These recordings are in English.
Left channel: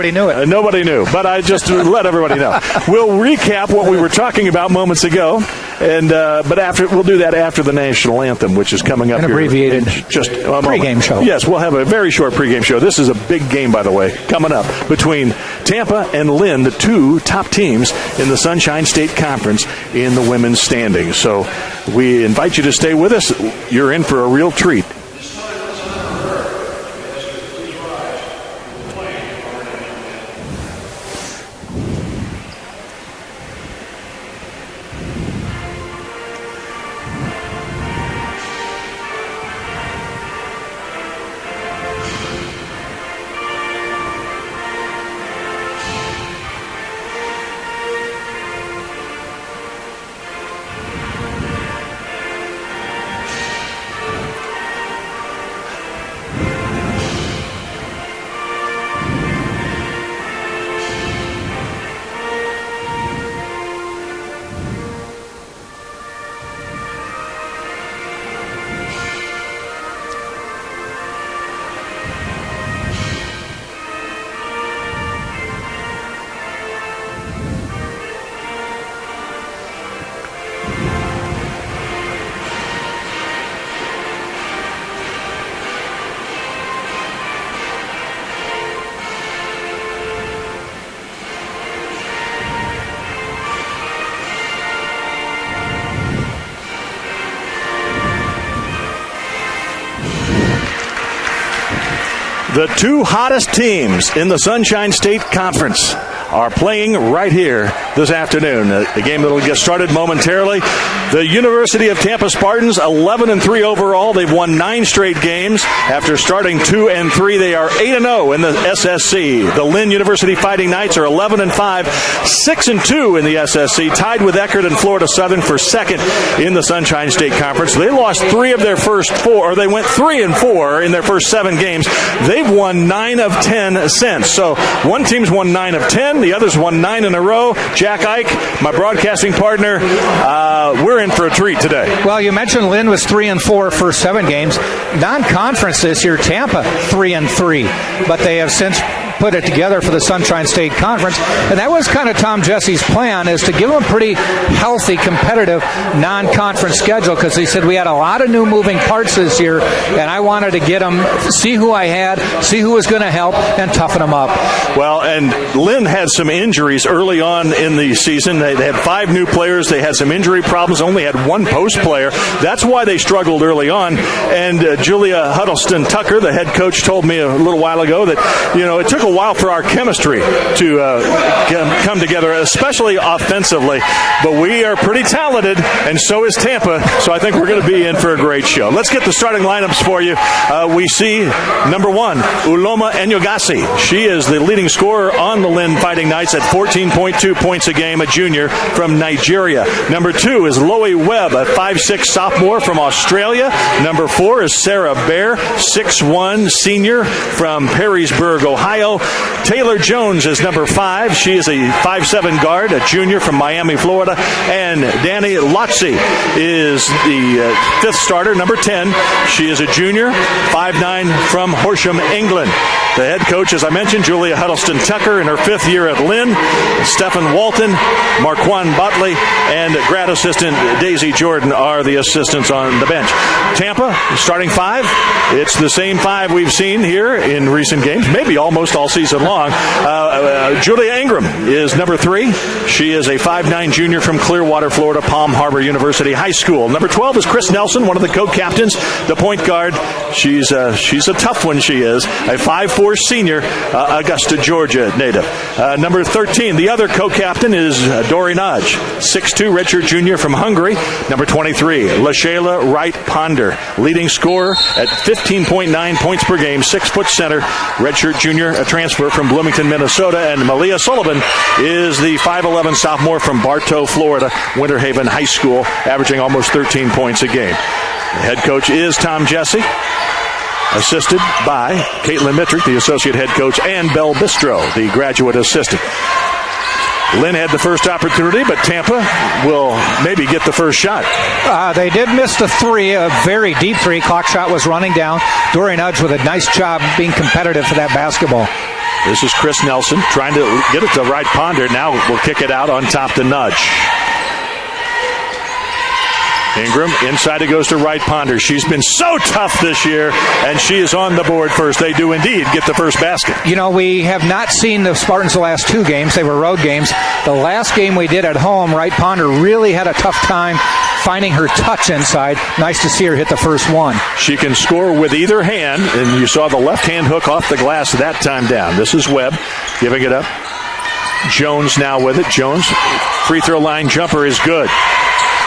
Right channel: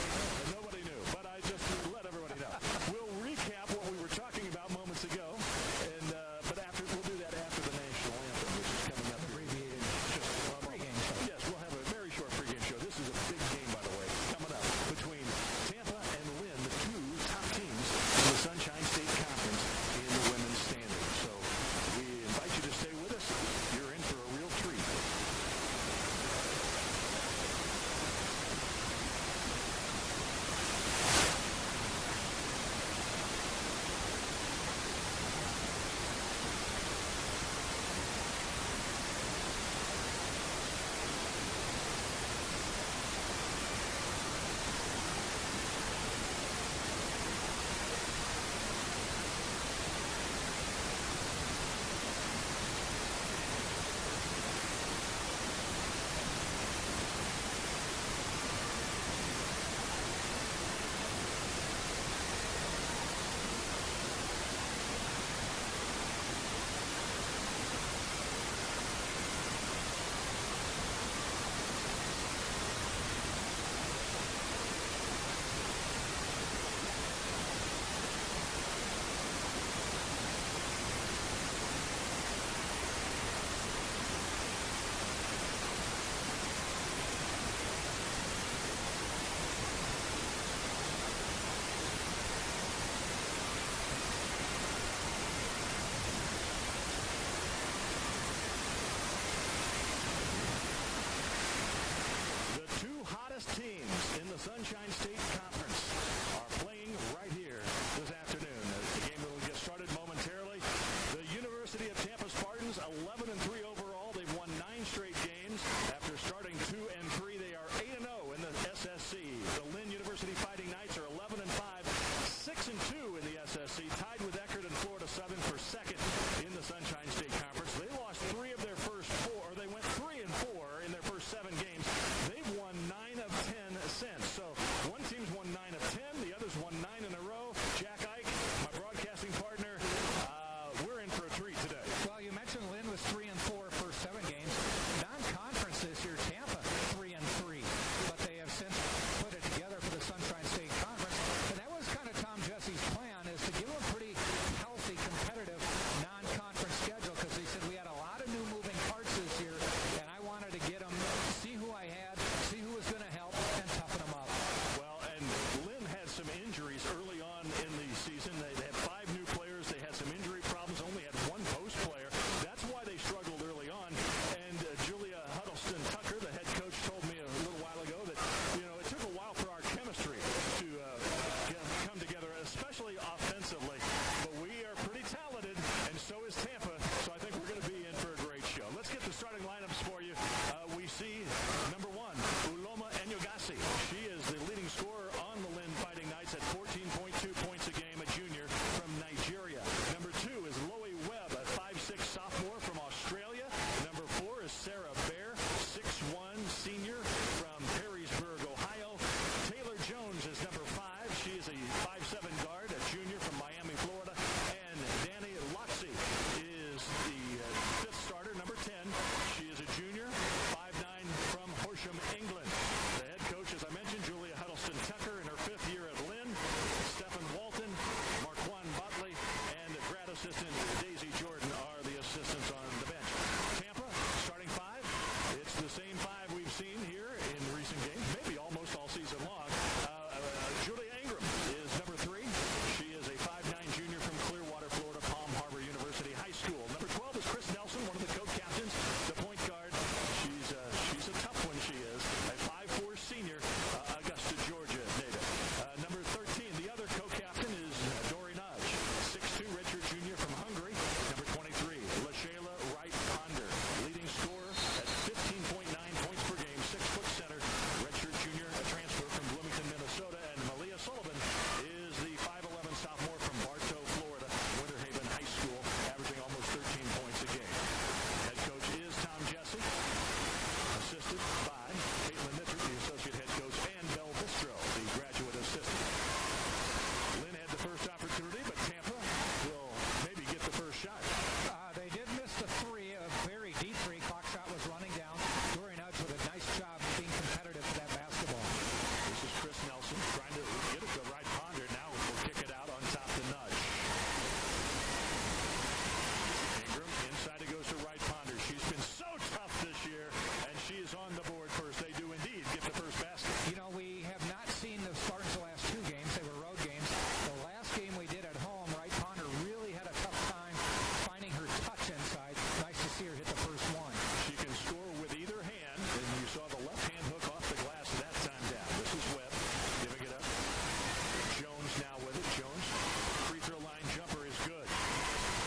Nobody knew it. Nobody knew, but I just let everybody know. We'll recap what we were talking about moments ago, and but we'll do that after the national anthem, which is coming up. An abbreviated just pregame show. Yes, we'll have a very short pregame show. This is a big game, by the way, coming up between Tampa and Lynn, the two top teams in the Sunshine State Conference in the women's standings. So we invite you to stay with us. You're in for a real treat. The two hottest teams in the Sunshine State Conference are playing right here this afternoon. The game that will get started momentarily. The University of Tampa Spartans, 11-3 overall. They've won 9 straight games. After starting 2-3, they are 8-0 in the SSC. The Lynn University Fighting Knights are 11-5, 6-2 in the SSC, tied with Eckerd and Florida Southern for second in the Sunshine State Conference. They lost 3 of their first 4, or they went 3-4 in their first 7 games. They've won 9 of 10 since. So one team's won 9 of 10. The others won 9 in a row. Jack Ike, my broadcasting partner, we're in for a treat today. Well, you mentioned Lynn was 3-4 first 7 games. Non-conference this year, Tampa 3-3, but they have since put it together for the Sunshine State Conference, and that was kind of Tom Jesse's plan, is to give them a pretty healthy, competitive non-conference schedule, because he said we had a lot of new moving parts this year, and I wanted to get them, see who I had, see who was going to help, and toughen them up. Well, and Lynn had some injuries early on in the season. They had 5 new players. They had some injury problems, only had 1 post player. That's why they struggled early on, and Julia Huddleston Tucker, the head coach, told me a little while ago that, it took a while for our chemistry to come together, especially offensively. But we are pretty talented, and so is Tampa. So I think we're going to be in for a great show. Let's get the starting lineups for you. We see number 1, Uloma Enyogasi. She is the leading scorer on the Lynn Fighting Knights at 14.2 points a game, a junior from Nigeria. Number 2 is Loie Webb, a 5'6" sophomore from Australia. Number 4 is Sarah Bear, 6'1" senior from Perrysburg, Ohio. Taylor Jones is number 5. She is a 5'7" guard, a junior from Miami, Florida. And Danny Lotzi is the 5th starter, number 10. She is a junior, 5'9", from Horsham, England. The head coach, as I mentioned, Julia Huddleston Tucker in her 5th year at Lynn. Stephen Walton, Marquand Botley, and grad assistant Daisy Jordan are the assistants on the bench. Tampa, starting 5. It's the same 5 we've seen here in recent games, maybe almost all season long. Julia Ingram is number 3. She is a 5'9" junior from Clearwater, Florida, Palm Harbor University High School. Number 12 is Chris Nelson, one of the co-captains, the point guard. She's a tough one, she is. A 5'4" senior, Augusta, Georgia native. Number 13, the other co-captain is Dori Naj, 6'2", redshirt junior from Hungary. Number 23, LaShayla Wright Ponder, leading scorer at 15.9 points per game, 6-foot center, redshirt junior, a transfer from Bloomington, Minnesota. And Malia Sullivan is the 5'11" sophomore from Bartow, Florida, Winter Haven High School, averaging almost 13 points a game. The head coach is Tom Jesse, assisted by Caitlin Mittrick, the associate head coach, and Belle Bistro, the graduate assistant. Lynn had the first opportunity, but Tampa will maybe get the first shot. They did miss the 3, a very deep 3. Clock shot was running down. Dori Nudge with a nice job being competitive for that basketball. This is Chris Nelson trying to get it to Wright Ponder. Now we'll kick it out on top to Nudge. Ingram, inside it goes to Wright Ponder. She's been so tough this year, and she is on the board first. They do indeed get the first basket. You know, we have not seen the Spartans the last two games. They were road games. The last game we did at home, Wright Ponder really had a tough time finding her touch inside. Nice to see her hit the first one. She can score with either hand, and you saw the left-hand hook off the glass that time down. This is Webb giving it up. Jones now with it. Jones, free throw line jumper is good.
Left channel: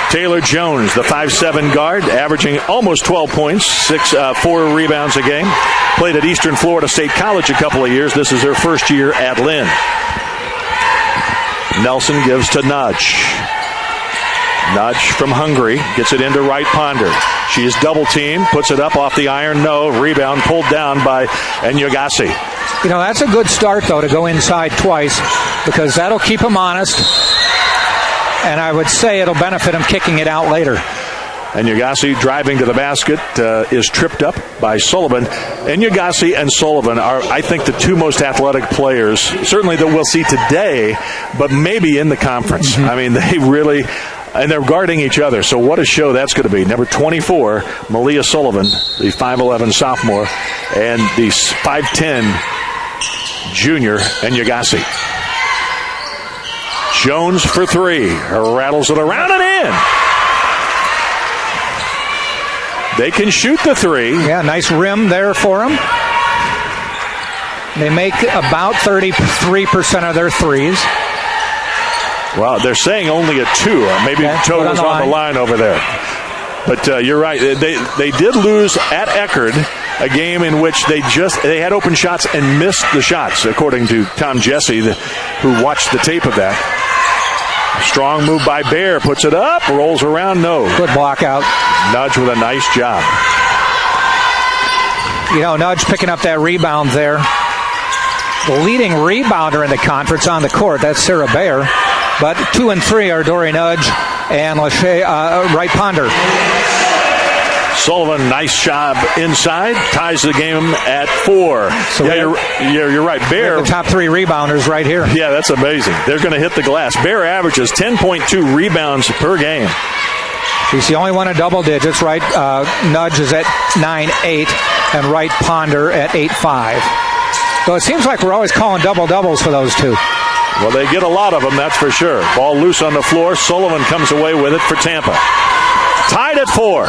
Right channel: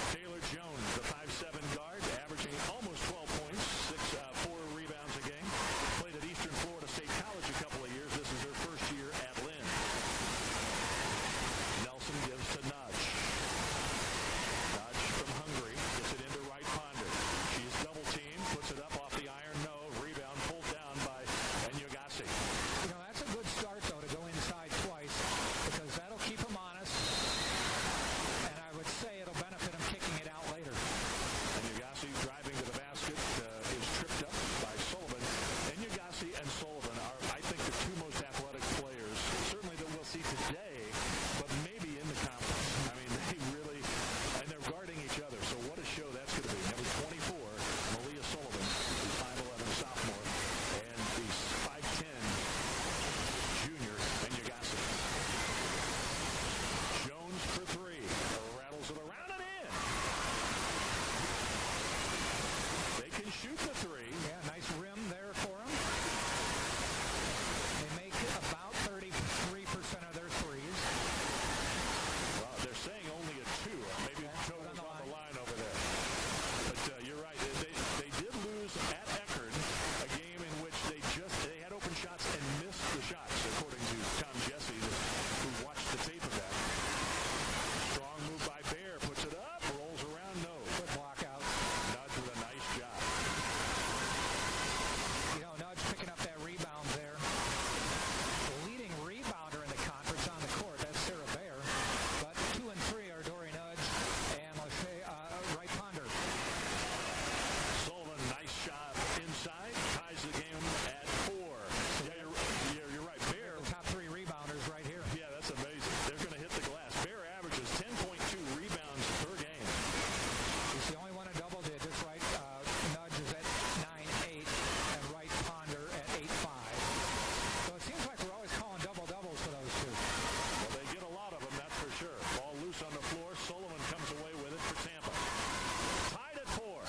Taylor Jones, the 5'7" guard, averaging almost 12 points, 4 rebounds a game. Played at Eastern Florida State College a couple of years. This is her first year at Lynn. Nelson gives to Nudge. Nudge from Hungary gets it into Wright Ponder. She is double teamed, puts it up off the iron. No. Rebound pulled down by Enyagasi. You know, that's a good start, though, to go inside twice, because that'll keep him honest. And I would say it'll benefit him kicking it out later. Enyagasi driving to the basket is tripped up by Sullivan. Enyagasi and Sullivan are, I think, the two most athletic players, certainly that we'll see today, but maybe in the conference. I mean, they really, and they're guarding each other. So what a show that's going to be. Number 24, Malia Sullivan, the 5'11" sophomore, and the 5'10" junior, Enyagasi. Jones for three. Rattles it around and in. They can shoot the three. Yeah, nice rim there for them. They make about 33% of their threes. Well, they're saying only a 2. Maybe Toto's on the line over there. But you're right. They did lose at Eckerd, a game in which they had open shots and missed the shots, according to Tom Jesse, who watched the tape of that. Strong move by Bear, puts it up, rolls around, no. Good block out. Nudge with a nice job. You know, Nudge picking up that rebound there. The leading rebounder in the conference on the court, that's Sarah Bear. But 2 and 3 are Dory Nudge and Wright Ponder. Sullivan, nice job inside, ties the game at 4. So you're right. Bear, the top 3 rebounders right here. Yeah, that's amazing. They're going to hit the glass. Bear averages 10.2 rebounds per game. He's the only one in double digits, right? Nudge is at 9.8 and Wright Ponder at 8.5. So it seems like we're always calling double-doubles for those two. Well, they get a lot of them, that's for sure. Ball loose on the floor. Sullivan comes away with it for Tampa. Tied at 4.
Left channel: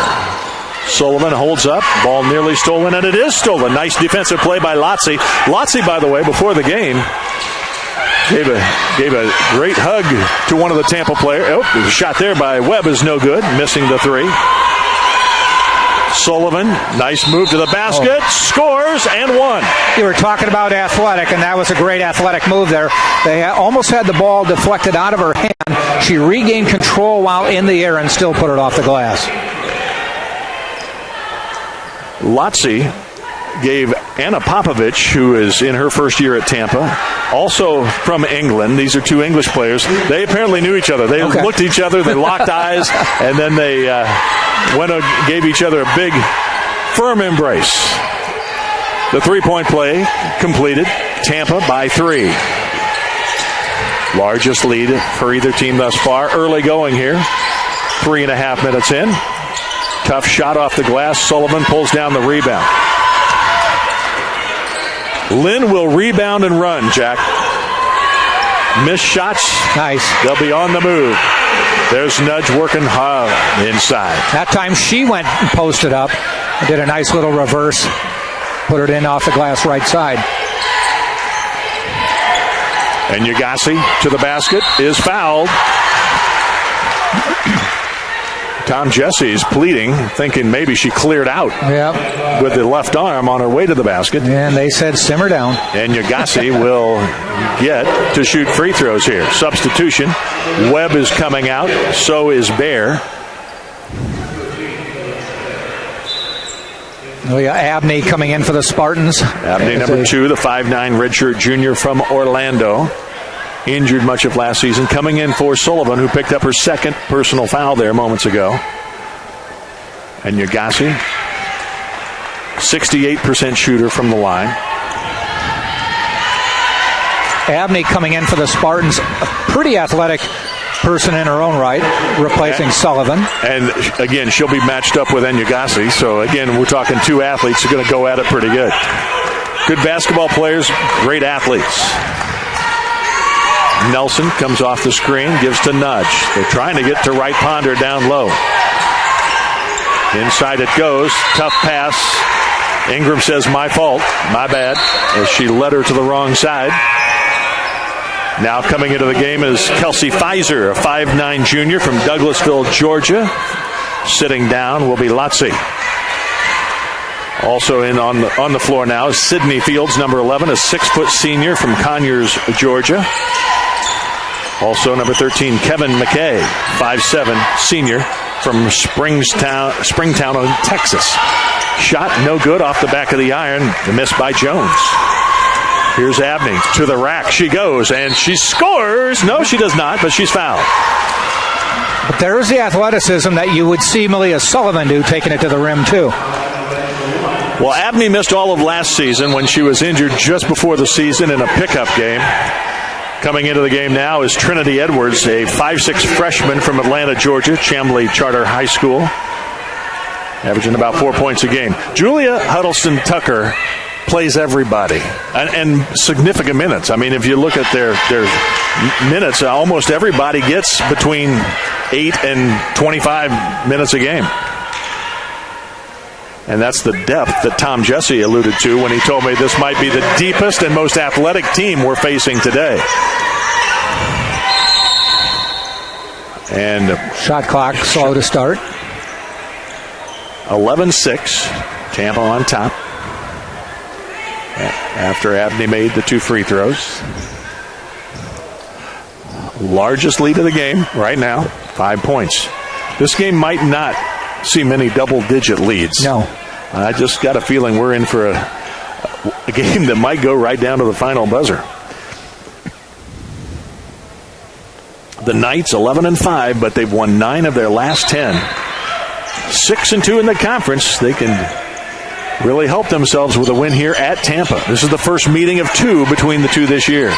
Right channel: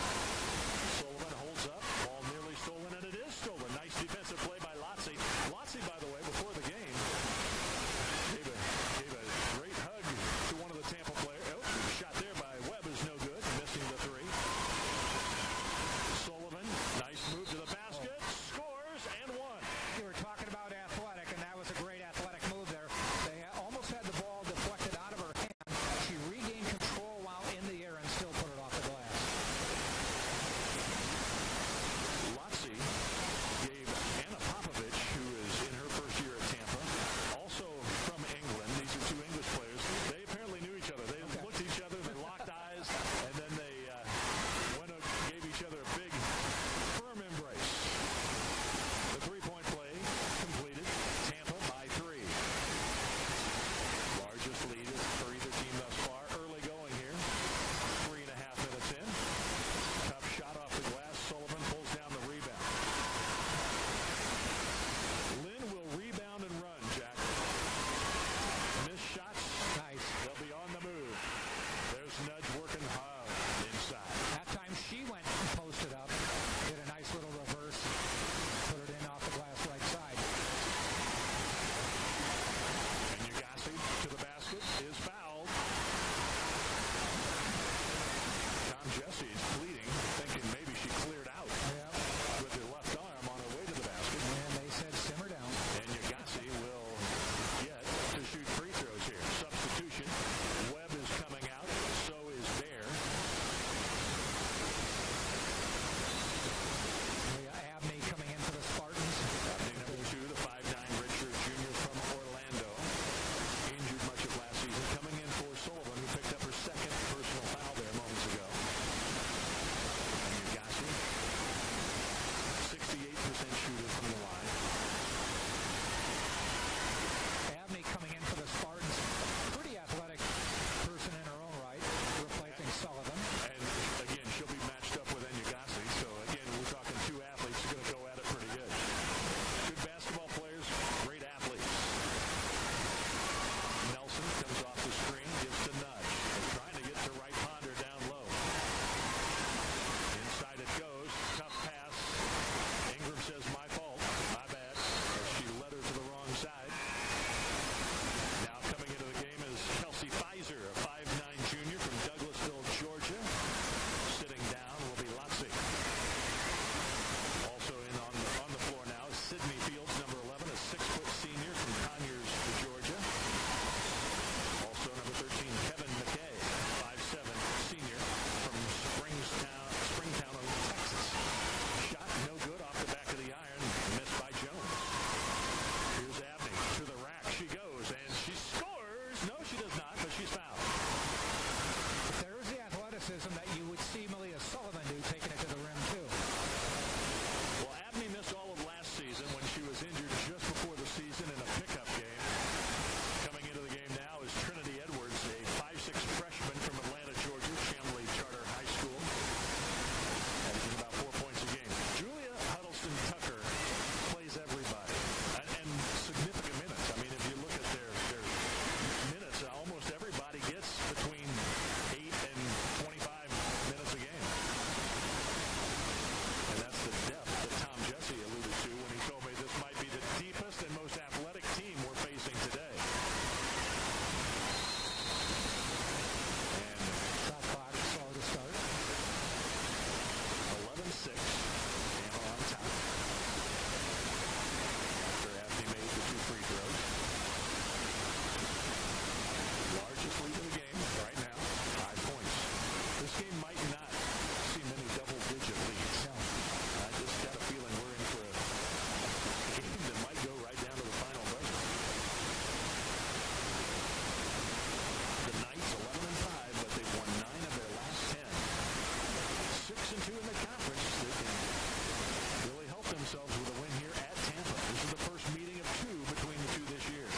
Sullivan holds up. Ball nearly stolen, and it is stolen. Nice defensive play by Lotzi. Lotzi, by the way, before the game, gave a great hug to one of the Tampa players. Oh, the shot there by Webb is no good, missing the 3. Sullivan, nice move to the basket, scores, and 1. You were talking about athletic, and that was a great athletic move there. They almost had the ball deflected out of her hand. She regained control while in the air and still put it off the glass. Lotzi gave Anna Popovich, who is in her first year at Tampa, also from England. These are 2 English players. They apparently knew each other. They looked at each other, they locked eyes, and then they gave each other a big, firm embrace. The 3-point play completed. Tampa by 3. Largest lead for either team thus far. Early going here. 3.5 minutes in. Tough shot off the glass. Sullivan pulls down the rebound. Lynn will rebound and run, Jack. Missed shots. Nice. They'll be on the move. There's Nudge working hard inside. That time she went and posted up and did a nice little reverse. Put it in off the glass right side. And Enyagasi to the basket is fouled. Tom Jesse's pleading, thinking maybe she cleared out with the left arm on her way to the basket. And they said simmer down. And Enyagasi will get to shoot free throws here. Substitution. Webb is coming out. So is Bear. Oh, yeah, Abney coming in for the Spartans. Abney, number 2, the 5'9" redshirt junior from Orlando. Injured much of last season. Coming in for Sullivan, who picked up her second personal foul there moments ago. And Enyagasi, 68% shooter from the line. Abney coming in for the Spartans, a pretty athletic person in her own right, replacing Sullivan. And again, she'll be matched up with Enyagasi. So again, we're talking two athletes who are going to go at it pretty good. Good basketball players, great athletes. Nelson comes off the screen, gives to Nudge. They're trying to get to Wright Ponder down low. Inside it goes. Tough pass. Ingram says, my fault, my bad, as she led her to the wrong side. Now coming into the game is Kelsey Pfizer, a 5'9 junior from Douglasville, Georgia. Sitting down will be Lotzi. Also in on the floor now is Sydney Fields, number 11, a 6-foot senior from Conyers, Georgia. Also number 13, Kevin McKay, 5'7 senior from Springtown, Texas. Shot no good off the back of the iron. Missed by Jones. Here's Abney to the rack. She goes and she scores. No, she does not, but she's fouled. But there is the athleticism that you would see Malia Sullivan do, taking it to the rim too. Well, Abney missed all of last season when she was injured just before the season in a pickup game. Coming into the game now is Trinity Edwards, a 5'6 freshman from Atlanta, Georgia, Chamblee Charter High School, averaging about 4 points a game. Julia Huddleston Tucker plays everybody and significant minutes. I mean, if you look at their minutes, almost everybody gets between 8 and 25 minutes a game. And that's the depth that Tom Jesse alluded to when he told me this might be the deepest and most athletic team we're facing today. And shot clock slow to start. 11-6. Tampa on top. After Abney made the 2 free throws. Largest lead of the game right now, 5 points. This game might not see many double-digit leads. No. I just got a feeling we're in for a game that might go right down to the final buzzer. The Knights 11-5, but they've won 9 of their last 10. 6-2 in the conference. They can really help themselves with a win here at Tampa. This is the first meeting of 2 between the two this year.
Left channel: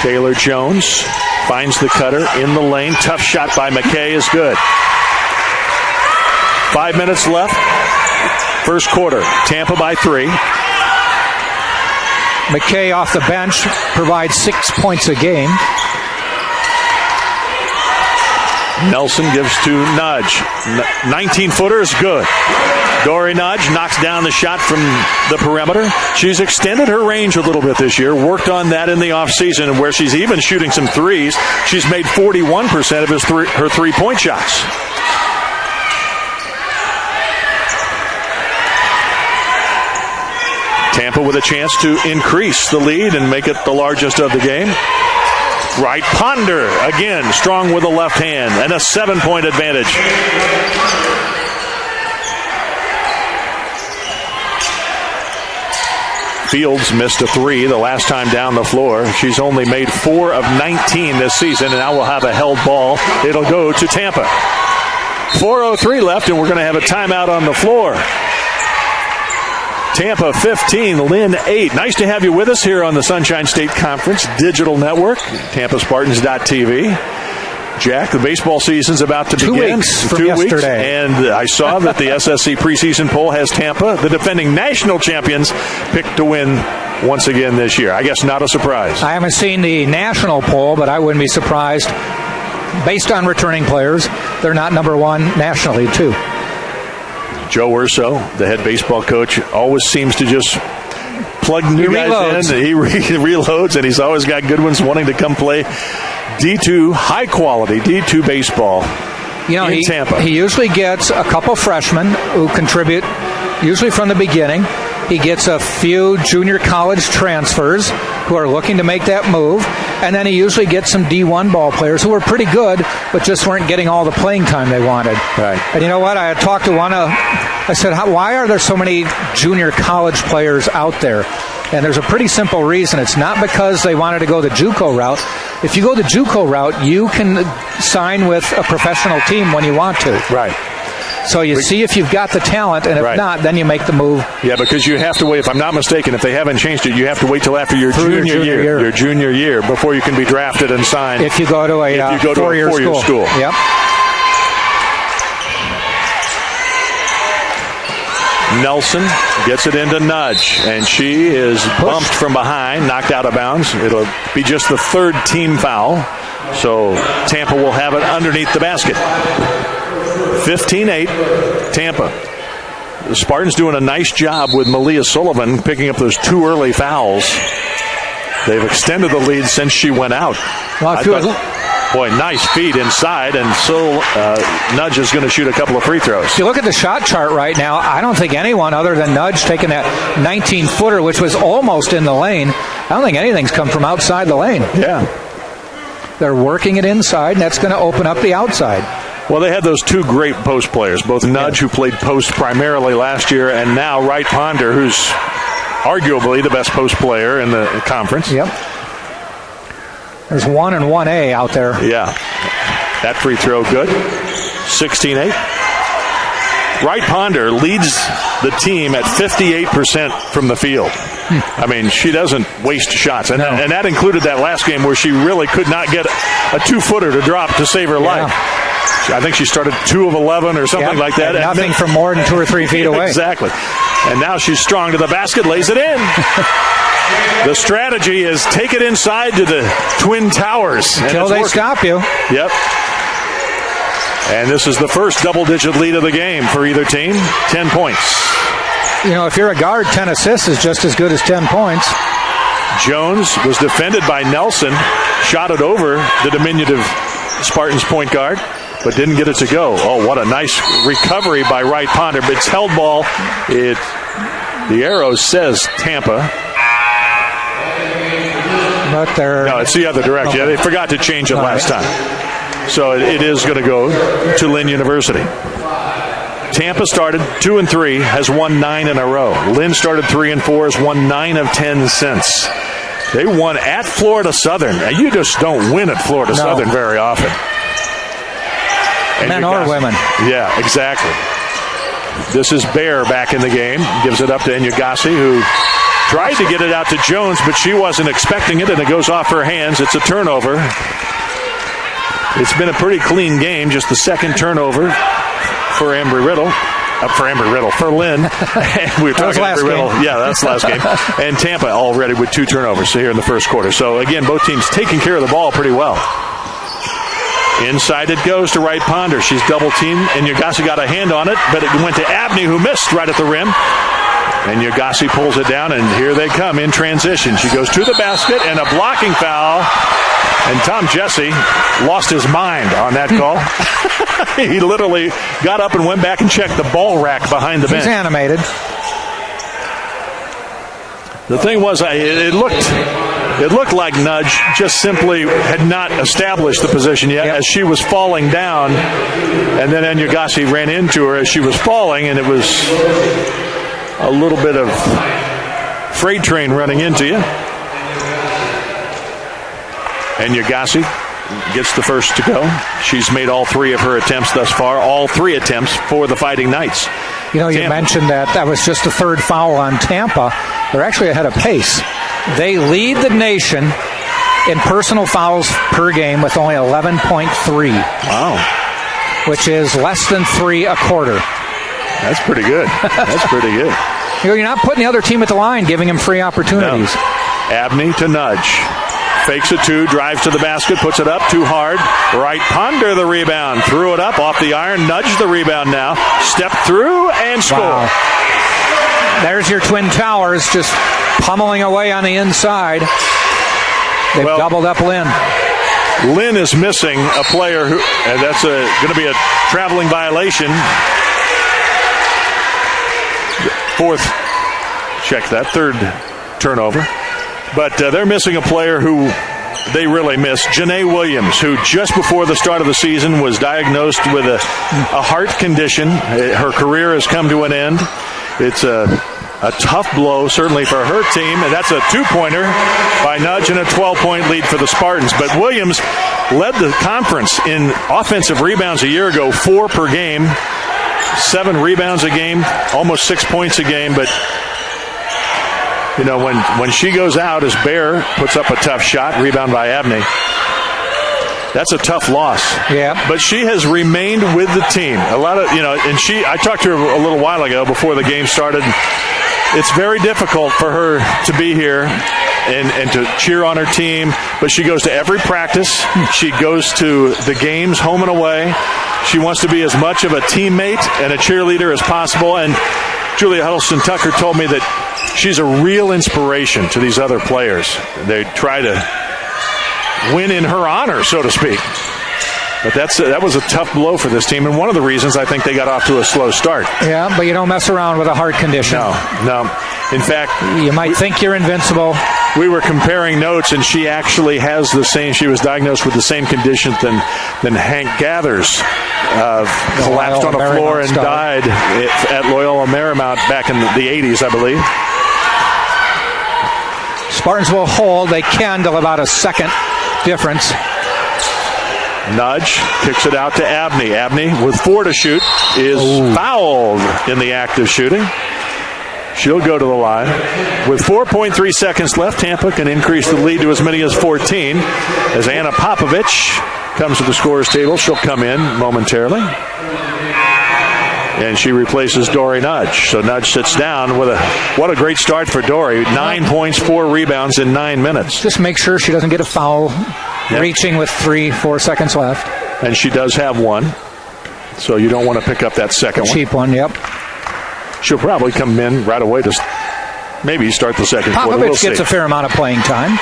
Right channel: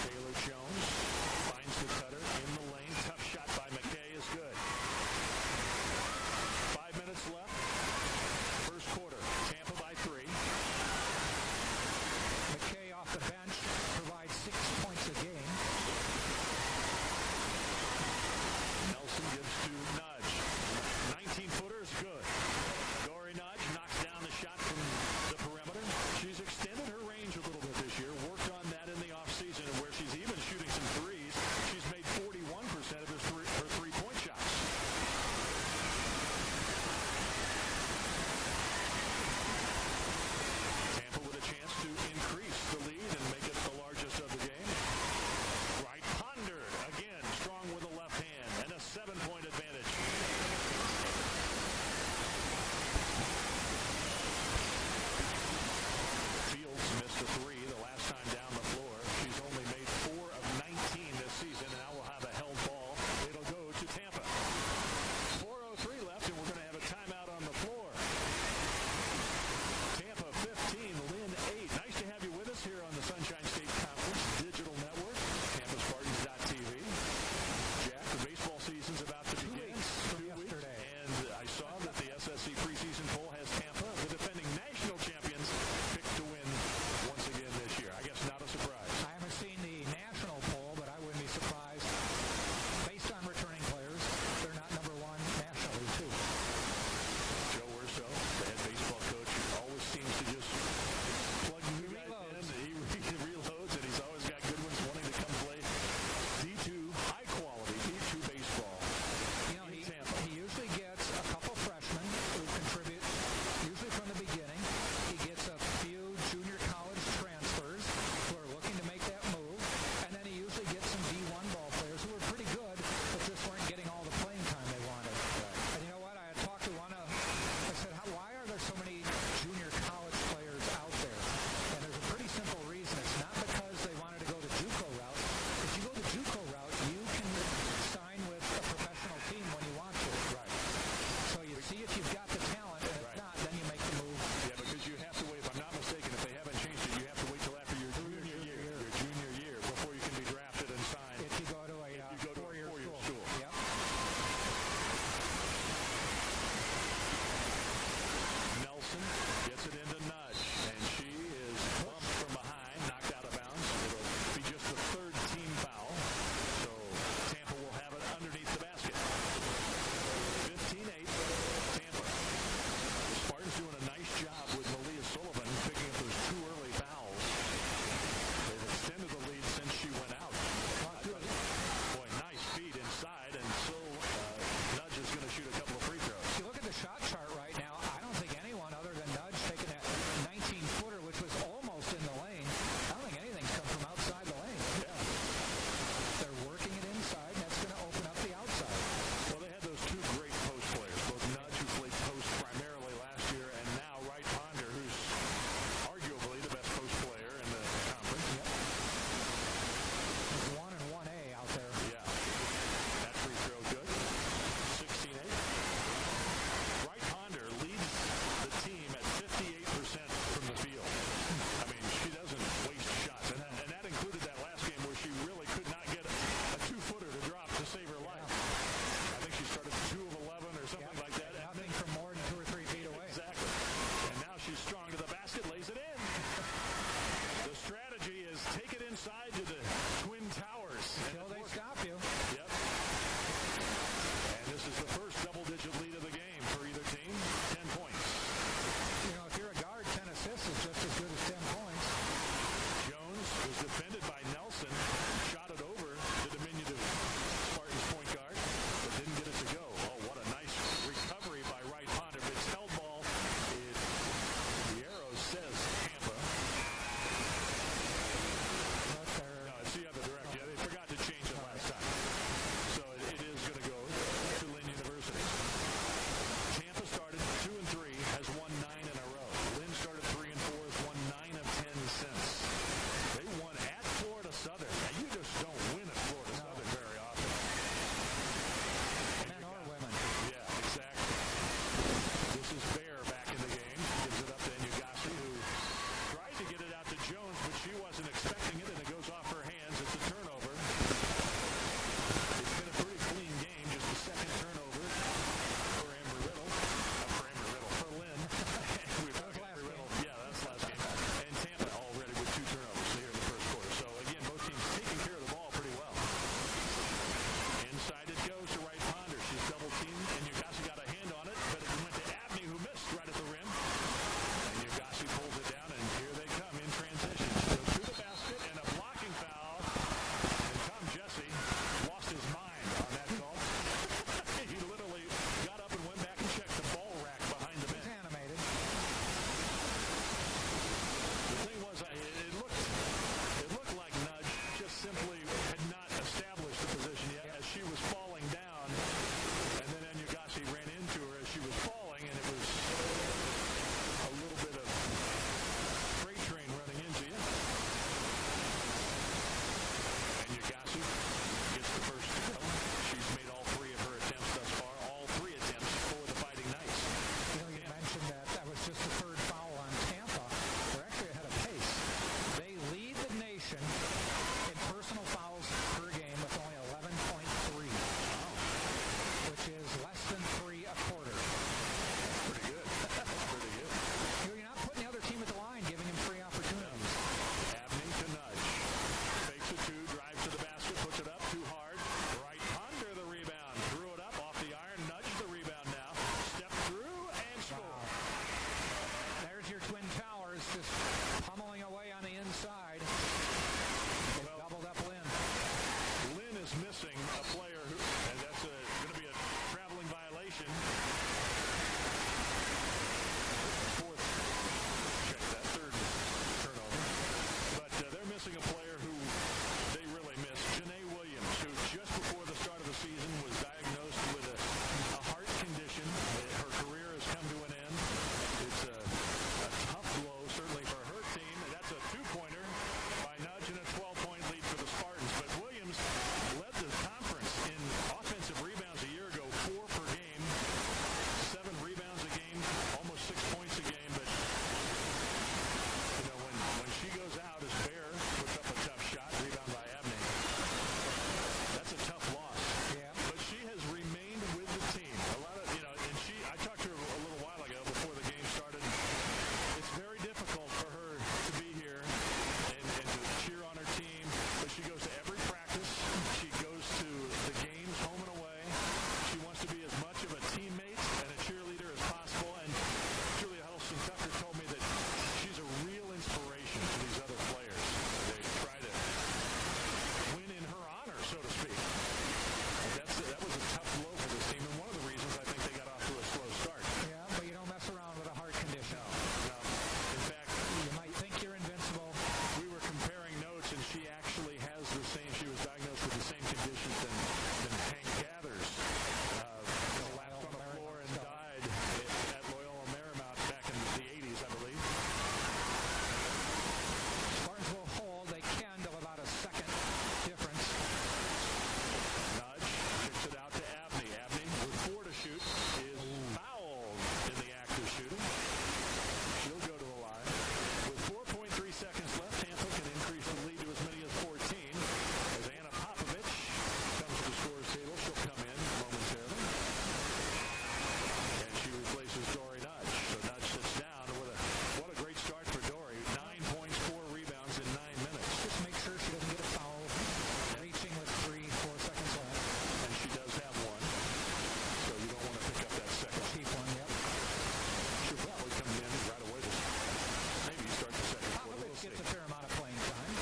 Taylor Jones finds the cutter in the lane. Tough shot by McKay is good. 5 minutes left. First quarter. Tampa by 3. McKay off the bench provides 6 points a game. Nelson gives to Nudge. 19-footer is good. Dory Nudge knocks down the shot from the perimeter. She's extended her range a little bit this year. Worked on that in the offseason, where she's even shooting some threes. She's made 41% of her three-point shots. Tampa with a chance to increase the lead and make it the largest of the game. Wright Ponder, again, strong with the left hand, and a 7-point advantage. Fields missed a 3 the last time down the floor. She's only made 4 of 19 this season, and now we'll have a held ball. It'll go to Tampa. 4:03 left, and we're going to have a timeout on the floor. Tampa 15, Lynn 8. Nice to have you with us here on the Sunshine State Conference Digital Network, TampaSpartans.tv. Jack, the baseball season's about to begin. 2 weeks from yesterday. And I saw that the SSC preseason poll has Tampa, the defending national champions, picked to win once again this year. I guess not a surprise. I haven't seen the national poll, but I wouldn't be surprised. Based on returning players, they're not number one nationally, too. Joe Urso, the head baseball coach, always seems to just plug new guys in. He reloads, and he's always got good ones wanting to come play D2, high-quality D2 baseball in Tampa. He usually gets a couple freshmen who contribute, usually from the beginning. He gets a few junior college transfers who are looking to make that move. And then he usually gets some D1 ball players who were pretty good, but just weren't getting all the playing time they wanted. Right. And you know what? I had talked to one. I said, why are there so many junior college players out there? And there's a pretty simple reason. It's not because they wanted to go the JUCO route. If you go the JUCO route, you can sign with a professional team when you want to. Right. So you see if you've got the talent, and if not, then you make the move. Yeah, because you have to wait. If I'm not mistaken, if they haven't changed it, you have to wait till after your junior year. Your junior year before you can be drafted and signed. If you go to a four-year school. Yep. Nelson gets it into Nudge, and she is bumped from behind, knocked out of bounds. It'll be just the third team foul. So Tampa will have it underneath the basket. 15-8, Tampa. The Spartans doing a nice job with Malia Sullivan picking up those 2 early fouls. They've extended the lead since she went out. Boy, nice feed inside, and so Nudge is going to shoot a couple of free throws. If you look at the shot chart right now, I don't think anyone other than Nudge taking that 19-footer, which was almost in the lane. I don't think anything's come from outside the lane. Yeah. They're working it inside, and that's going to open up the outside. Well, they had those 2 great post players, both Nudge, who played post primarily last year, and now Wright Ponder, who's arguably the best post player in the conference. Yep. There's 1 and 1A out there. Yeah. That free throw good. 16-8. Wright Ponder leads the team at 58% from the field. I mean, she doesn't waste shots. And that included that last game where she really could not get a 2-footer to drop to save her life. I think she started 2 of 11 or something like that. And nothing from more than 2 or 3 feet away. Exactly. And now she's strong to the basket, lays it in. The strategy is take it inside to the Twin Towers. Until they stop you. Yep. And this is the first double-digit lead of the game for either team. 10 points. You know, if you're a guard, 10 assists is just as good as 10 points. Jones was defended by Nelson, shot it over the diminutive Spartans point guard, but didn't get it to go. Oh, what a nice recovery by Wright Ponder. But it's held ball. The arrow says Tampa. But no, it's the other direction. Yeah, they forgot to change it last time. So it is going to go to Lynn University. Tampa started 2-3, has won 9 in a row. Lynn started 3-4, has won 9 of 10 since. They won at Florida Southern. Now, you just don't win at Florida Southern very often. Men or women. Yeah, exactly. This is Bear back in the game. Gives it up to Enyagasi, who tried to get it out to Jones, but she wasn't expecting it, and it goes off her hands. It's a turnover. It's been a pretty clean game, just the second turnover for for Lynn. We were talking Embry-Riddle. Yeah, that's the last game. And Tampa already with 2 turnovers here in the first quarter. So, again, both teams taking care of the ball pretty well. Inside it goes to Wright Ponder. She's double-teamed, and Enyagasi got a hand on it, but it went to Abney, who missed right at the rim. And Enyagasi pulls it down, and here they come in transition. She goes to the basket, and a blocking foul. And Tom Jesse lost his mind on that call. He literally got up and went back and checked the ball rack behind the bench. He's animated. The thing was, it looked like Nudge just simply had not established the position yet as she was falling down. And then Enyagasi ran into her as she was falling, and it was a little bit of freight train running into you. Enyagasi gets the first to go. She's made all 3 of her attempts thus far, all 3 attempts for the Fighting Knights. You know, you mentioned that was just the 3rd foul on Tampa. They're actually ahead of pace. They lead the nation in personal fouls per game with only 11.3. Wow. Which is less than 3 a quarter. That's pretty good. That's pretty good. You know, you're not putting the other team at the line, giving them free opportunities. No. Abney to Nudge. Fakes a 2, drives to the basket, puts it up too hard. Wright Ponder the rebound. Threw it up off the iron. Nudge the rebound now. Step through and score. Wow. There's your Twin Towers just pummeling away on the inside. They've doubled up Lynn. Lynn is missing a player who, and that's going to be a traveling violation. 4th, check that, 3rd turnover. But they're missing a player who they really miss, Janae Williams, who just before the start of the season was diagnosed with a heart condition. Her career has come to an end. It's a tough blow, certainly for her team. And that's a 2-pointer by Nudge and a 12-point lead for the Spartans. But Williams led the conference in offensive rebounds a year ago, 4 per game. 7 rebounds a game, almost 6 points a game. But, you know, when she goes out, as Bear puts up a tough shot, rebound by Abney, that's a tough loss. Yeah. But she has remained with the team. A lot of, you know, and I talked to her a little while ago before the game started. It's very difficult for her to be here and to cheer on her team, but she goes to every practice. She goes to the games home and away. She wants to be as much of a teammate and a cheerleader as possible. And Julia Huddleston-Tucker told me that she's a real inspiration to these other players. They try to win in her honor, so to speak. But that was a tough blow for this team, and one of the reasons I think they got off to a slow start. Yeah, but you don't mess around with a heart condition. No. In fact, you might think you're invincible. We were comparing notes, and she actually has the same. She was diagnosed with the same condition than Hank Gathers. Collapsed on the floor and died at Loyola Marymount back in the 80s, I believe. Spartans will hold. They can till about a second difference. Nudge kicks it out to Abney. Abney, with 4 to shoot, is fouled in the act of shooting. She'll go to the line. With 4.3 seconds left, Tampa can increase the lead to as many as 14. As Anna Popovich comes to the scorer's table, she'll come in momentarily. And she replaces Dory Nudge. So Nudge sits down with what a great start for Dory. 9 points, 4 rebounds in 9 minutes. Just make sure she doesn't get a foul. Yep. Reaching with 3-4 seconds left. And she does have one. So you don't want to pick up that second one. Cheap one, yep. She'll probably come in right away to maybe start the second quarter. Popovich gets a fair amount of playing time.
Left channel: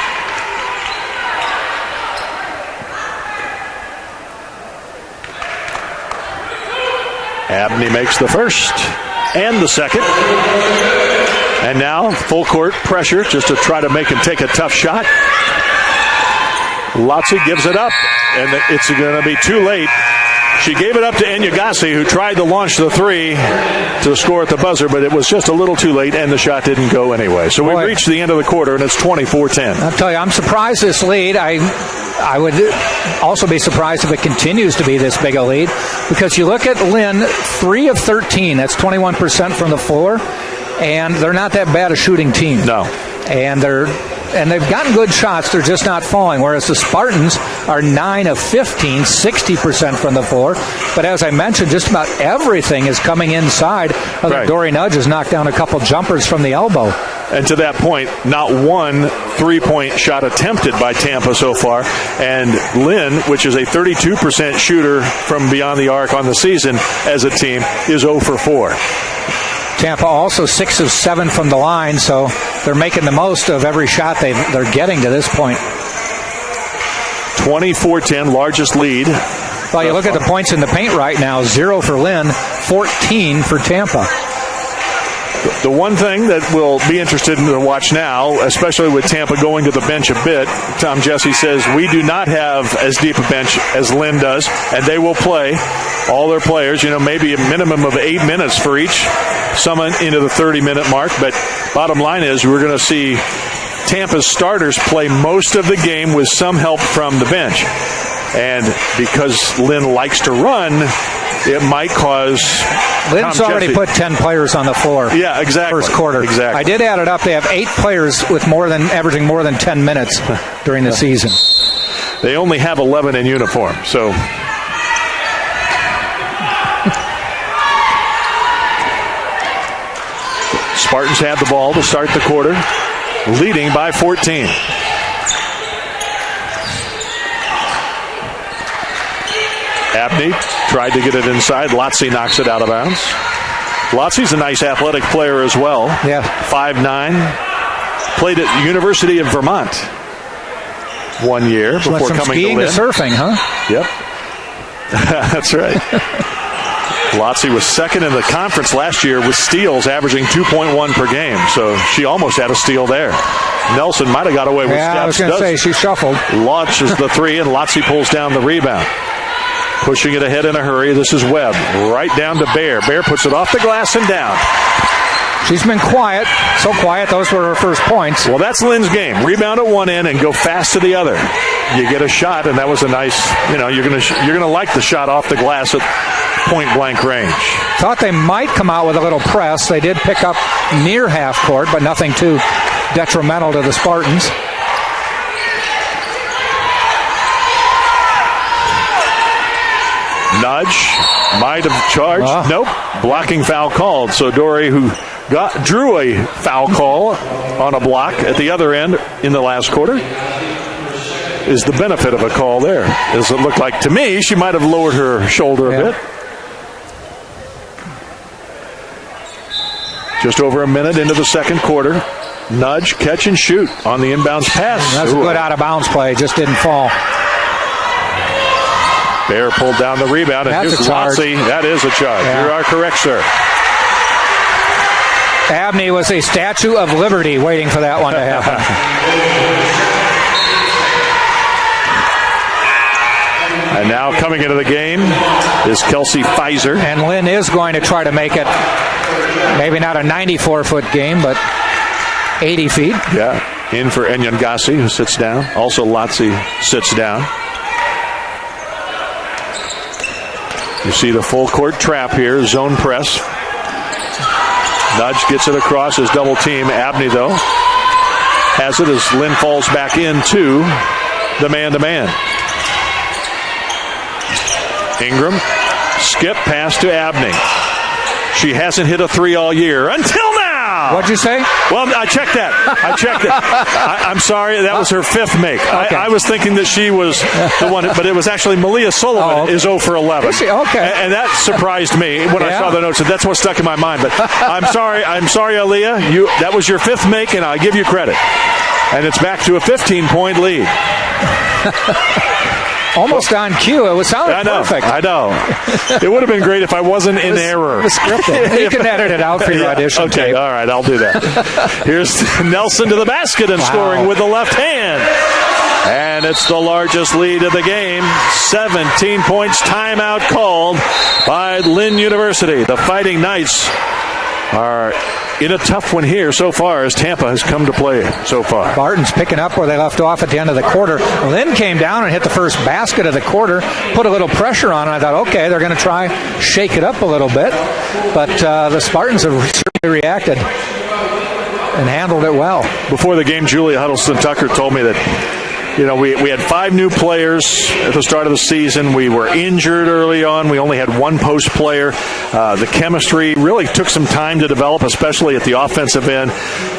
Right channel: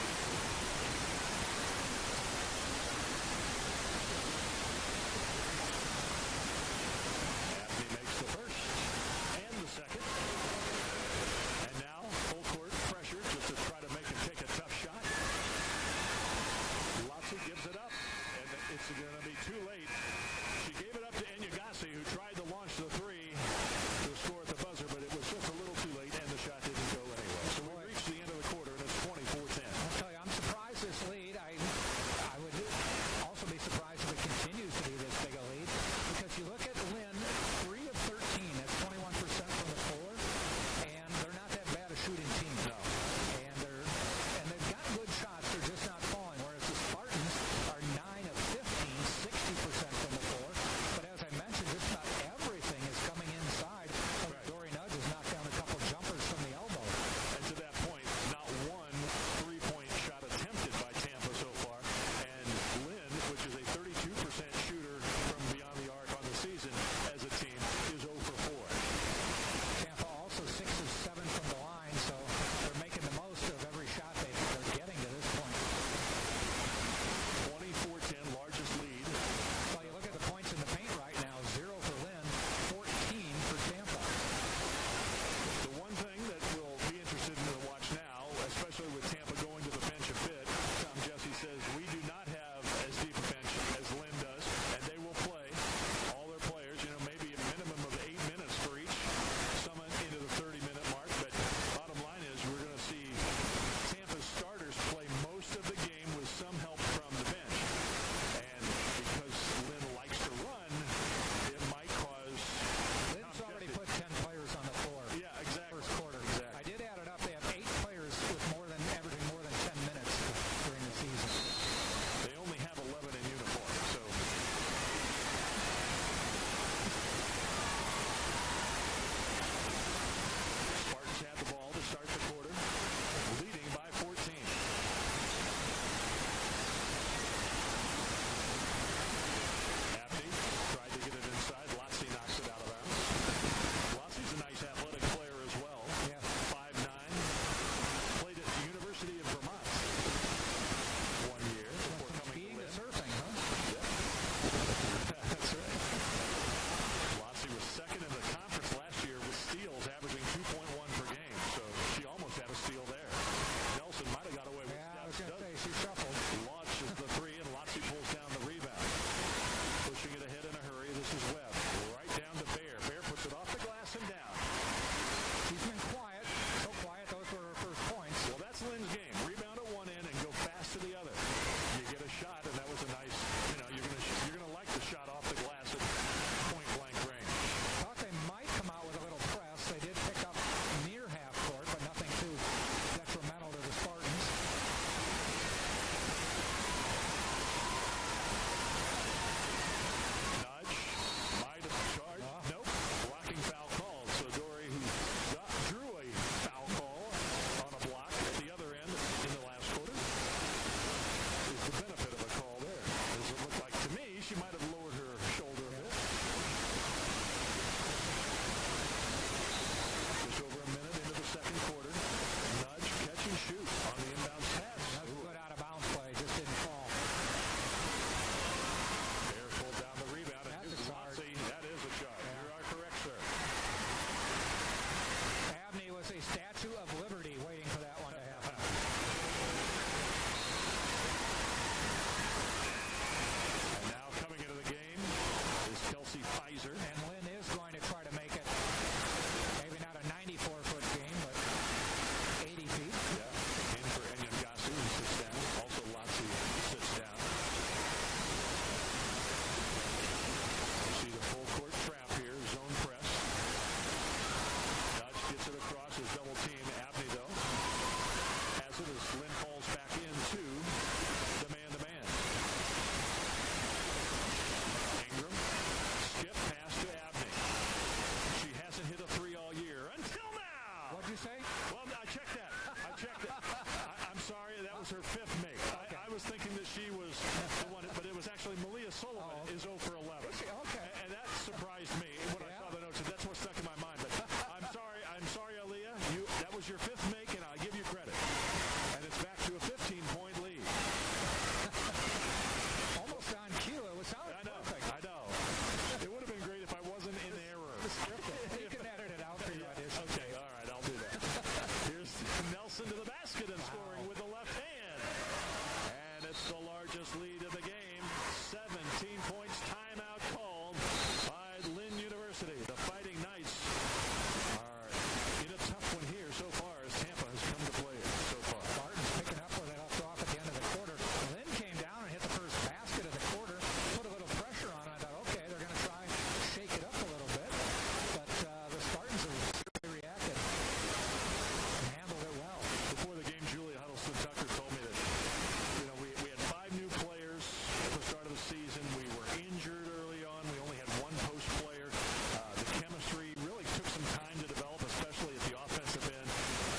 Abney makes the first and the second. And now full court pressure just to try to make him take a tough shot. Lotzi gives it up, and it's going to be too late. She gave it up to Enyagasi, who tried to launch the 3 to score at the buzzer, but it was just a little too late, and the shot didn't go anyway. So we reached the end of the quarter, and it's 24-10. I'll tell you, I'm surprised this lead. I would also be surprised if it continues to be this big a lead, because you look at Lynn, 3 of 13. That's 21% from the floor, and they're not that bad a shooting team. No. And they've gotten good shots. They're just not falling, whereas the Spartans are 9 of 15, 60% from the floor. But as I mentioned, just about everything is coming inside. Right. Dory Nudge has knocked down a couple jumpers from the elbow. And to that point, not one three-point shot attempted by Tampa so far. And Lynn, which is a 32% shooter from beyond the arc on the season as a team, is 0 for 4. Tampa also 6 of 7 from the line, so they're making the most of every shot they're getting to this point. 24-10, largest lead. Well, you look at the points in the paint right now, 0 for Lynn, 14 for Tampa. The one thing that we'll be interested in to watch now, especially with Tampa going to the bench a bit, Tom Jesse says we do not have as deep a bench as Lynn does, and they will play all their players, maybe a minimum of 8 minutes for each, some into the 30-minute mark. But bottom line is we're going to see Tampa's starters play most of the game with some help from the bench. And because Lynn likes to run, it might cause... Lynn's already put 10 players on the floor. Yeah, exactly. First quarter. Exactly. I did add it up. They have 8 players with averaging more than 10 minutes during the season. They only have 11 in uniform, so... Spartans have the ball to start the quarter, leading by 14. Abney tried to get it inside. Lotzi knocks it out of bounds. Lotzi's a nice athletic player as well. Yeah. 5'9". Played at the University of Vermont 1 year before coming skiing to Lynn. To surfing, huh? Yep. That's right. Lotzi was second in the conference last year with steals, averaging 2.1 per game. So she almost had a steal there. Nelson might have got away with steps. I was going to say, she shuffled. Launches the 3, and Lotzi pulls down the rebound. Pushing it ahead in a hurry. This is Webb. Right down to Bear. Bear puts it off the glass and down. She's been quiet. So quiet, those were her first points. Well, that's Lynn's game. Rebound at one end and go fast to the other. You get a shot, and that was a nice, you're going to like the shot off the glass at point-blank range. Thought they might come out with a little press. They did pick up near half court, but nothing too detrimental to the Spartans. Nudge, might have charged. Nope, blocking foul called. So Dory, who drew a foul call on a block at the other end in the last quarter, is the benefit of a call there. As it looked like to me, she might have lowered her shoulder a bit. Just over a minute into the second quarter. Nudge, catch and shoot on the inbounds pass. That's a good out-of-bounds play. Just didn't fall. Bear pulled down the rebound, and That's here's a charge. Lotzie. That is a charge. Yeah. You are correct, sir. Abney was a Statue of Liberty waiting for that one to happen. And now coming into the game is Kelsey Pfizer. And Lynn is going to try to make it maybe not a 94-foot game, but 80 feet. Yeah, in for Enyangasi, who sits down. Also Lotzie sits down. You see the full court trap here, zone press. Nudge gets it across his double team. Abney, though, has it as Lynn falls back into the man-to-man. Ingram, skip pass to Abney. She hasn't hit a three all year until now. What'd you say? Well, I checked that. I'm sorry, that was her fifth make. Okay. I was thinking that she was the one, but it was actually Malia Sullivan is 0 for 11. Okay. And that surprised me when I saw the notes, and that's what stuck in my mind. But I'm sorry, Aaliyah. That was your fifth make, and I give you credit. And it's back to a 15-point lead. Almost on cue. It sounded perfect. I know. It would have been great if I wasn't in error. It was scripted. You can edit it out for your audition. Okay, tape. all right, I'll do that. Here's Nelson to the basket and scoring with the left hand. And it's the largest lead of the game. 17 points. Timeout called by Lynn University. The Fighting Knights are in a tough one here so far as Tampa has come to play so far. Spartans picking up where they left off at the end of the quarter. Lynn came down and hit the first basket of the quarter, put a little pressure on it. I thought, okay, they're going to try shake it up a little bit. But the Spartans have certainly reacted and handled it well. Before the game, Julia Huddleston-Tucker told me that, you know, we had 5 new players at the start of the season. We were injured early on. We only had one post player. The chemistry really took some time to develop, especially at the offensive end.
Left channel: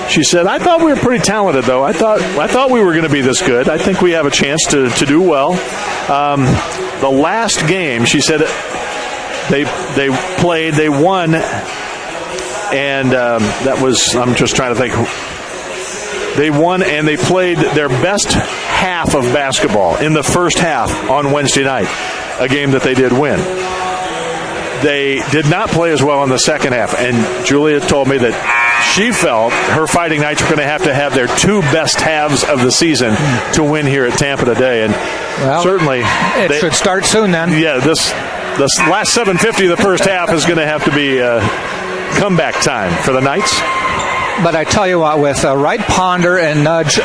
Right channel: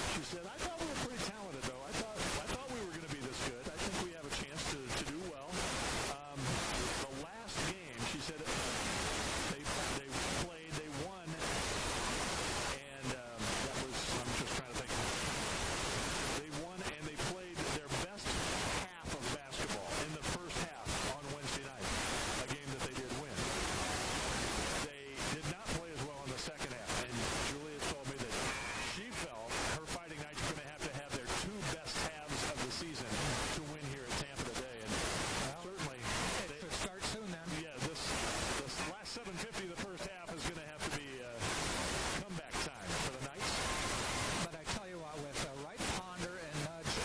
She said, I thought we were pretty talented, though. I thought we were going to be this good. I think we have a chance to do well. The last game, she said, they played, they won, and that was, I'm just trying to think. They won and they played their best half of basketball in the first half on Wednesday night, a game that they did win. They did not play as well in the second half, and Julia told me that she felt her Fighting Knights were going to have their 2 best halves of the season to win here at Tampa today, and certainly it should start soon then. Yeah, this last 7:50 of the first half is going to have to be comeback time for the Knights. But I tell you what, with Wright, Ponder, and Nudge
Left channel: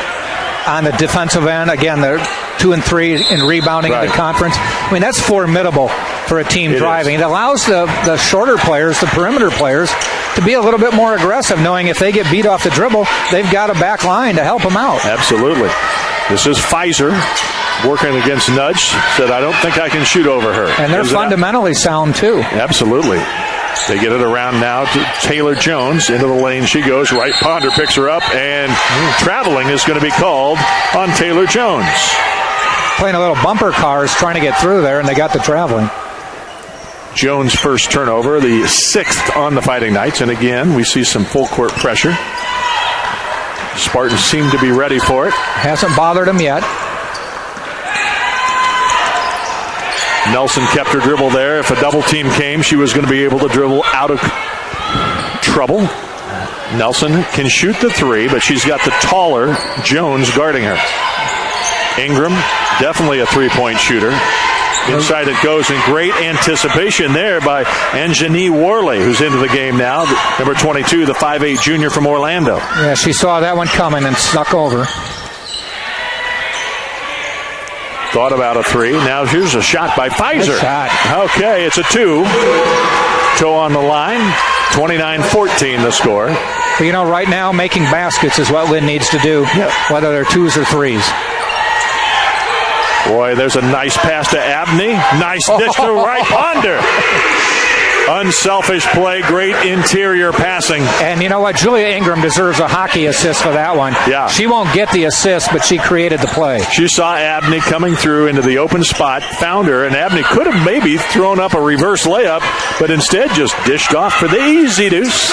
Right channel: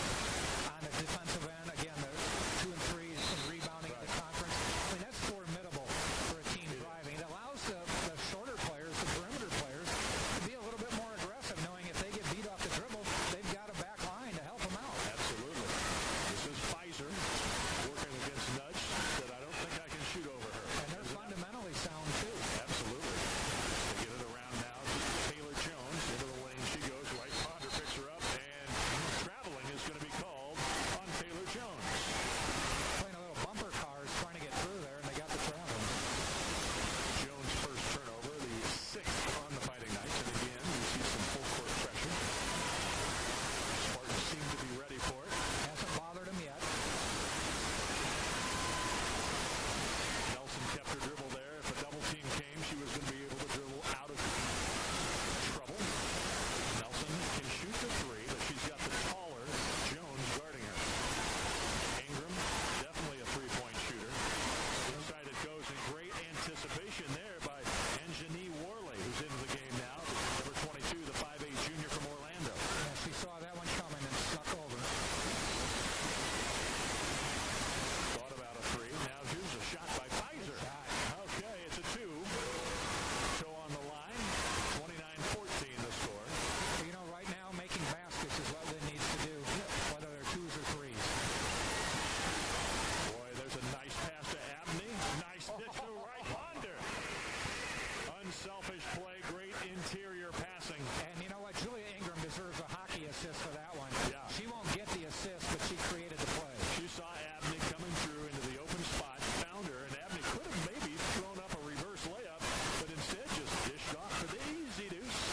on the defensive end, again, they're 2 and 3 in rebounding in the conference. I mean, that's formidable for a team driving. It allows the shorter players, the perimeter players, to be a little bit more aggressive, knowing if they get beat off the dribble, they've got a back line to help them out. Absolutely. This is Pfizer working against Nudge. Said, I don't think I can shoot over her. And they're fundamentally sound, too. Absolutely. They get it around now to Taylor Jones. Into the lane she goes. Wright Ponder picks her up, and traveling is going to be called on Taylor Jones. Playing a little bumper cars trying to get through there, and they got the traveling. Jones' first turnover, the 6th on the Fighting Knights. And again, we see some full court pressure. Spartans seem to be ready for it. Hasn't bothered them yet. Nelson kept her dribble there. If a double team came, she was going to be able to dribble out of trouble. Nelson can shoot the 3, but she's got the taller Jones guarding her. Ingram, definitely a 3-point shooter. Inside it goes, and great anticipation there by Anjani Worley, who's into the game now. Number 22, the 5'8 junior from Orlando. Yeah, she saw that one coming and snuck over. Thought about a 3. Now here's a shot by Pfizer. Good shot. Okay, it's a 2. Toe on the line. 29-14 the score. But, right now making baskets is what Lynn needs to do, whether they're 2s or 3s. Boy, there's a nice pass to Abney. Nice dish to right Ponder. Unselfish play, great interior passing. And you know what? Julia Ingram deserves a hockey assist for that one. Yeah. She won't get the assist, but she created the play. She saw Abney coming through into the open spot, found her, and Abney could have maybe thrown up a reverse layup, but instead just dished off for the easy deuce.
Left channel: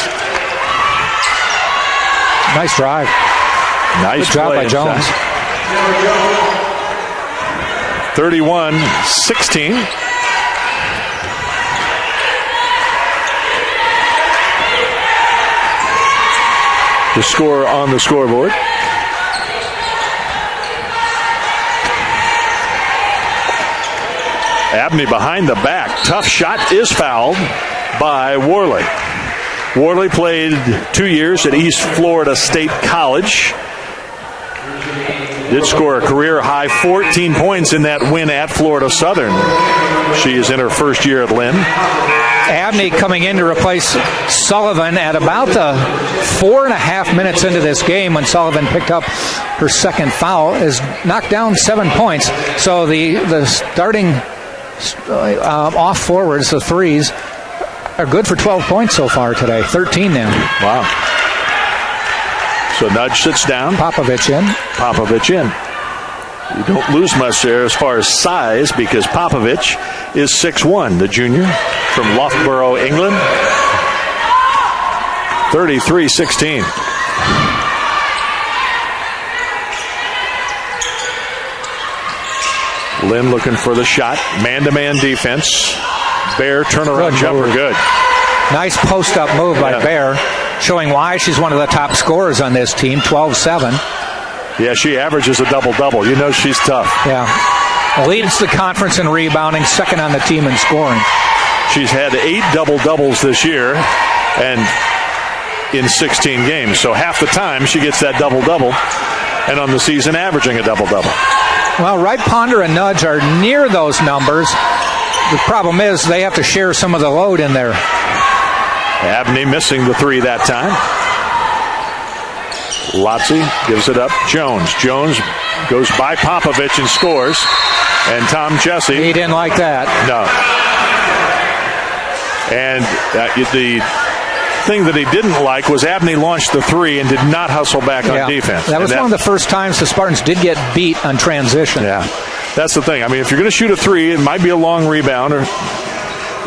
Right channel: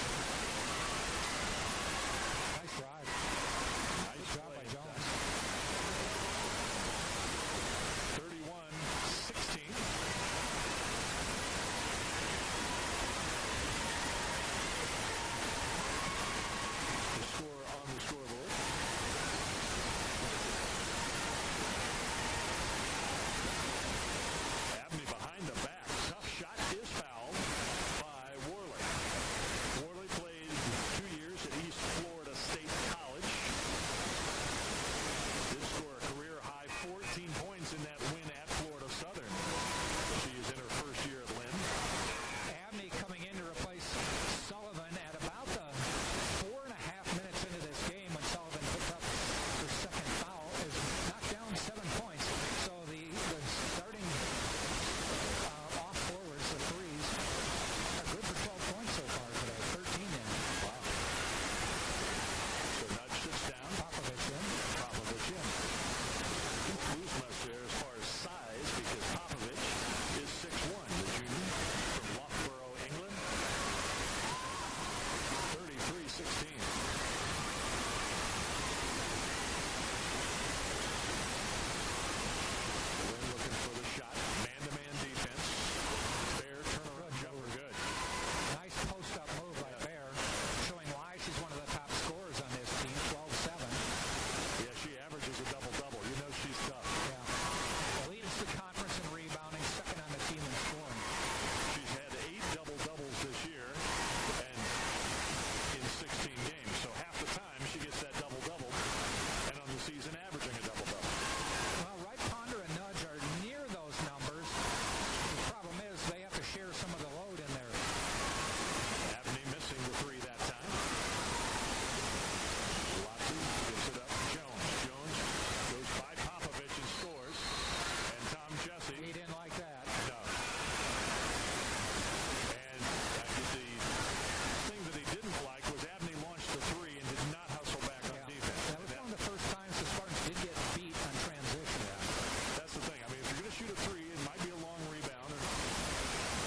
Nice drive. Nice Good job play by Jones. 31-16. The score on the scoreboard. Abney behind the back. Tough shot is fouled by Worley. Worley played 2 years at East Florida State College. Did score a career-high 14 points in that win at Florida Southern. She is in her first year at Lynn. Abney coming in to replace Sullivan at about the 4.5 minutes into this game when Sullivan picked up her second foul, is knocked down 7 points. So the starting off forwards, the 3s, are good for 12 points so far today. 13 now. Wow. So Nudge sits down. Popovich in. Popovich in. You don't lose much there as far as size because Popovich is 6'1", the junior from Loughborough, England. 33-16. Lynn looking for the shot. Man-to-man defense. Bear turnaround jumper. Good. Nice post-up move by Bear, showing why she's one of the top scorers on this team, 12-7. Yeah, she averages a double-double. You know she's tough. Yeah. Leads the conference in rebounding, second on the team in scoring. She's had 8 double-doubles this year and in 16 games. So half the time she gets that double-double, and on the season averaging a double-double. Well, Wright Ponder and Nudge are near those numbers. The problem is they have to share some of the load in there. Abney missing the 3 that time. Lotzie gives it up. Jones goes by Popovich and scores. And Tom Jesse. He didn't like that. No. And the thing that he didn't like was Abney launched the 3 and did not hustle back on defense. That was one of the first times the Spartans did get beat on transition. Yeah. That's the thing. I mean, if you're going to shoot a 3, it might be a long rebounder.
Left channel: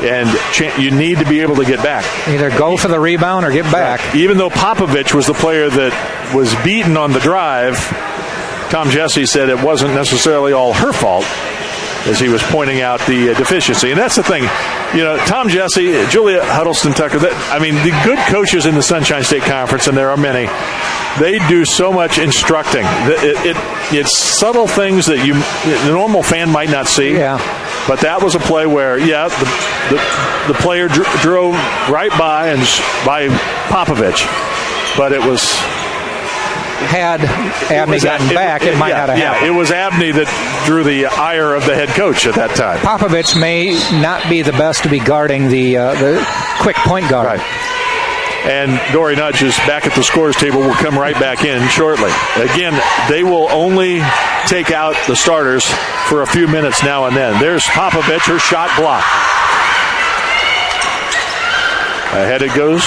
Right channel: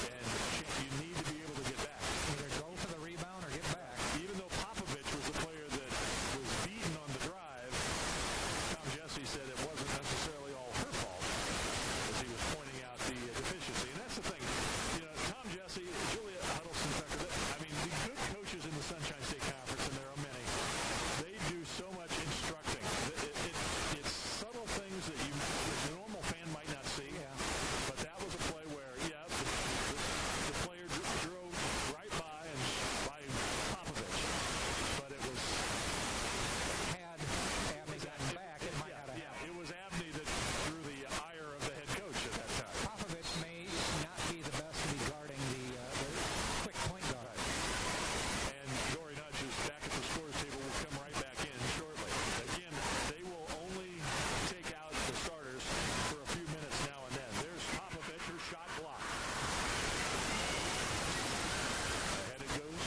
And you need to be able to get back. Either go for the rebound or get back. Right. Even though Popovich was the player that was beaten on the drive, Tom Jesse said it wasn't necessarily all her fault as he was pointing out the deficiency. And that's the thing. Tom Jesse, Julia Huddleston Tucker, the good coaches in the Sunshine State Conference, and there are many, they do so much instructing. It's subtle things that the normal fan might not see. Yeah. But that was a play where, the player drove right by Popovich. But it was... Had Abney gotten back, it might not have happened. It was Abney that drew the ire of the head coach at that time. Popovich may not be the best to be guarding the quick point guard. Right. And Dory Nudge is back at the scores table. Will come right back in shortly. Again, they will only take out the starters for a few minutes now and then. There's Popovich, her shot blocked. Ahead it goes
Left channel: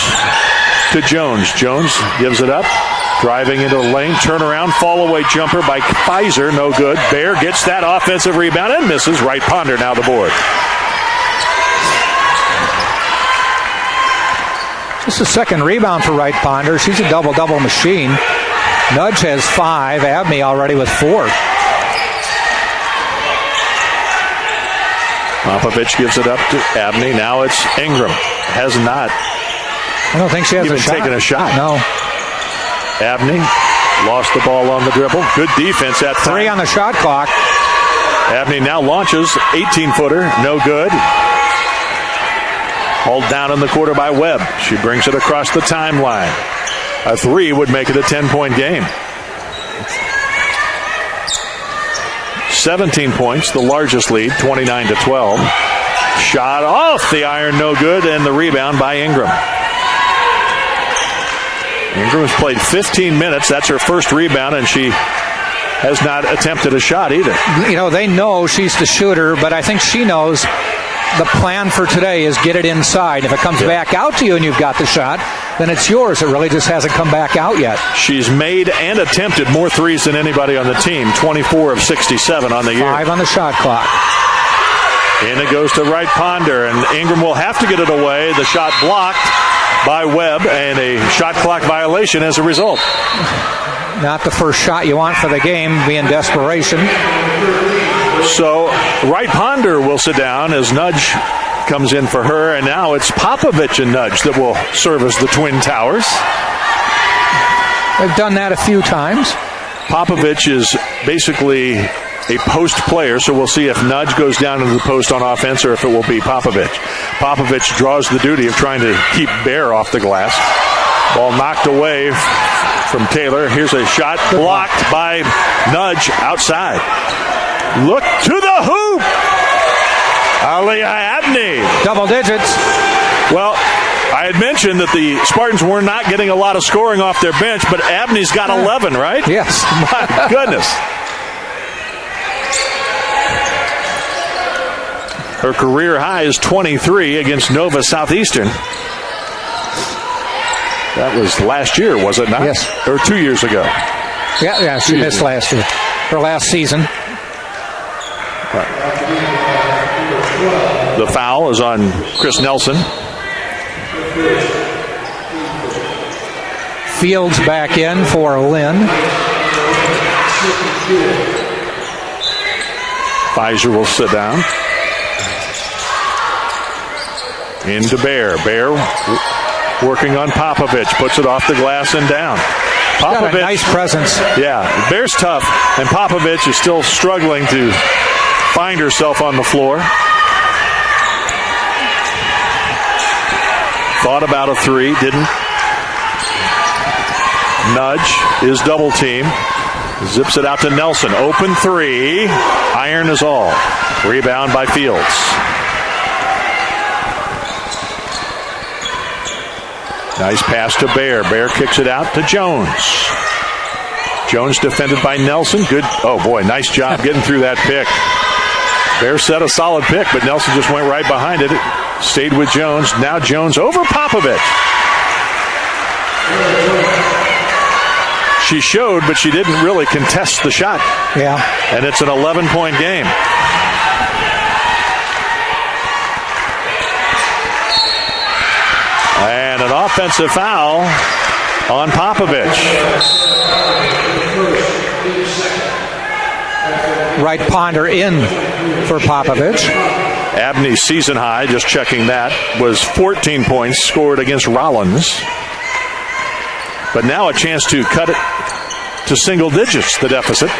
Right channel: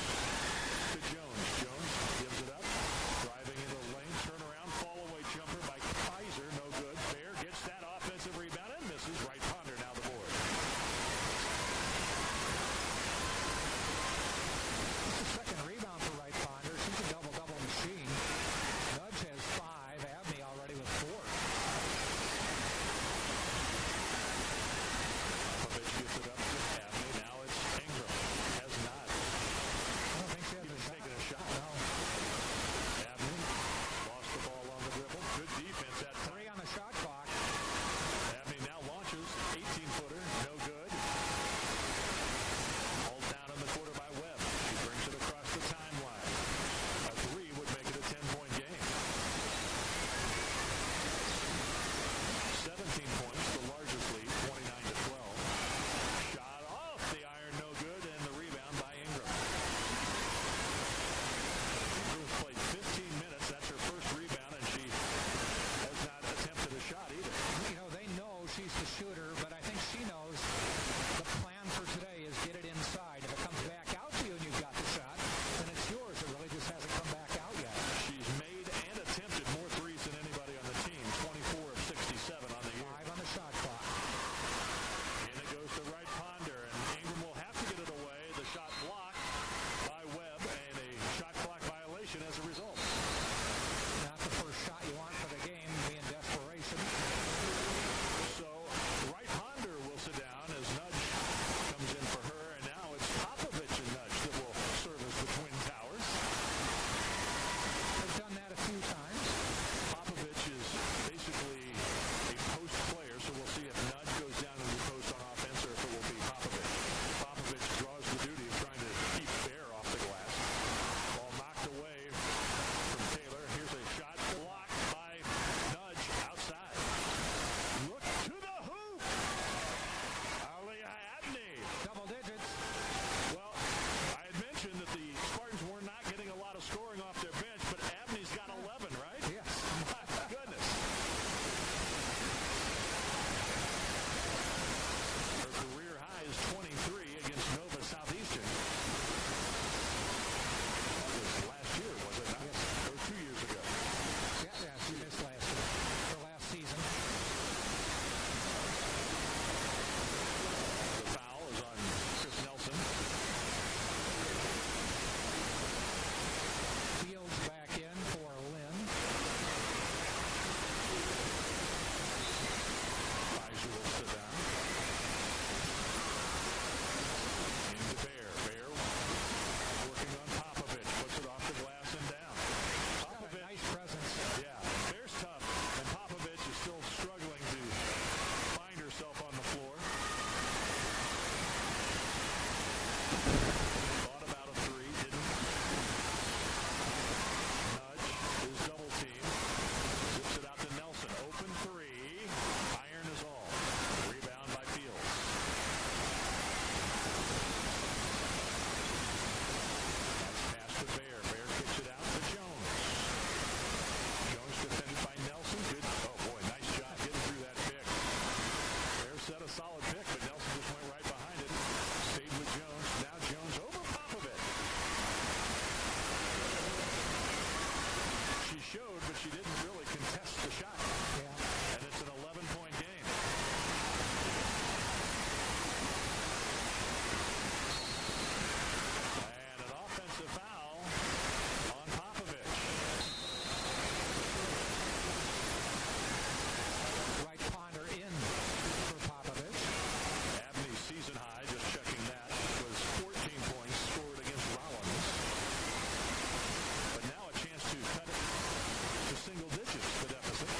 to Jones. Jones gives it up. Driving into the lane, turnaround, fall-away jumper by Pfizer, no good. Bear gets that offensive rebound and misses. Wright Ponder now the board. This is the second rebound for Wright Ponder. She's a double-double machine. Nudge has 5. Abney already with 4. Popovich gives it up to Abney. Now it's Ingram. Has not. I don't think she has even a shot. taken a shot. No. Abney lost the ball on the dribble. Good defense at 3 on the shot clock. Abney now launches. 18-footer. No good. Hauled down in the quarter by Webb. She brings it across the timeline. A 3 would make it a 10-point game. 17 points, the largest lead, 29-12. Shot off the iron, no good, and the rebound by Ingram. Ingram has played 15 minutes. That's her first rebound, and she has not attempted a shot either. You know, they know she's the shooter, but I think she knows the plan for today is get it inside. If it comes back out to you and you've got the shot, then it's yours. It really just hasn't come back out yet. She's made and attempted more threes than anybody on the team, 24 of 67 on the year. 5 on the shot clock. And it goes to Wright Ponder, and Ingram will have to get it away. The shot blocked by Webb, and a shot clock violation as a result. Not the first shot you want for the game, be in desperation. So Wright Ponder will sit down as Nudge comes in for her, and now it's Popovich and Nudge that will serve as the Twin Towers. They've done that a few times. Popovich is basically a post player, so we'll see if Nudge goes down into the post on offense or if it will be Popovich. Popovich draws the duty of trying to keep Bear off the glass. Ball knocked away from Taylor. Here's a shot blocked by Nudge outside. Look to the hoop. Aliyah Abney. Double digits. Well, I had mentioned that the Spartans were not getting a lot of scoring off their bench, but Abney's got 11, right? Yes. My goodness. Her career high is 23 against Nova Southeastern. That was last year, was it not? Yes. Or 2 years ago. Yeah, she missed last year. Her last season. The foul is on Chris Nelson. Fields back in for Lynn. Pfizer will sit down. Into Bear. Bear working on Popovich. Puts it off the glass and down. Popovich, got a nice presence. Yeah, Bear's tough, and Popovich is still struggling to find herself on the floor. Thought about a three, didn't. Nudge is double team. Zips it out to Nelson. Open three. Iron is all. Rebound by Fields. Nice pass to Bear. Bear kicks it out to Jones. Jones defended by Nelson. Good. Oh, boy, nice job getting through that pick. Bear set a solid pick, but Nelson just went right behind it. Stayed with Jones. Now Jones over Popovich. She showed, but she didn't really contest the shot. Yeah. And it's an 11-point game. And an offensive foul on Popovich. Wright Ponder in for Popovich. Abney's season high, just checking that, was 14 points scored against Rollins. But now a chance to cut it to single digits, the deficit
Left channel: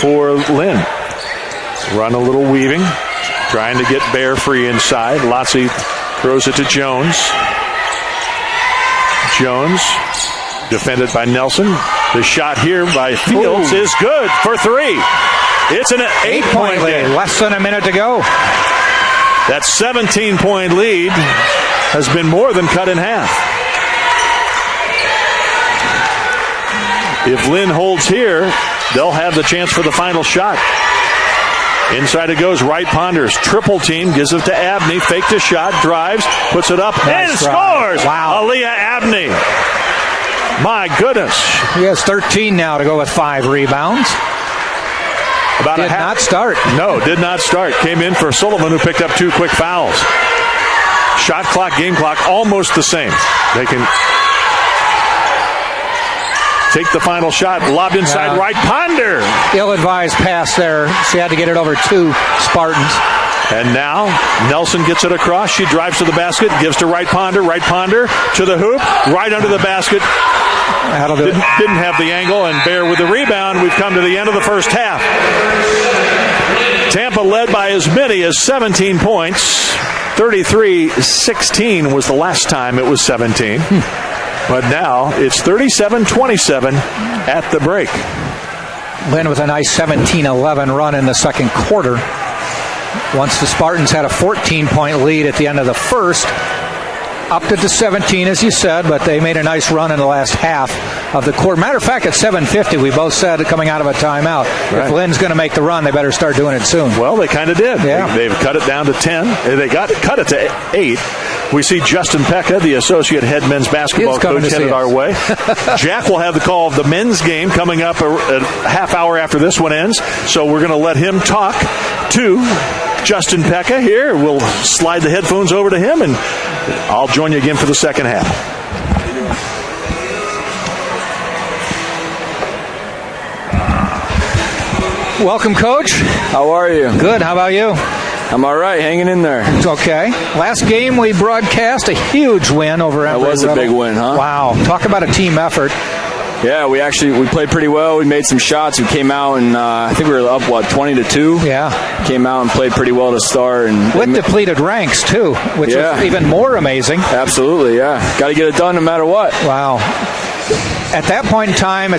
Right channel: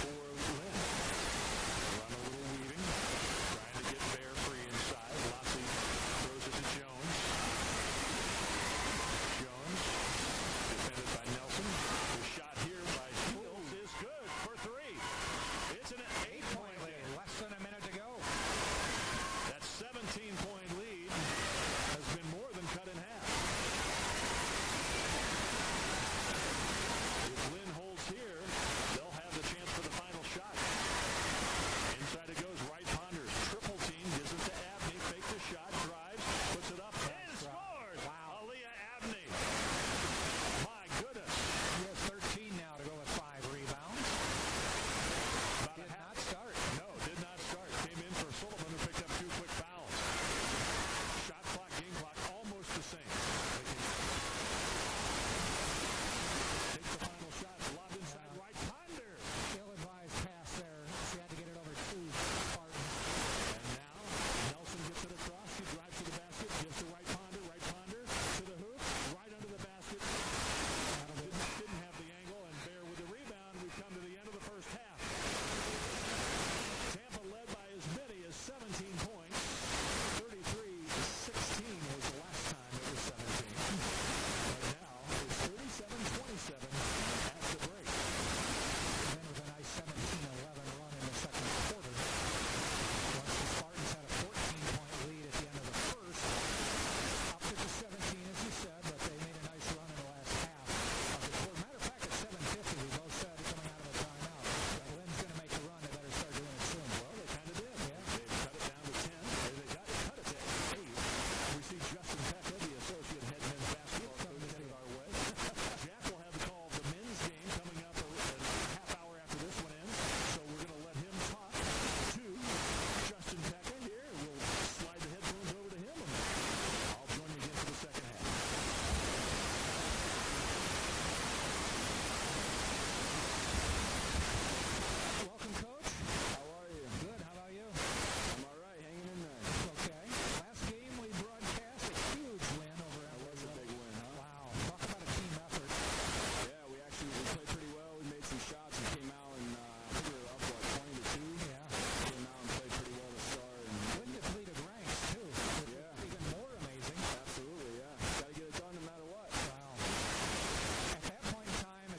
for Lynn. Run a little weaving, trying to get Bear free inside. Lotzie throws it to Jones. Jones, defended by Nelson. The shot here by Fields is good for three. It's an 8-point lead. Less than a minute to go. That 17-point lead has been more than cut in half. If Lynn holds here, they'll have the chance for the final shot. Inside it goes. Wright Ponders. Triple team. Gives it to Abney. Faked a shot. Drives. Puts it up. Nice and drive. scores. Wow. Aliyah Abney. My goodness. He has 13 now to go with 5 rebounds. Did not start. No, did not start. Came in for Sullivan, who picked up 2 quick fouls. Shot clock, game clock, almost the same. They can take the final shot. Lobbed inside. Wright Ponder. Ill-advised pass there. She had to get it over to Spartans. And now Nelson gets it across. She drives to the basket, gives to Wright Ponder. Wright Ponder to the hoop, right under the basket. Didn't have the angle, and Bear with the rebound. We've come to the end of the first half. Tampa led by as many as 17 points. 33-16 was the last time it was 17. But now it's 37-27 at the break. Lynn with a nice 17-11 run in the second quarter. Once the Spartans had a 14-point lead at the end of the first, upped it to 17, as you said, but they made a nice run in the last half of the quarter. Matter of fact, at 7:50, we both said coming out of a timeout, right, if Lynn's going to make the run, they better start doing it soon. Well, they kind of did. Yeah. They've cut it down to 10. They cut it to 8. We see Justin Pekka, the associate head men's basketball coach, headed our way. Jack will have the call of the men's game coming up a half hour after this one ends. So we're going to let him talk to Justin Pekka here. We'll slide the headphones over to him, and I'll join you again for the second half. Welcome, Coach. How are you? Good. How about you? I'm all right, hanging in there. Okay. Last game we broadcast a huge win over Embry-Riddle. That was a big win, huh? Wow. Talk about a team effort. Yeah, we played pretty well. We made some shots. We came out and I think we were up, 20-2? Yeah. Came out and played pretty well to start. And with depleted ranks, too, which was even more amazing. Absolutely, yeah. Got to get it done no matter what. Wow. At that point in time, I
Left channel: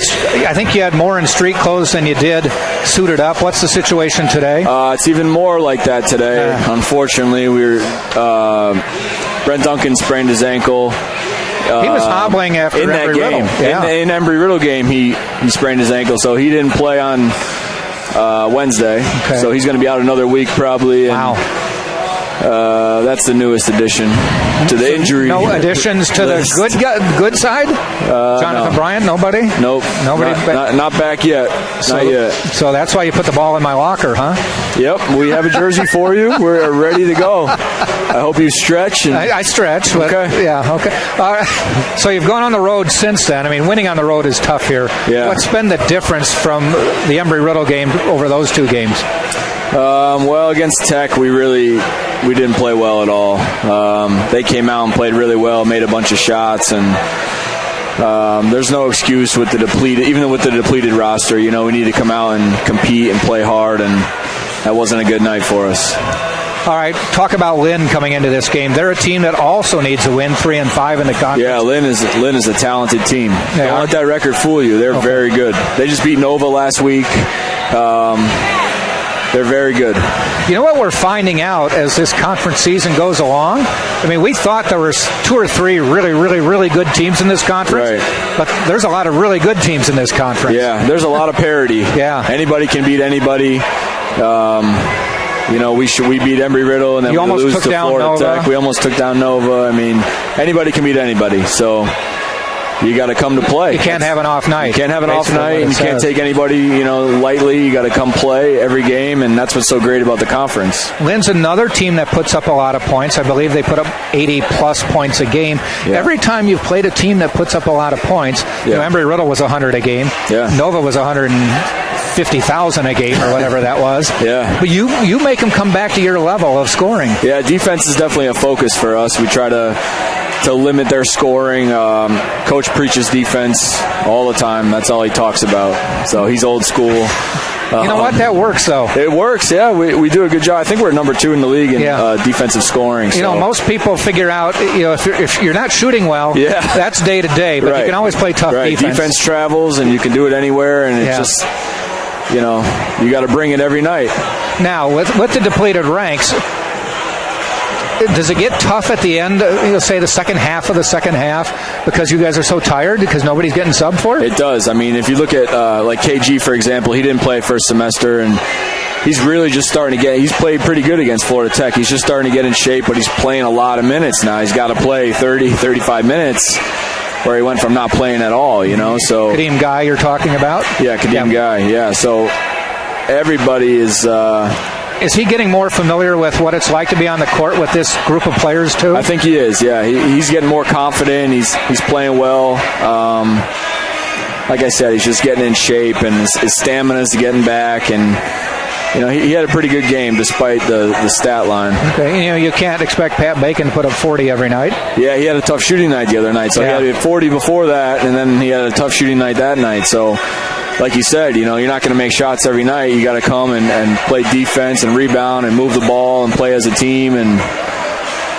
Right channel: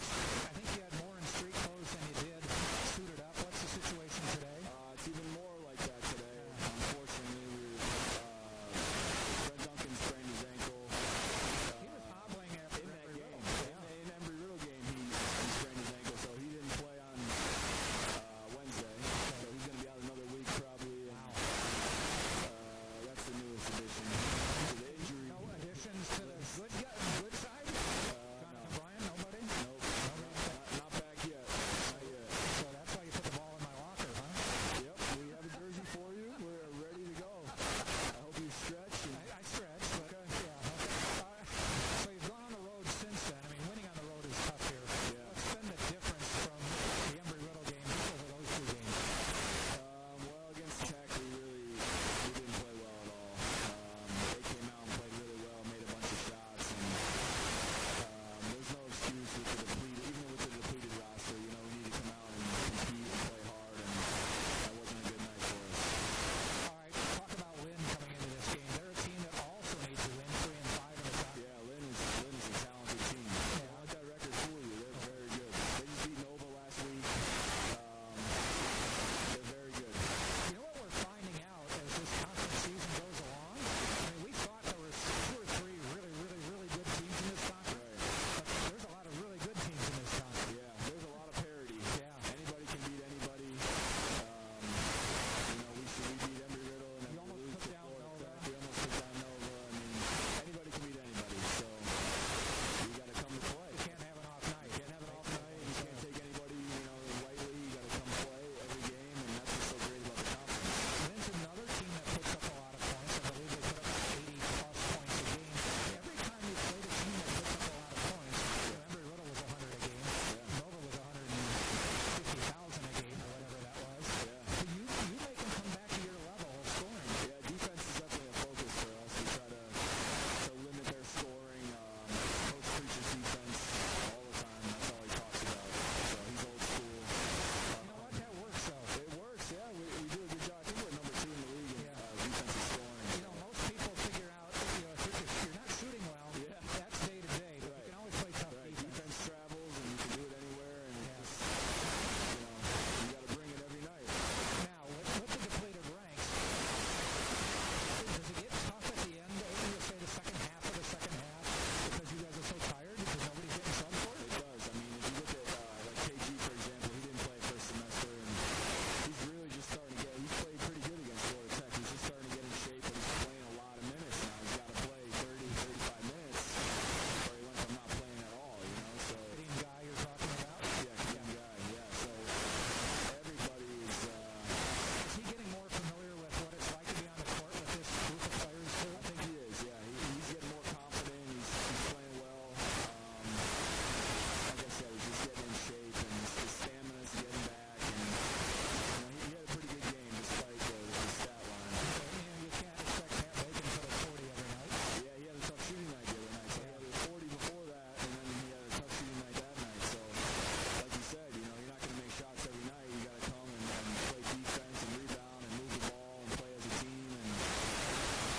think you had more in street clothes than you did suited up. What's the situation today? It's even more like that today. Unfortunately, Brent Duncan sprained his ankle. He was hobbling after in that game. Yeah. In Embry-Riddle game, he sprained his ankle, so he didn't play on Wednesday. Okay. So he's going to be out another week probably. Wow. That's the newest addition to the injury. No additions to list. the good side? Jonathan Bryant, nobody? Nope. Nobody? Not back yet. Not yet. So that's why you put the ball in my locker, huh? Yep. We have a jersey for you. We're ready to go. I hope you stretch. I stretch. But okay. Yeah, okay. So you've gone on the road since then. I mean, winning on the road is tough here. Yeah. What's been the difference from the Embry-Riddle game over those two games? Well, against Tech, we didn't play well at all. They came out and played really well, made a bunch of shots, and there's no excuse with the depleted roster. You know, we need to come out and compete and play hard, and that wasn't a good night for us. All right, talk about Lynn coming into this game. They're a team that also needs a win, 3-5 in the conference. Yeah, Lynn is a talented team. Don't let that record fool you. They're very good. They just beat Nova last week. They're very good. You know what we're finding out as this conference season goes along? I mean, we thought there were 2 or 3 really, really, really good teams in this conference. Right. But there's a lot of really good teams in this conference. Yeah, there's a lot of parity. Yeah. Anybody can beat anybody. We beat Embry-Riddle, and then we lose to Florida Nova. Tech. We almost took down Nova. I mean, anybody can beat anybody. So you got to come to play. You can't have an off night. You can't have an off night, and you can't take anybody, lightly. You got to come play every game, and that's what's so great about the conference. Lynn's another team that puts up a lot of points. I believe they put up 80-plus points a game. Yeah. Every time you've played a team that puts up a lot of points, Embry-Riddle was 100 a game. Yeah. Nova was 150,000 a game or whatever that was. Yeah. But you make them come back to your level of scoring. Yeah, defense is definitely a focus for us. We try to limit their scoring. Coach preaches defense all the time. That's all he talks about. So he's old school. You know what? That works, though. It works, yeah. We do a good job. I think we're number 2 in the league in defensive scoring. So. Most people figure out, if you're not shooting well, that's day to day, but you can always play tough defense. Defense travels, and you can do it anywhere, and it's just, you got to bring it every night. Now, with the depleted ranks, does it get tough at the end, say the second half of the second half, because you guys are so tired because nobody's getting subbed for it? It does. I mean, if you look at like KG, for example, he didn't play first semester, and he's really just starting to he's played pretty good against Florida Tech. He's just starting to get in shape, but he's playing a lot of minutes now. He's got to play 30, 35 minutes, where he went from not playing at all, so. Kadeem Guy you're talking about? Yeah, Kadeem Guy, yeah. So everybody is... Is he getting more familiar with what it's like to be on the court with this group of players, too? I think he is, yeah. He's getting more confident. He's playing well. Like I said, he's just getting in shape, and his stamina's getting back. And, he had a pretty good game despite the stat line. Okay, you can't expect Pat Bacon to put up 40 every night. Yeah, he had a tough shooting night the other night. So he had 40 before that, and then he had a tough shooting night that night. So... like you said, you're not going to make shots every night. You got to come and play defense and rebound and move the ball and play as a team. And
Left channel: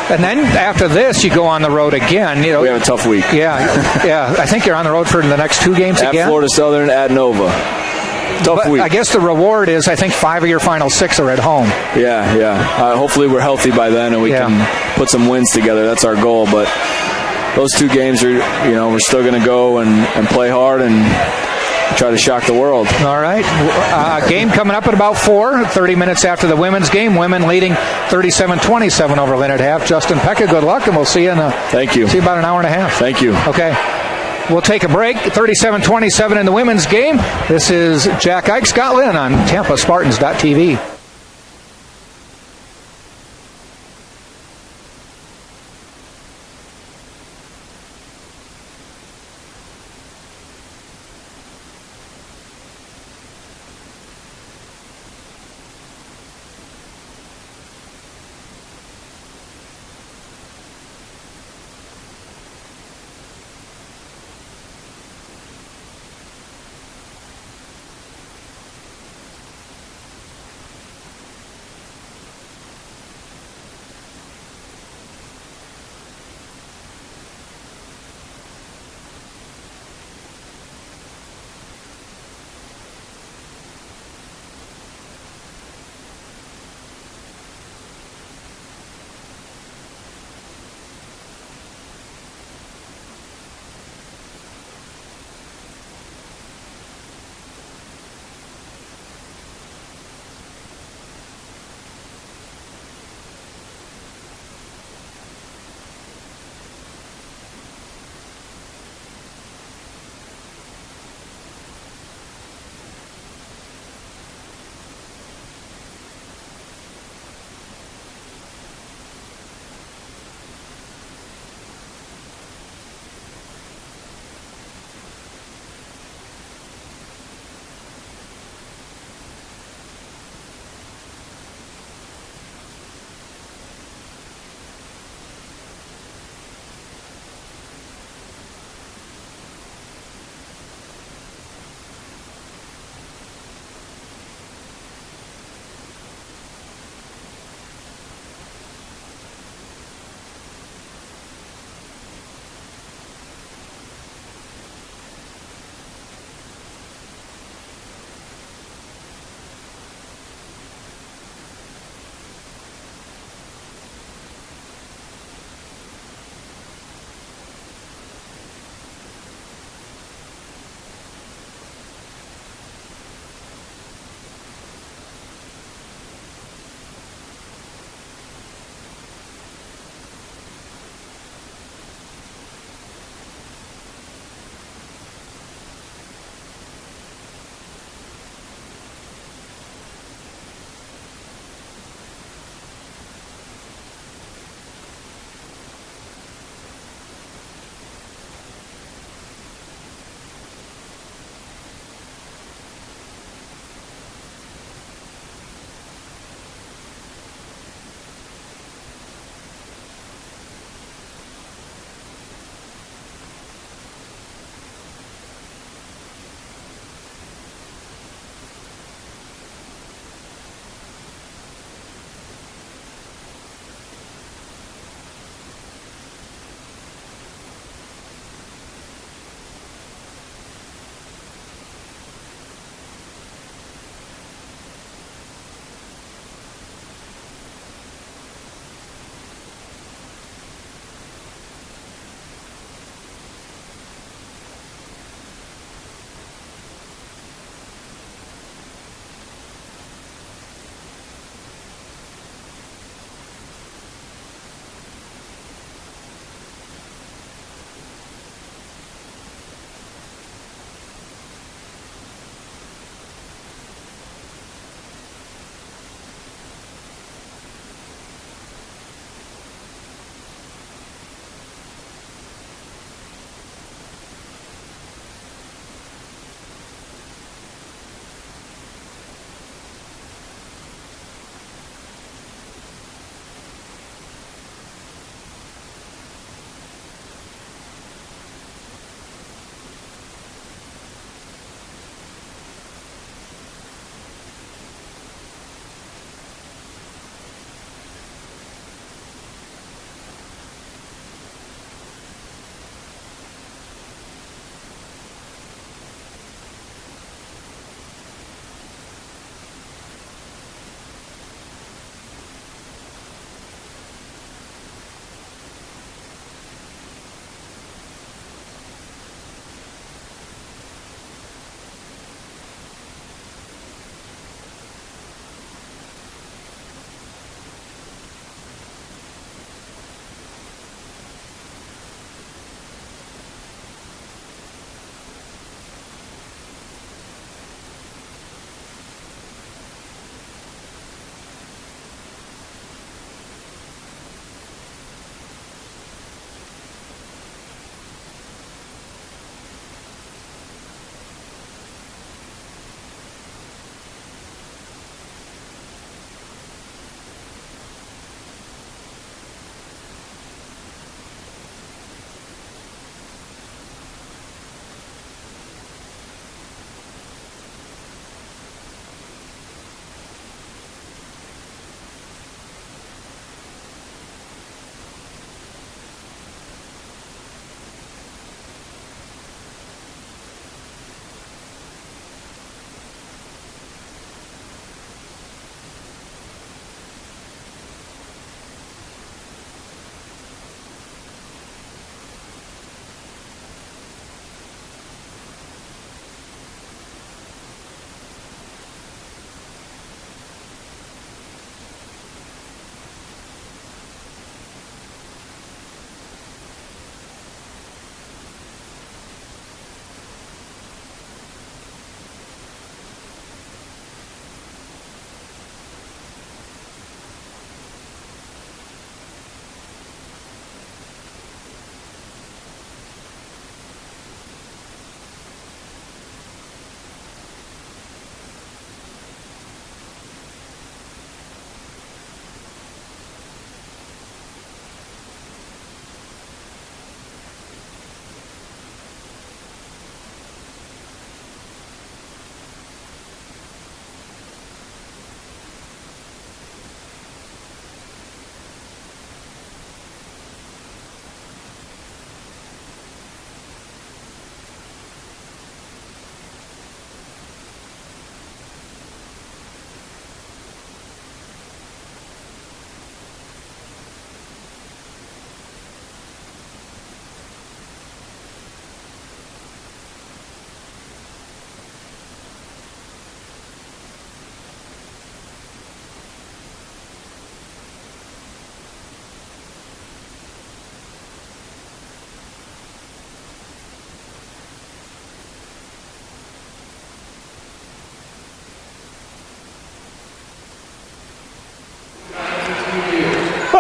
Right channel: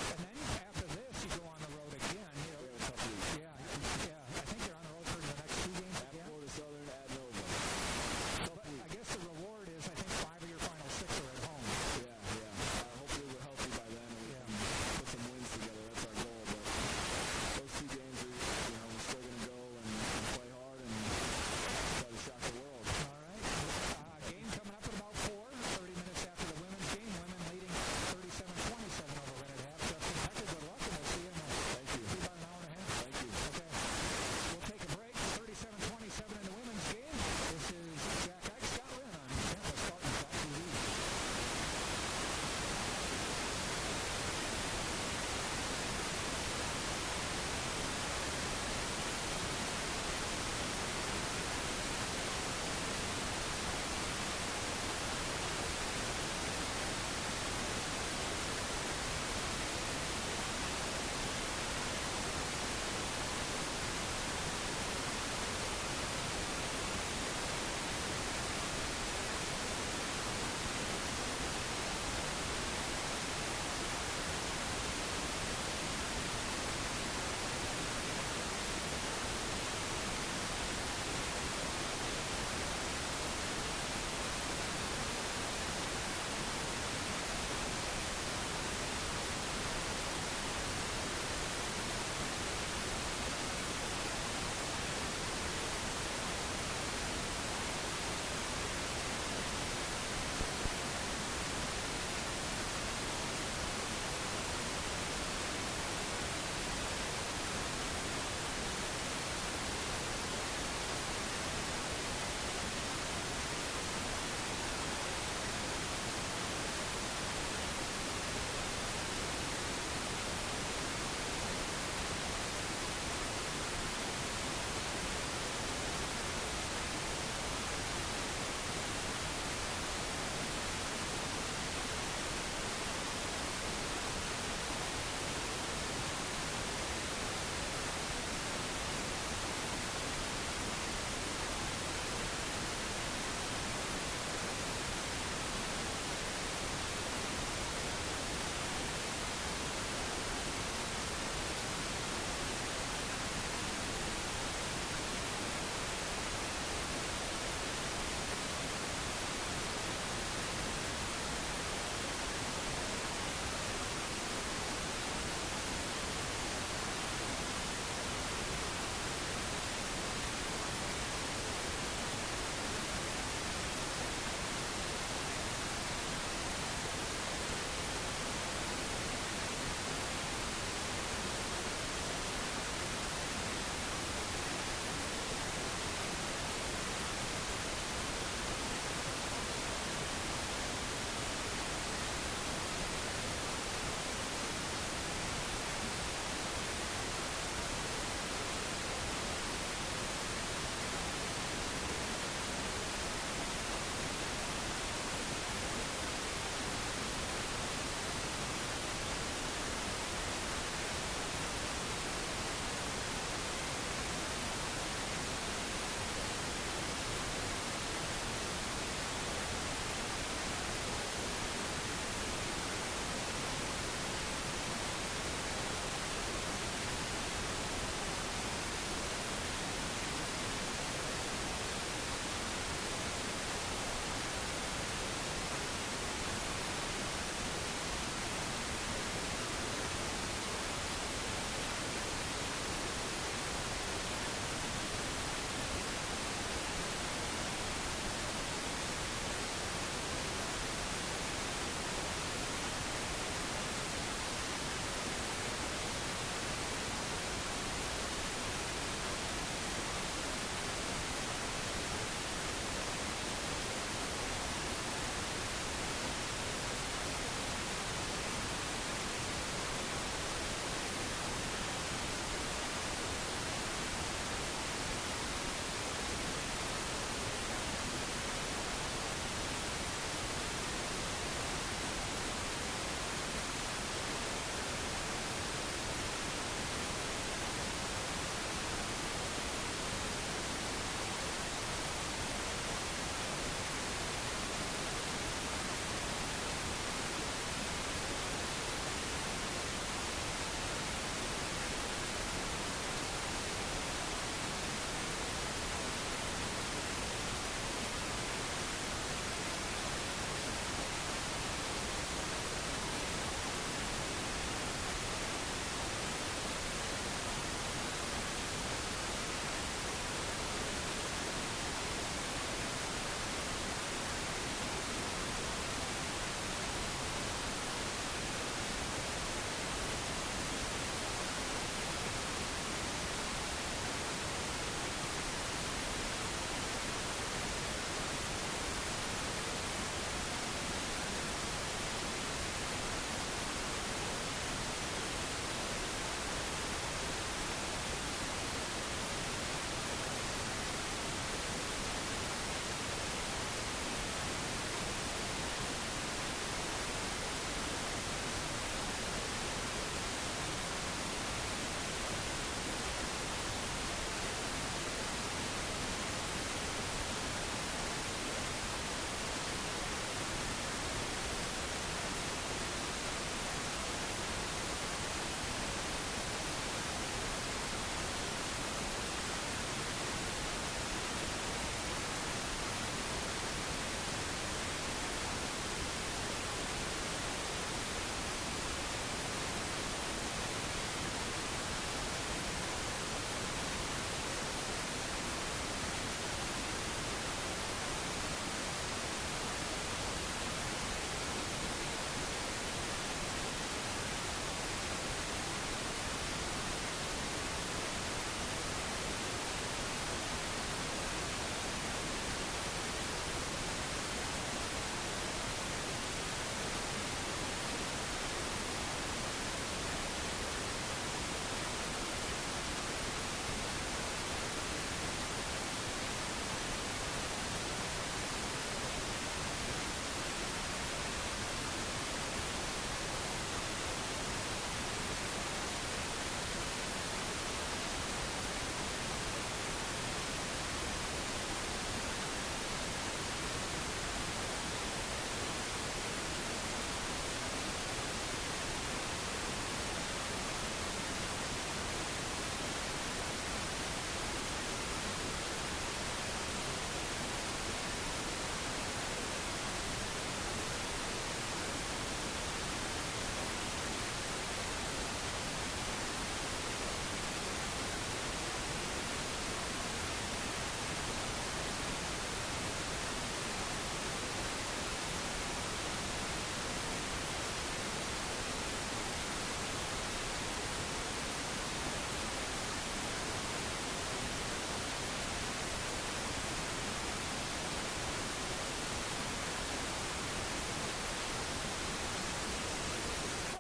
then after this, you go on the road again. We have a tough week. Yeah. I think you're on the road for the next 2 games again. At Florida Southern, at Nova. tough week. I guess the reward is, I think 5 of your final 6 are at home. Yeah. Hopefully we're healthy by then and we can put some wins together. That's our goal. But those 2 games are, we're still going to go and play hard and try to shock the world. All right. Game coming up at about 4, 30 minutes after the women's game. Women leading 37-27 over Lynn at half. Justin Pekka, good luck, and we'll see you Thank you. See you about an hour and a half. Thank you. Okay. We'll take a break. 37-27 in the women's game. This is Jack Ike, Scott Lynn on TampaSpartans.tv.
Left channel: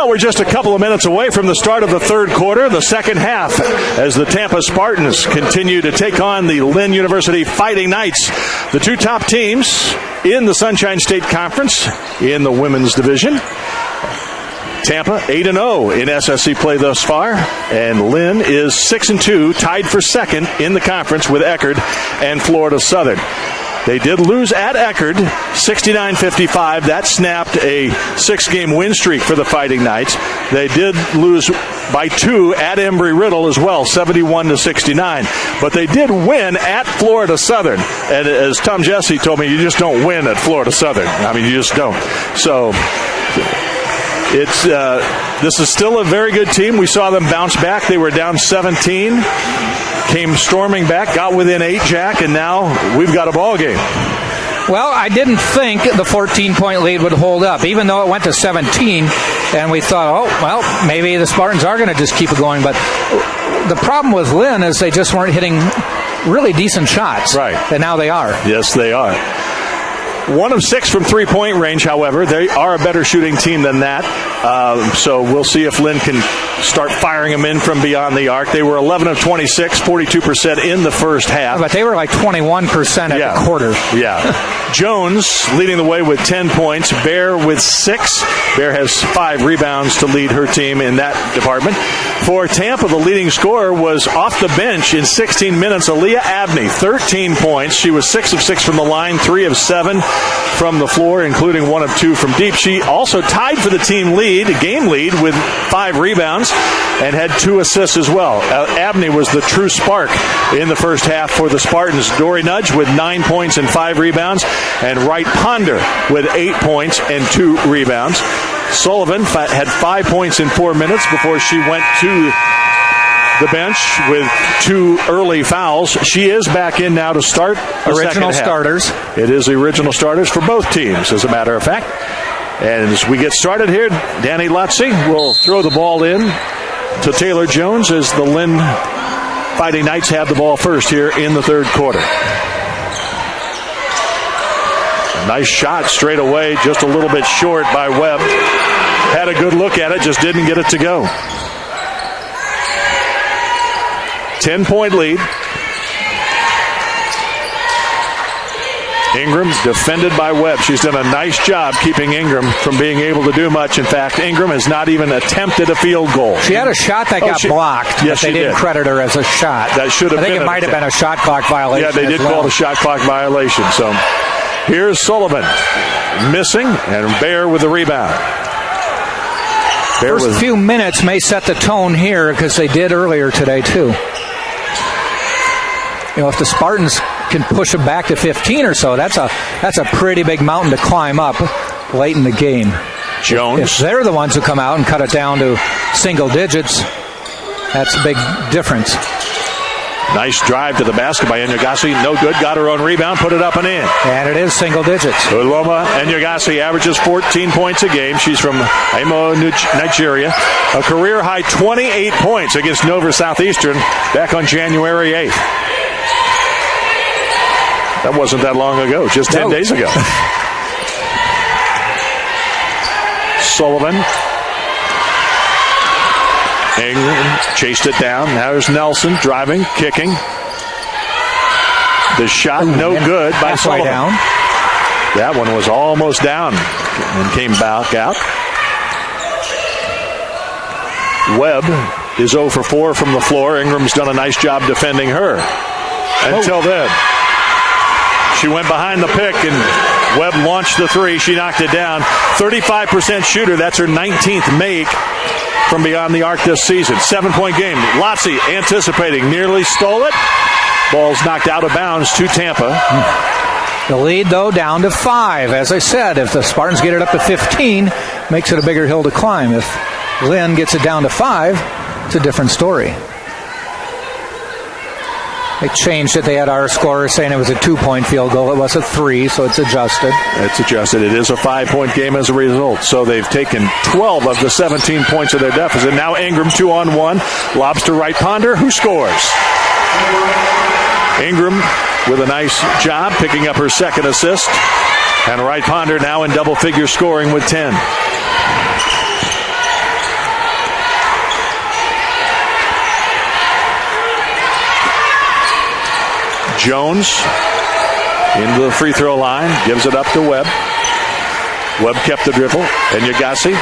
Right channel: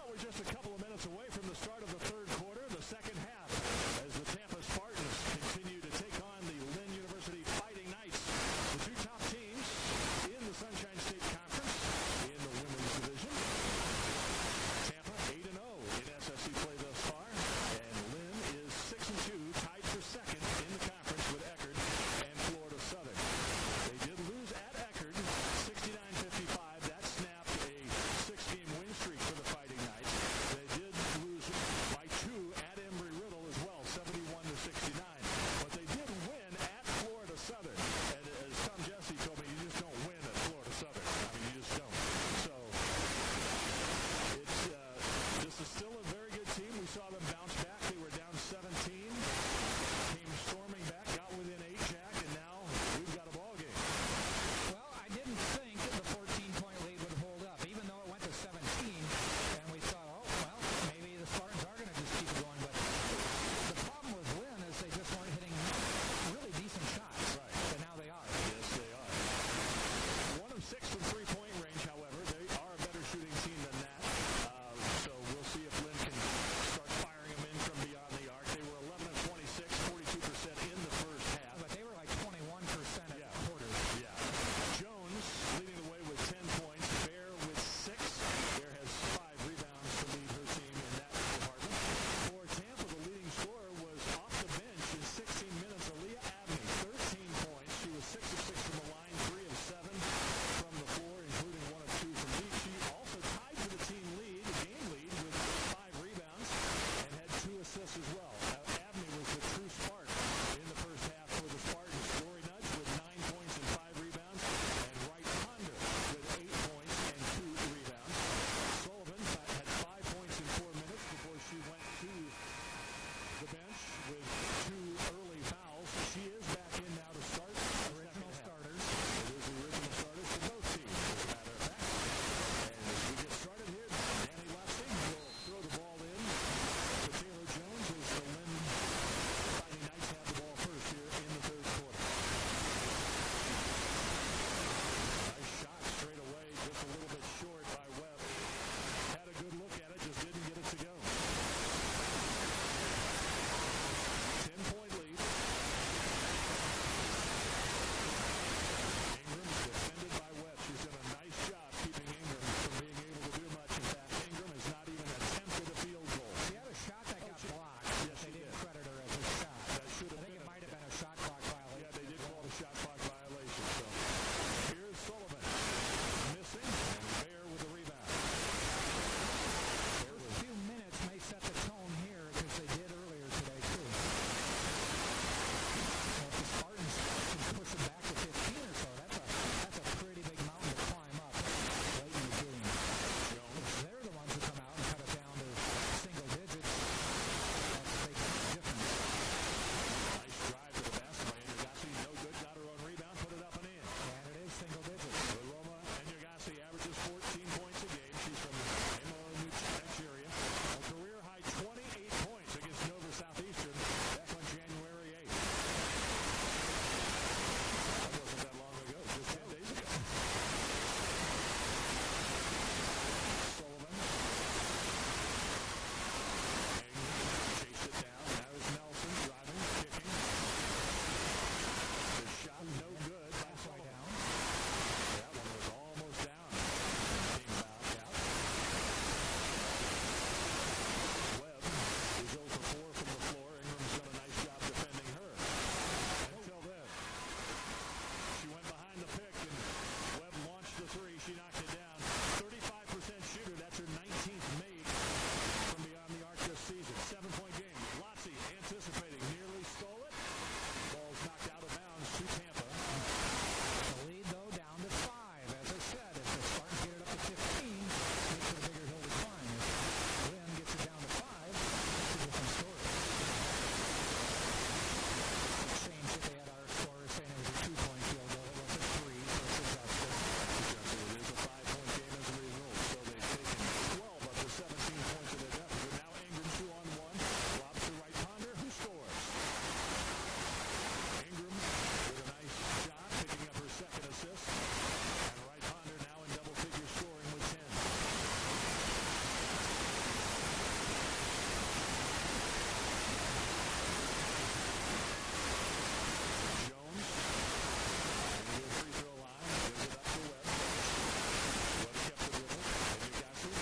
Well, we're just a couple of minutes away from the start of the third quarter, the second half, as the Tampa Spartans continue to take on the Lynn University Fighting Knights, the two top teams in the Sunshine State Conference in the women's division. Tampa 8-0 in SSC play thus far, and Lynn is 6-2, tied for second in the conference with Eckerd and Florida Southern. They did lose at Eckerd, 69-55. That snapped a 6-game win streak for the Fighting Knights. They did lose by 2 at Embry-Riddle as well, 71-69. But they did win at Florida Southern. And as Tom Jesse told me, you just don't win at Florida Southern. I mean, you just don't. So this is still a very good team. We saw them bounce back. They were down 17. Came storming back, got within 8, Jack, and now we've got a ball game. Well, I didn't think the 14-point lead would hold up, even though it went to 17, and we thought, oh, well, maybe the Spartans are going to just keep it going. But the problem with Lynn is they just weren't hitting really decent shots. Right. And now they are. Yes, they are. 1 of 6 from three-point range, however. They are a better shooting team than that. So we'll see if Lynn can start firing them in from beyond the arc. They were 11 of 26, 42% in the first half. But they were like 21% at the quarter. Yeah. Jones leading the way with 10 points. Bear with 6. Bear has 5 rebounds to lead her team in that department. For Tampa, the leading scorer was off the bench in 16 minutes. Aaliyah Abney, 13 points. She was 6 of 6 from the line, 3 of 7 from the floor, including 1 of 2 from deep. She also tied for the team lead, game lead, with 5 rebounds and had 2 assists as well. Abney was the true spark in the first half for the Spartans. Dory Nudge with 9 points and 5 rebounds, and Wright Ponder with 8 points and 2 rebounds. Sullivan had 5 points in 4 minutes before she went to the bench with 2 early fouls. She is back in now to start the original starters. It is the original starters for both teams, as a matter of fact. And as we get started here, Danny Lotze will throw the ball in to Taylor Jones as the Lynn Fighting Knights have the ball first here in the third quarter. A nice shot straight away, just a little bit short by Webb. Had a good look at it, just didn't get it to go. 10-point lead. Ingram defended by Webb. She's done a nice job keeping Ingram from being able to do much. In fact, Ingram has not even attempted a field goal. She had a shot that got blocked, yes, but they didn't credit her as a shot. That should have been. I think it might have been a shot clock violation. Yeah, they did call it a shot clock violation. So here's Sullivan missing, and Bear with the rebound. First few minutes may set the tone here, because they did earlier today too. You know, if the Spartans can push them back to 15 or so, that's a pretty big mountain to climb up late in the game. Jones. If they're the ones who come out and cut it down to single digits, that's a big difference. Nice drive to the basket by Enyagasi. No good. Got her own rebound. Put it up and in. And it is single digits. Uloma Enyagasi averages 14 points a game. She's from Imo, Nigeria. A career-high 28 points against Nova Southeastern back on January 8th. That wasn't that long ago, just 10 days ago. Sullivan. Ingram chased it down. Now there's Nelson driving, kicking. The shot no good by Sullivan. Down. That one was almost down and came back out. Webb is 0 for 4 from the floor. Ingram's done a nice job defending her. Until then. She went behind the pick, and Webb launched the 3. She knocked it down. 35% shooter. That's her 19th make from beyond the arc this season. 7-point game. Lotze anticipating. Nearly stole it. Ball's knocked out of bounds to Tampa. The lead, though, down to 5. As I said, if the Spartans get it up to 15, makes it a bigger hill to climb. If Lynn gets it down to 5, it's a different story. They changed it. They had our scorer saying it was a 2-point field goal. It was a 3, so it's adjusted. It's adjusted. It is a 5-point game as a result. So they've taken 12 of the 17 points of their deficit. Now Ingram 2-on-1. Lobs to Wright Ponder, who scores. Ingram with a nice job picking up her second assist. And Wright Ponder now in double-figure scoring with 10. Jones into the free throw line, gives it up to Webb. Webb kept the dribble, and Yagasi,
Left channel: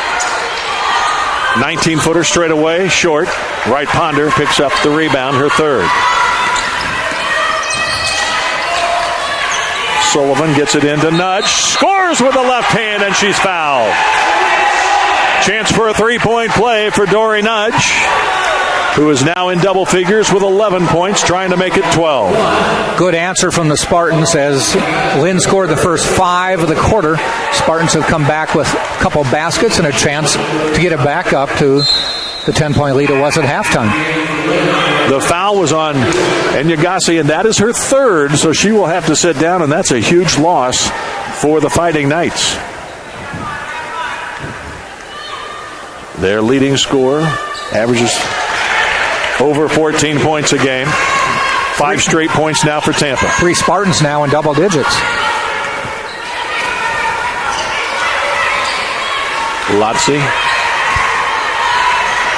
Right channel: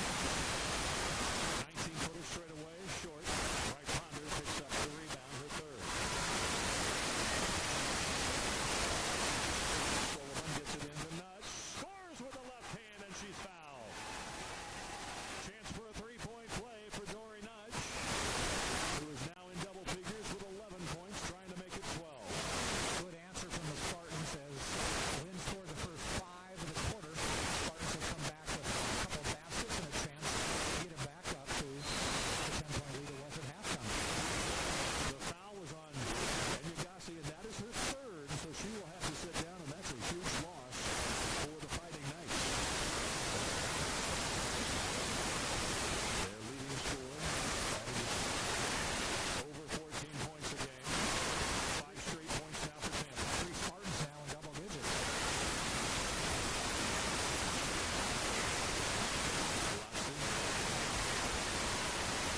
19-footer straight away, short. Wright Ponder picks up the rebound, her third. Sullivan gets it into Nudge, scores with the left hand, and she's fouled. Chance for a three-point play for Dory Nudge, who is now in double figures with 11 points, trying to make it 12. Good answer from the Spartans as Lynn scored the first 5 of the quarter. Spartans have come back with a couple baskets and a chance to get it back up to the 10-point lead it was at halftime. The foul was on Enyagasi, and that is her third, so she will have to sit down, and that's a huge loss for the Fighting Knights. Their leading scorer averages over 14 points a game. 5 straight points now for Tampa. 3 Spartans now in double digits. Lotzi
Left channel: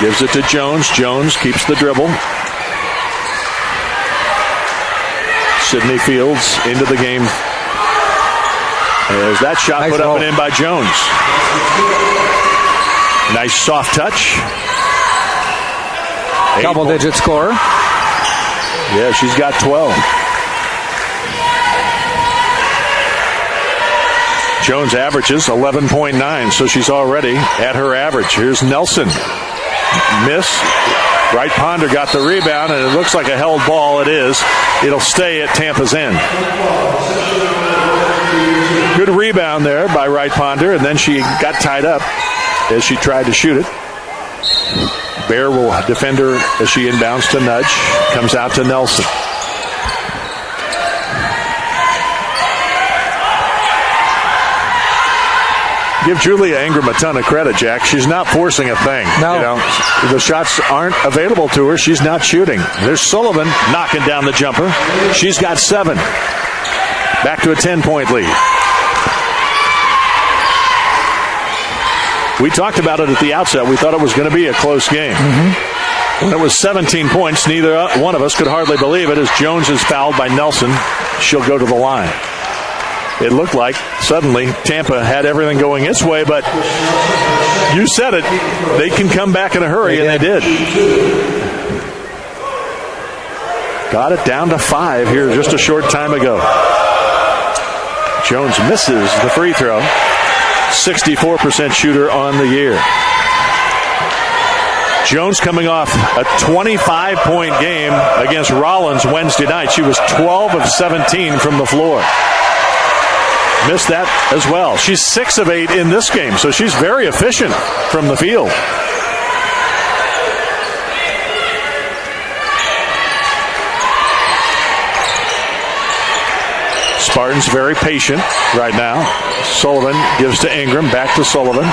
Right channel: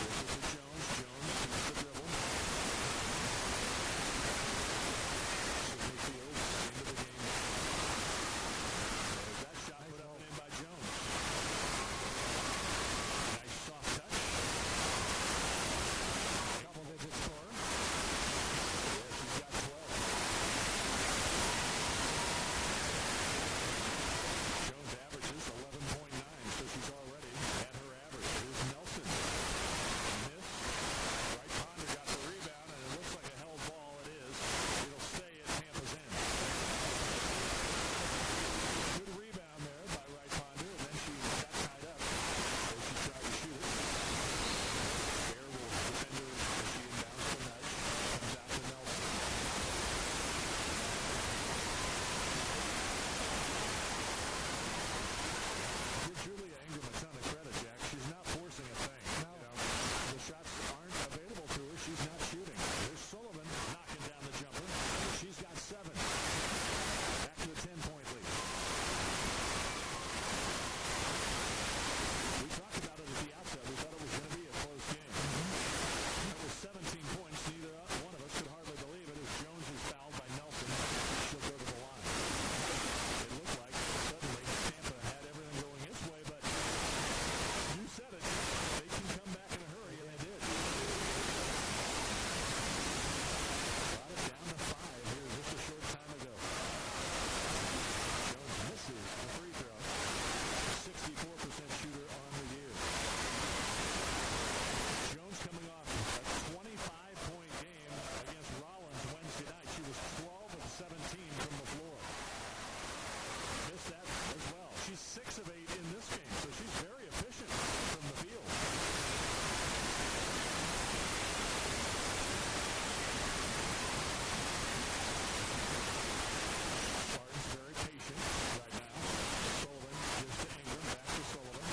gives it to Jones. Jones keeps the dribble. Sydney Fields into the game. As that shot nice put up and in by Jones. Nice soft touch. Double-digit scorer. Yeah, she's got 12. Jones averages 11.9, so she's already at her average. Here's Nelson. Miss. Wright Ponder got the rebound, and it looks like a held ball. It is. It'll stay at Tampa's end. Good rebound there by Wright Ponder, and then she got tied up as she tried to shoot it. Bear will defend her as she inbounds to Nudge. Comes out to Nelson. Give Julia Ingram a ton of credit, Jack. She's not forcing a thing. No. You know, the shots aren't available to her. She's not shooting. There's Sullivan knocking down the jumper. She's got 7. Back to a 10-point lead. We talked about it at the outset. We thought it was going to be a close game. Mm-hmm. When it was 17 points, neither one of us could hardly believe it as Jones is fouled by Nelson. She'll go to the line. It looked like suddenly Tampa had everything going its way, but you said it. They can come back in a hurry, and they did. Got it down to 5 here just a short time ago. Jones misses the free throw. 64% shooter on the year. Jones coming off a 25-point game against Rollins Wednesday night. She was 12 of 17 from the floor. Missed that as well. She's 6 of 8 in this game, so she's very efficient from the field. Spartans very patient right now. Sullivan gives to Ingram, back to Sullivan.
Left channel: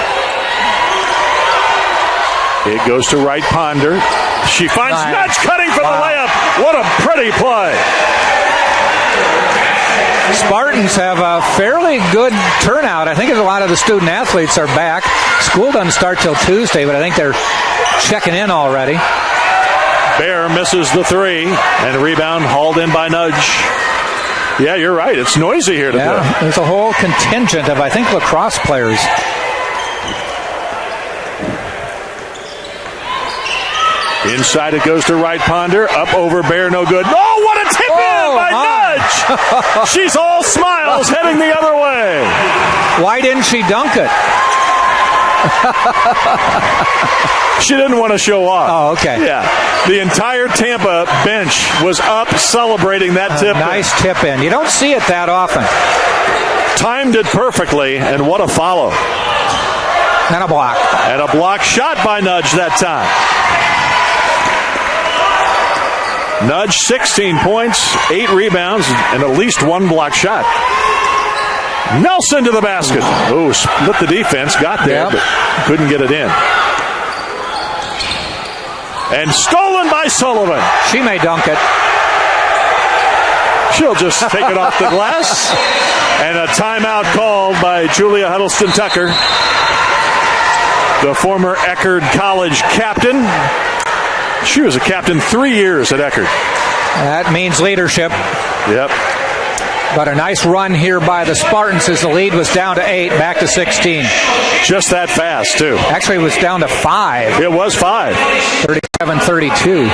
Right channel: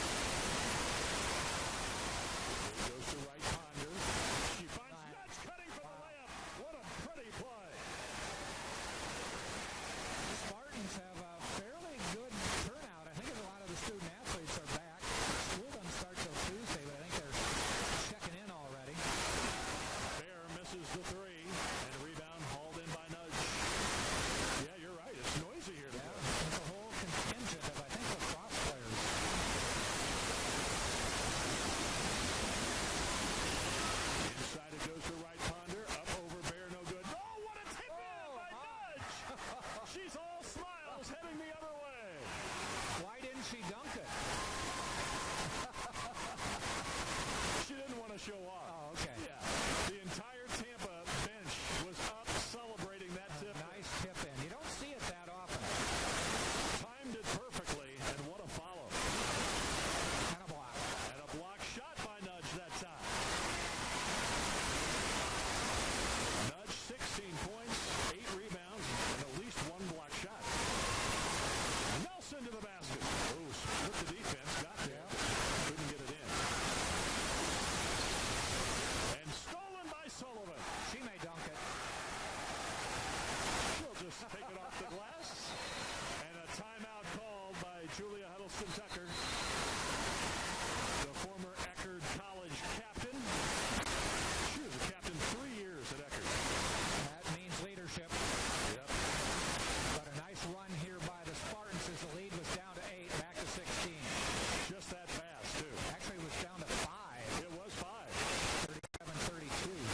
It goes to Wright Ponder. She finds Nudge cutting for the layup. What a pretty play. Spartans have a fairly good turnout. I think a lot of the student athletes are back. School doesn't start till Tuesday, but I think they're checking in already. Bear misses the 3, and a rebound hauled in by Nudge. Yeah, you're right. It's noisy here today. Yeah, there's a whole contingent of, I think, lacrosse players. Inside it goes to Wright Ponder. Up over Bear, no good. Oh, what a tip in by Nudge! She's all smiles heading the other way. Why didn't she dunk it? She didn't want to show off. Oh, okay. Yeah. The entire Tampa bench was up celebrating that tip. Nice tip in. You don't see it that often. Timed it perfectly, and what a follow. And a block. And a block shot by Nudge that time. Nudge, 16 points, 8 rebounds, and at least 1 block shot. Nelson to the basket. Oh, split the defense, got there, but couldn't get it in. And stolen by Sullivan. She may dunk it. She'll just take it off the glass. And a timeout called by Julia Huddleston Tucker, the former Eckerd College captain. She was a captain 3 years at Eckerd. That means leadership. Yep. But a nice run here by the Spartans as the lead was down to 8, back to 16. Just that fast, too. Actually, it was down to 5. It was 5. 37-32.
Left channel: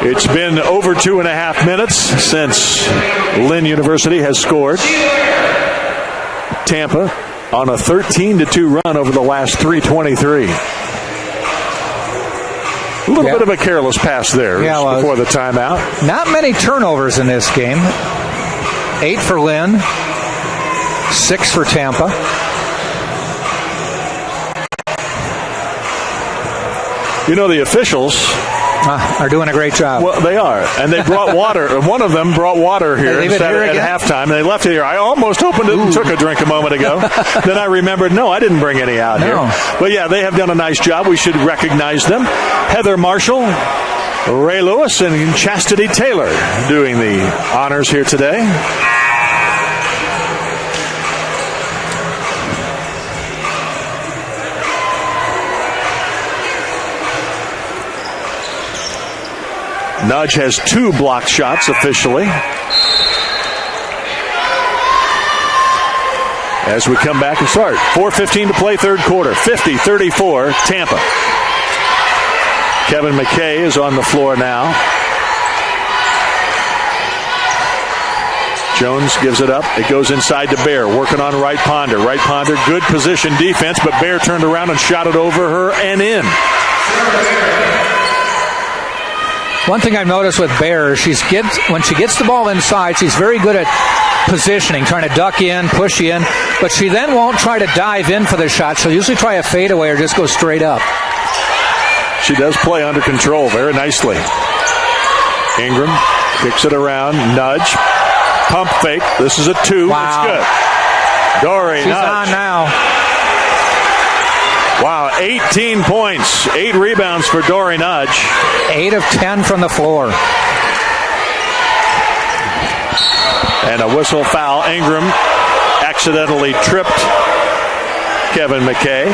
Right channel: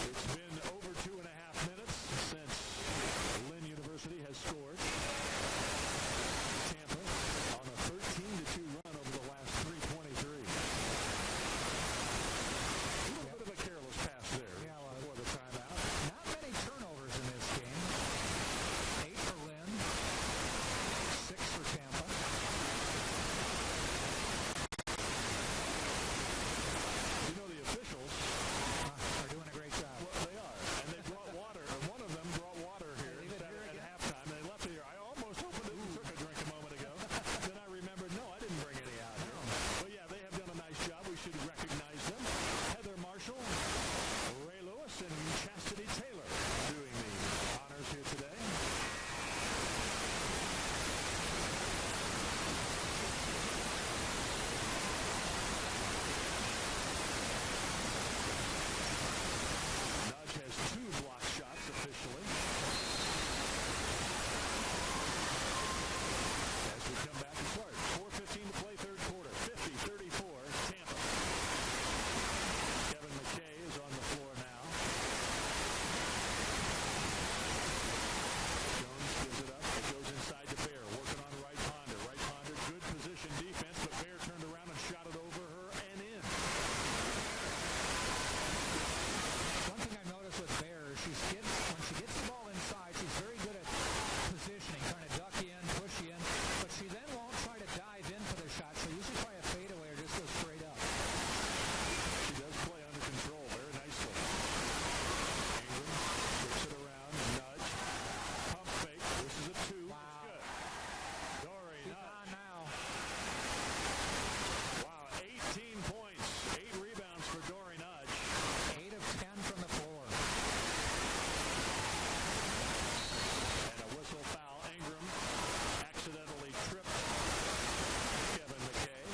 It's been over 2.5 minutes since Lynn University has scored. Tampa on a 13-2 run over the last 3:23. A little bit of a careless pass there before the timeout. Not many turnovers in this game. 8 for Lynn, 6 for Tampa. You know, the officials are doing a great job. Well, they are. And they brought water. One of them brought water here at halftime. And they left it here. I almost opened it and took a drink a moment ago. Then I remembered, no, I didn't bring any out here. But, yeah, they have done a nice job. We should recognize them. Heather Marshall, Ray Lewis, and Chastity Taylor doing the honors here today. Nudge has 2 blocked shots officially. As we come back and start. 4:15 to play, third quarter. 50-34, Tampa. Kevin McKay is on the floor now. Jones gives it up. It goes inside to Bear, working on Wright Ponder. Wright Ponder, good position defense, but Bear turned around and shot it over her and in. One thing I've noticed with Bear, when she gets the ball inside, she's very good at positioning, trying to duck in, push in, but she then won't try to dive in for the shot. She'll usually try a fadeaway or just go straight up. She does play under control very nicely. Ingram kicks it around, nudge, pump fake. This is a 2. Wow. It's good. Dory She's nudge. on now. Wow, 18 points, 8 rebounds for Dory Nudge. 8 of 10 from the floor. And a whistle foul. Ingram accidentally tripped Kevin McKay.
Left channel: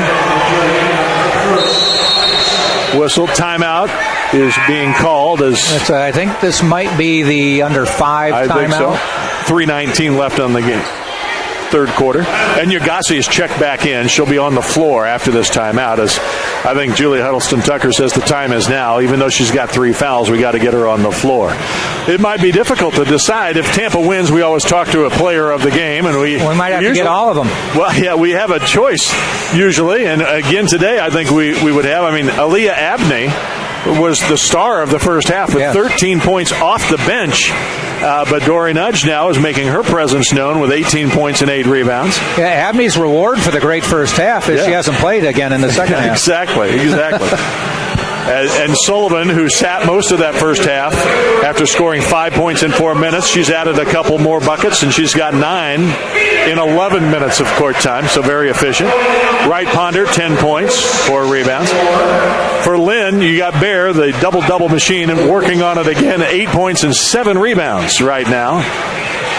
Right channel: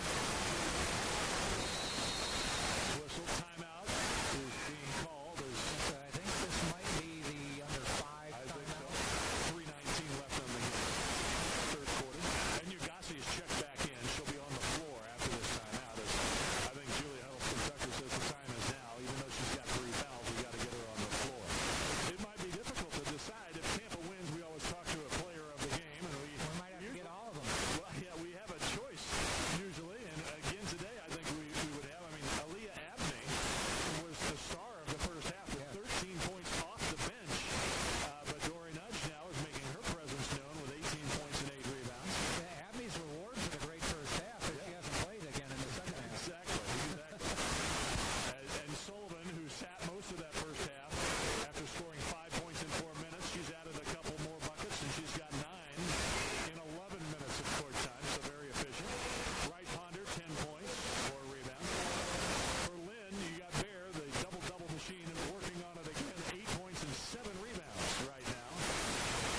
Whistle timeout is being called. I think this might be the under 5 timeout. I think so. 3:19 left on the game. Third quarter. And Yagasi is checked back in. She'll be on the floor after this timeout, as I think Julia Huddleston-Tucker says the time is now. Even though she's got 3 fouls, we got to get her on the floor. It might be difficult to decide. If Tampa wins, we always talk to a player of the game, and we might have to get all of them. Well, yeah, we have a choice usually, and again today I think we would have. I mean, Aaliyah Abney was the star of the first half with 13 points off the bench. But Dory Nudge now is making her presence known with 18 points and 8 rebounds. Yeah, Abney's reward for the great first half is she hasn't played again in the second half. Exactly. And Sullivan, who sat most of that first half after scoring 5 points in 4 minutes, she's added a couple more buckets, and she's got 9 in 11 minutes of court time, so very efficient. Wright Ponder, 10 points, 4 rebounds. For Lynn, you got Bear, the double-double machine, and working on it again, 8 points and 7 rebounds right now,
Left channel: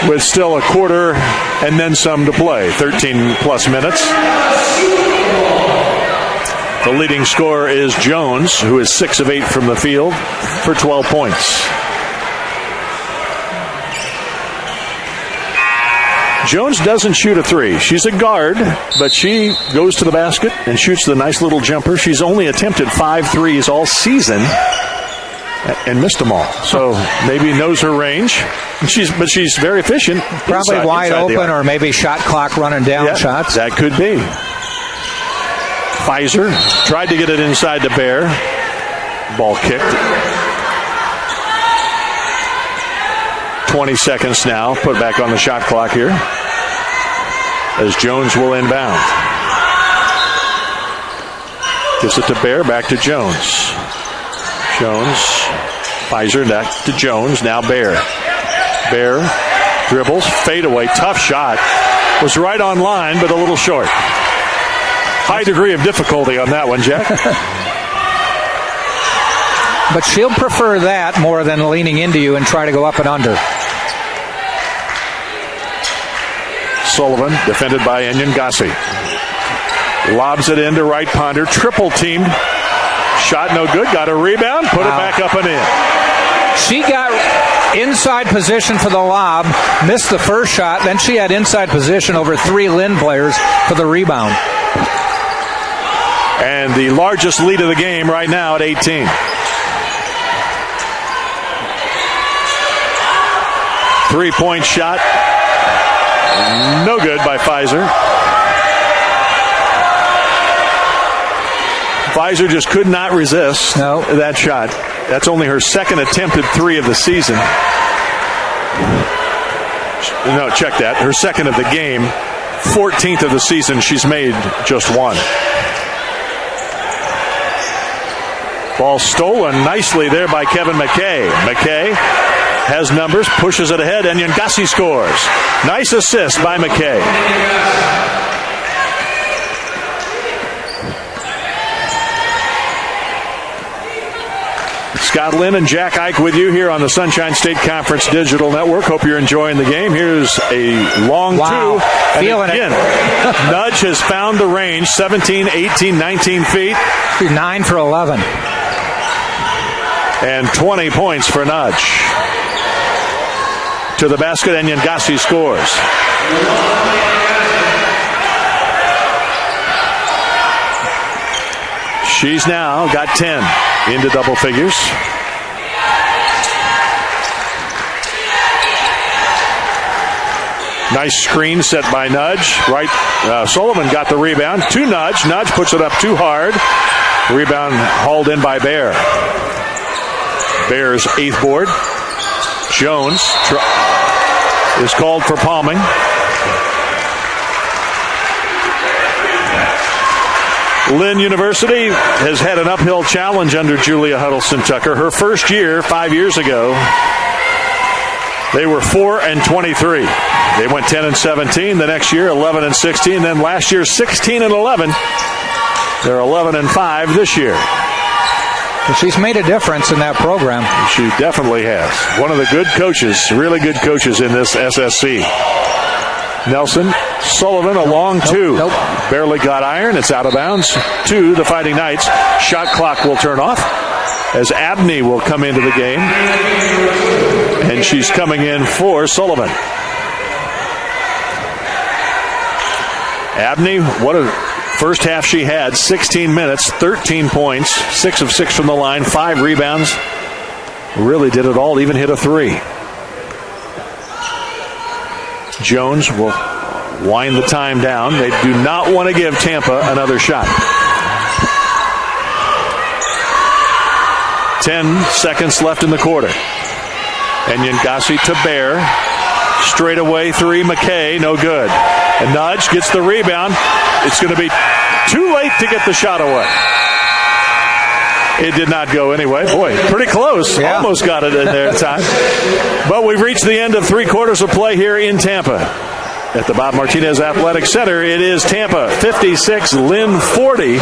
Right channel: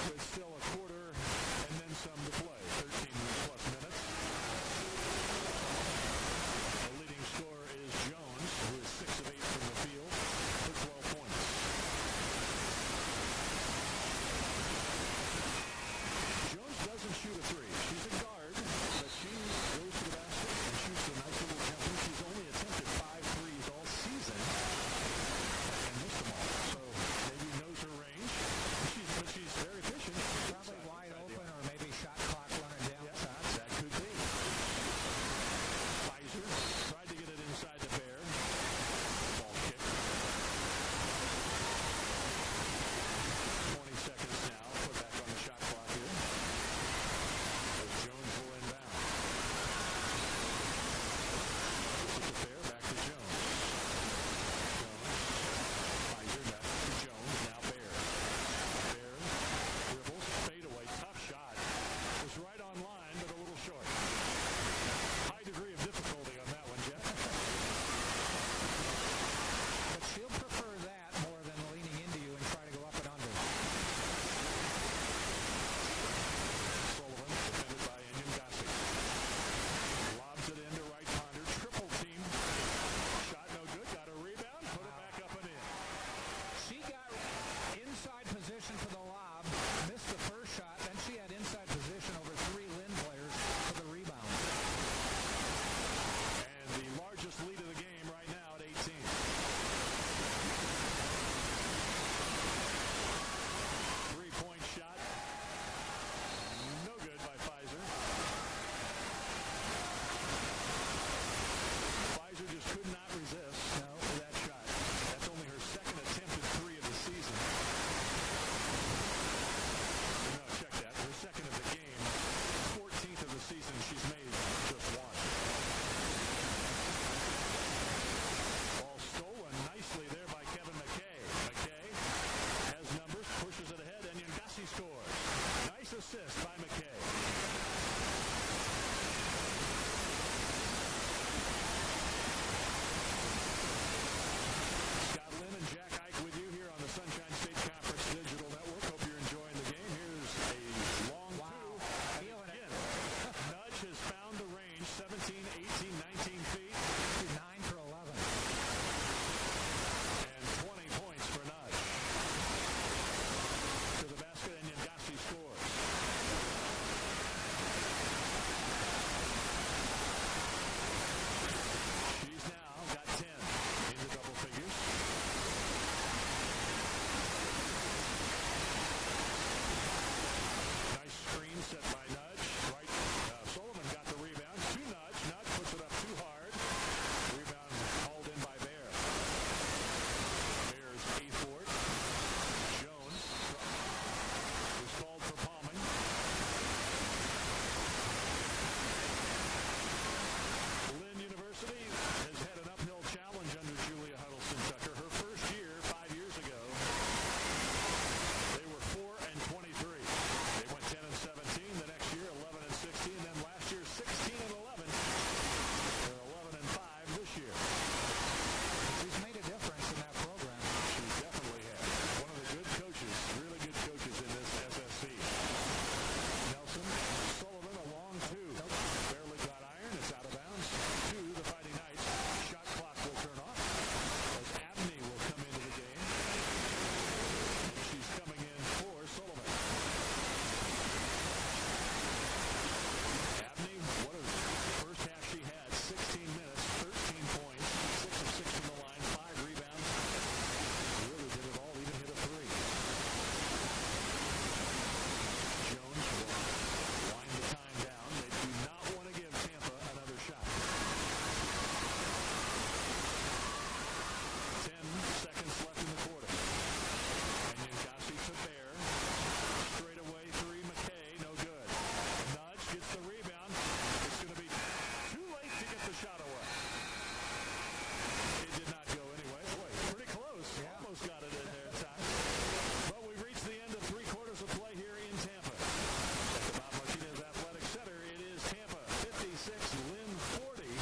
with still a quarter and then some to play, 13-plus minutes. The leading scorer is Jones, who is 6 of 8 from the field for 12 points. Jones doesn't shoot a 3. She's a guard, but she goes to the basket and shoots the nice little jumper. She's only attempted 5 threes all season and missed them all. So maybe knows her range. But she's very efficient. Probably wide open, or maybe shot clock running down shots. That could be. Pfizer tried to get it inside the Bear. Ball kicked. 20 seconds now. Put back on the shot clock here, as Jones will inbound. Gives it to Bear. Back to Jones. Pfizer back to Jones. Now Bear. Bear dribbles. Fadeaway. Tough shot. Was right on line, but a little short. High degree of difficulty on that one, Jack. But she'll prefer that more than leaning into you and try to go up and under. Sullivan, defended by Enyangasi. Lobs it into Wright Ponder. Triple teamed. Shot no good. Got a rebound. Put it back up and in. She got inside position for the lob, missed the first shot, then she had inside position over 3 Lynn players for the rebound. And the largest lead of the game right now at 18. Three-point shot. No good by Pfizer. Pfizer just could not resist that shot. That's only her second attempted 3 of the season. No, check that. Her second of the game. 14th of the season. She's made just 1. Ball stolen nicely there by Kevin McKay. McKay has numbers, pushes it ahead, and Nyangasi scores. Nice assist by McKay. Scott Lynn and Jack Ike with you here on the Sunshine State Conference Digital Network. Hope you're enjoying the game. Here's a long 2. And feeling again, Nudge has found the range, 17, 18, 19 feet. 9 for 11. And 20 points for Nudge. To the basket, and Nyangasi scores. She's now got 10 into double figures. Nice screen set by Nudge. Right, Sullivan got the rebound to Nudge. Nudge puts it up too hard. Rebound hauled in by Bear. Bear's 8th board. Jones is called for palming. Lynn University has had an uphill challenge under Julia Huddleston-Tucker. Her first year, 5 years ago, they were 4-23. They went 10-17. The next year, 11-16. Then last year, 16-11. They're 11-5 this year. She's made a difference in that program. She definitely has. One of the good coaches, really good coaches in this SSC. Nelson, Sullivan, a long 2. Nope. Barely got iron. It's out of bounds to the Fighting Knights. Shot clock will turn off as Abney will come into the game. And she's coming in for Sullivan. Abney, what a first half she had. 16 minutes, 13 points, 6 of 6 from the line, 5 rebounds. Really did it all, even hit a 3. Jones will wind the time down. They do not want to give Tampa another shot. 10 seconds left in the quarter. And Nyangasi to Bear. Straight away 3, McKay, no good. And Nudge gets the rebound. It's going to be too late to get the shot away. It did not go anyway. Boy, pretty close. Yeah. Almost got it in there in time. But we've reached the end of 3 quarters of play here in Tampa. At the Bob Martinez Athletic Center, it is Tampa 56, Lynn 40.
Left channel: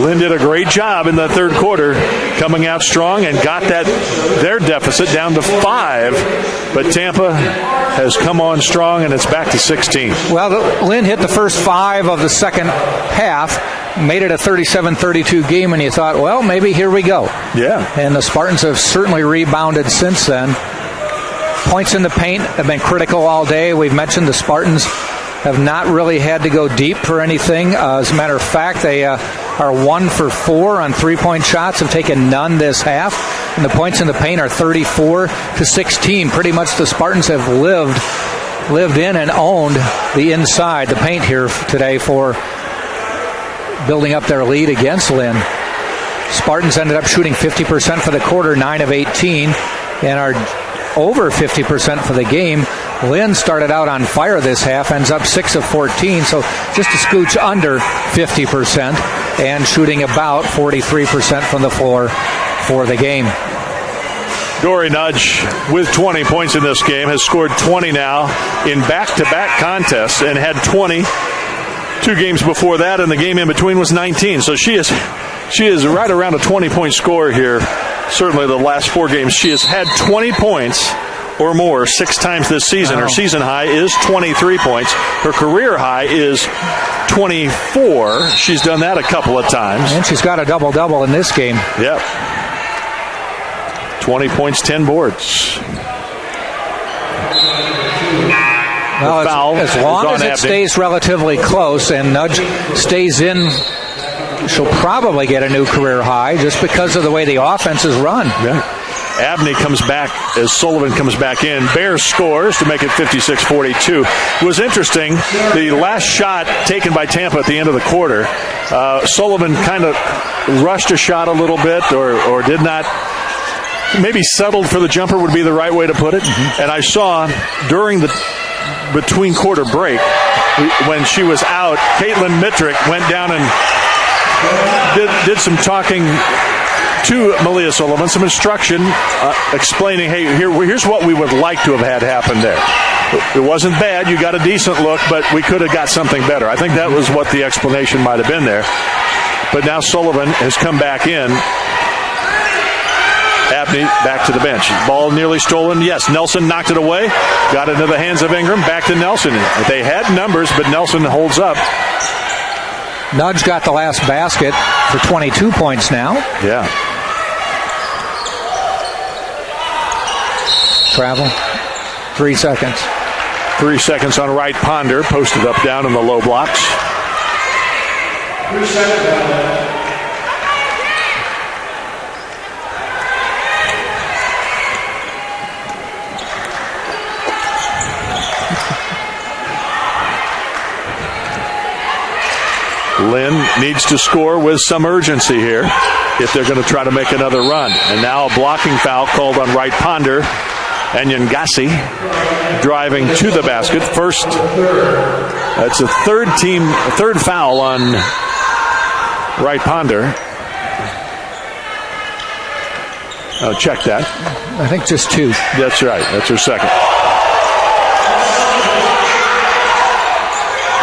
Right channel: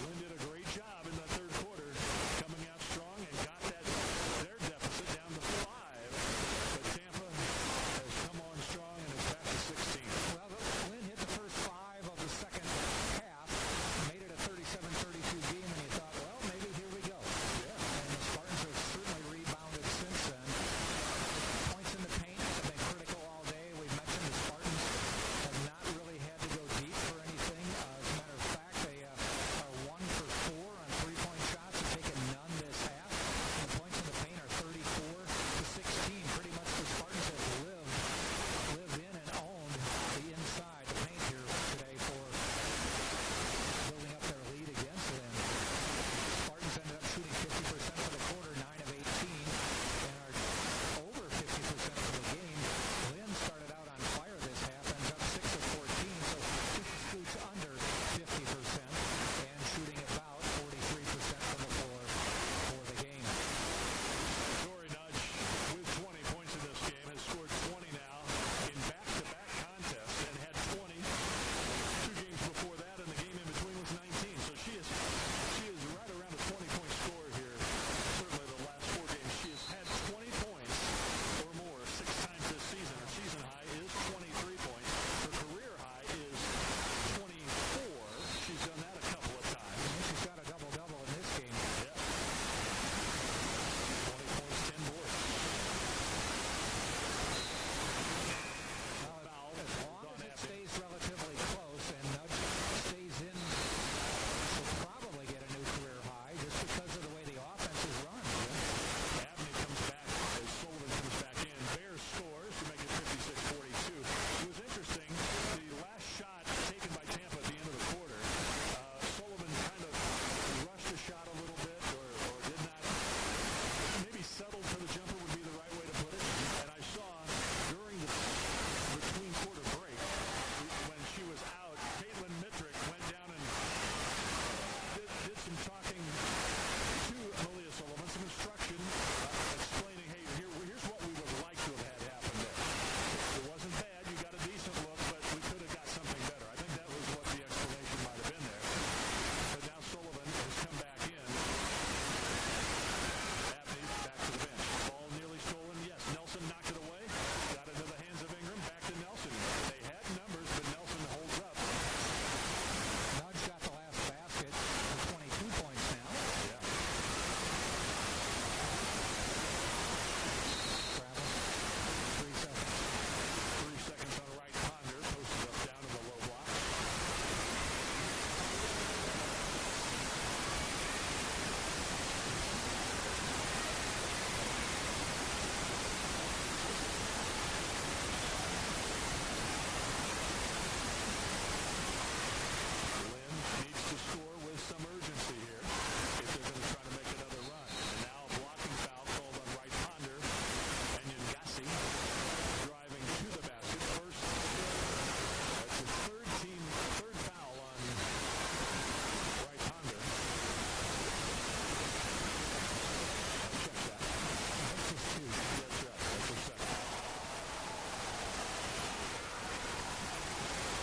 Lynn did a great job in the third quarter, coming out strong and got their deficit down to 5. But Tampa has come on strong, and it's back to 16. Well, Lynn hit the first 5 of the second half, made it a 37-32 game, and you thought, well, maybe here we go. Yeah. And the Spartans have certainly rebounded since then. Points in the paint have been critical all day. We've mentioned the Spartans have not really had to go deep for anything. As a matter of fact, they are 1 for 4 on 3-point shots, have taken none this half. And the points in the paint are 34-16. Pretty much the Spartans have lived in and owned the inside, the paint here today for building up their lead against Lynn. Spartans ended up shooting 50% for the quarter, 9 of 18, and are over 50% for the game. Lynn started out on fire this half, ends up 6 of 14, so just a scooch under 50% and shooting about 43% from the floor for the game. Dory Nudge with 20 points in this game, has scored 20 now in back-to-back contests and had 20 2 games before that, and the game in between was 19. So she is right around a 20-point score here. Certainly the last 4 games she has had 20 points or more 6 times this season. Her season high is 23 points. Her career high is 24. She's done that a couple of times. And she's got a double-double in this game. Yep. 20 points, 10 boards. Well, foul as long as it Abney. stays relatively close and Nudge stays in, she'll probably get a new career high just because of the way the offense is run. Yeah. Abney comes back as Sullivan comes back in. Bears scores to make it 56-42. It was interesting, the last shot taken by Tampa at the end of the quarter, Sullivan kind of rushed a shot a little bit or did not, maybe settled for the jumper would be the right way to put it. Mm-hmm. And I saw during the between quarter break, when she was out, Caitlin Mittrick went down and did some talking to Malia Sullivan, some instruction explaining, hey, here's what we would like to have had happen there. It wasn't bad. You got a decent look, but we could have got something better. I think that was what the explanation might have been there. But now Sullivan has come back in. Abney back to the bench. Ball nearly stolen. Yes, Nelson knocked it away. Got into the hands of Ingram. Back to Nelson. They had numbers, but Nelson holds up. Nudge got the last basket for 22 points now. Yeah. Travel. 3 seconds. 3 seconds on Wright Ponder. Posted up down in the low blocks. 3 seconds. Lynn needs to score with some urgency here if they're going to try to make another run. And now a blocking foul called on Wright Ponder. And Nyangasi driving to the basket. First, that's a third foul on Wright Ponder. Check that. I think just 2. That's right. That's her second.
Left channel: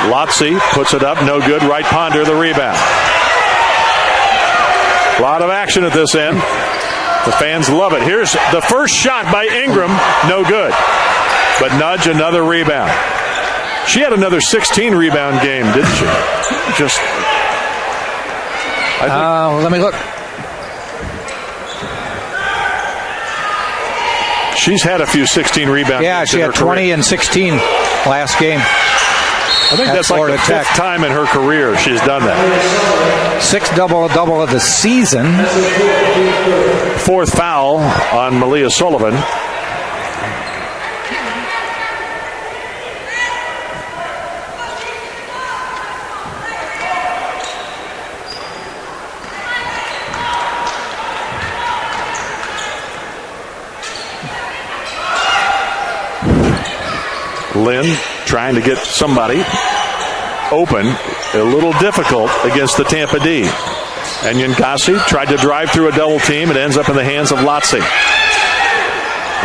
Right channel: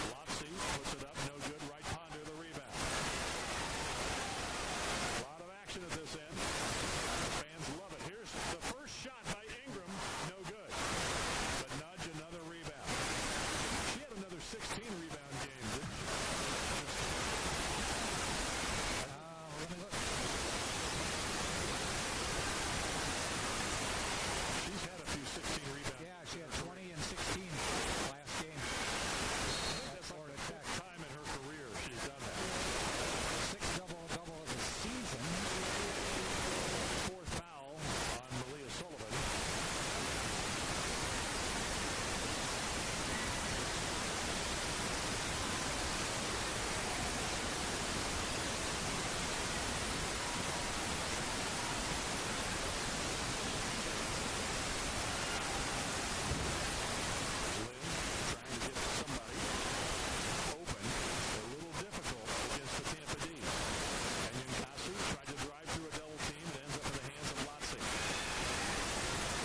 Lotzi puts it up, no good. Wright Ponder the rebound. A lot of action at this end. The fans love it. Here's the first shot by Ingram, no good. But Nudge, another rebound. She had another 16 rebound game, didn't she? Just. Let me look. She's had a few 16 rebound Yeah, games she had 20 and 16 last game. I think that's like the 5th time in her career she's done that. 6th double-double of the season. 4th foul on Malia Sullivan. Lynn trying to get somebody open, a little difficult against the Tampa D. And Nyangasi tried to drive through a double team. It ends up in the hands of Lotzi.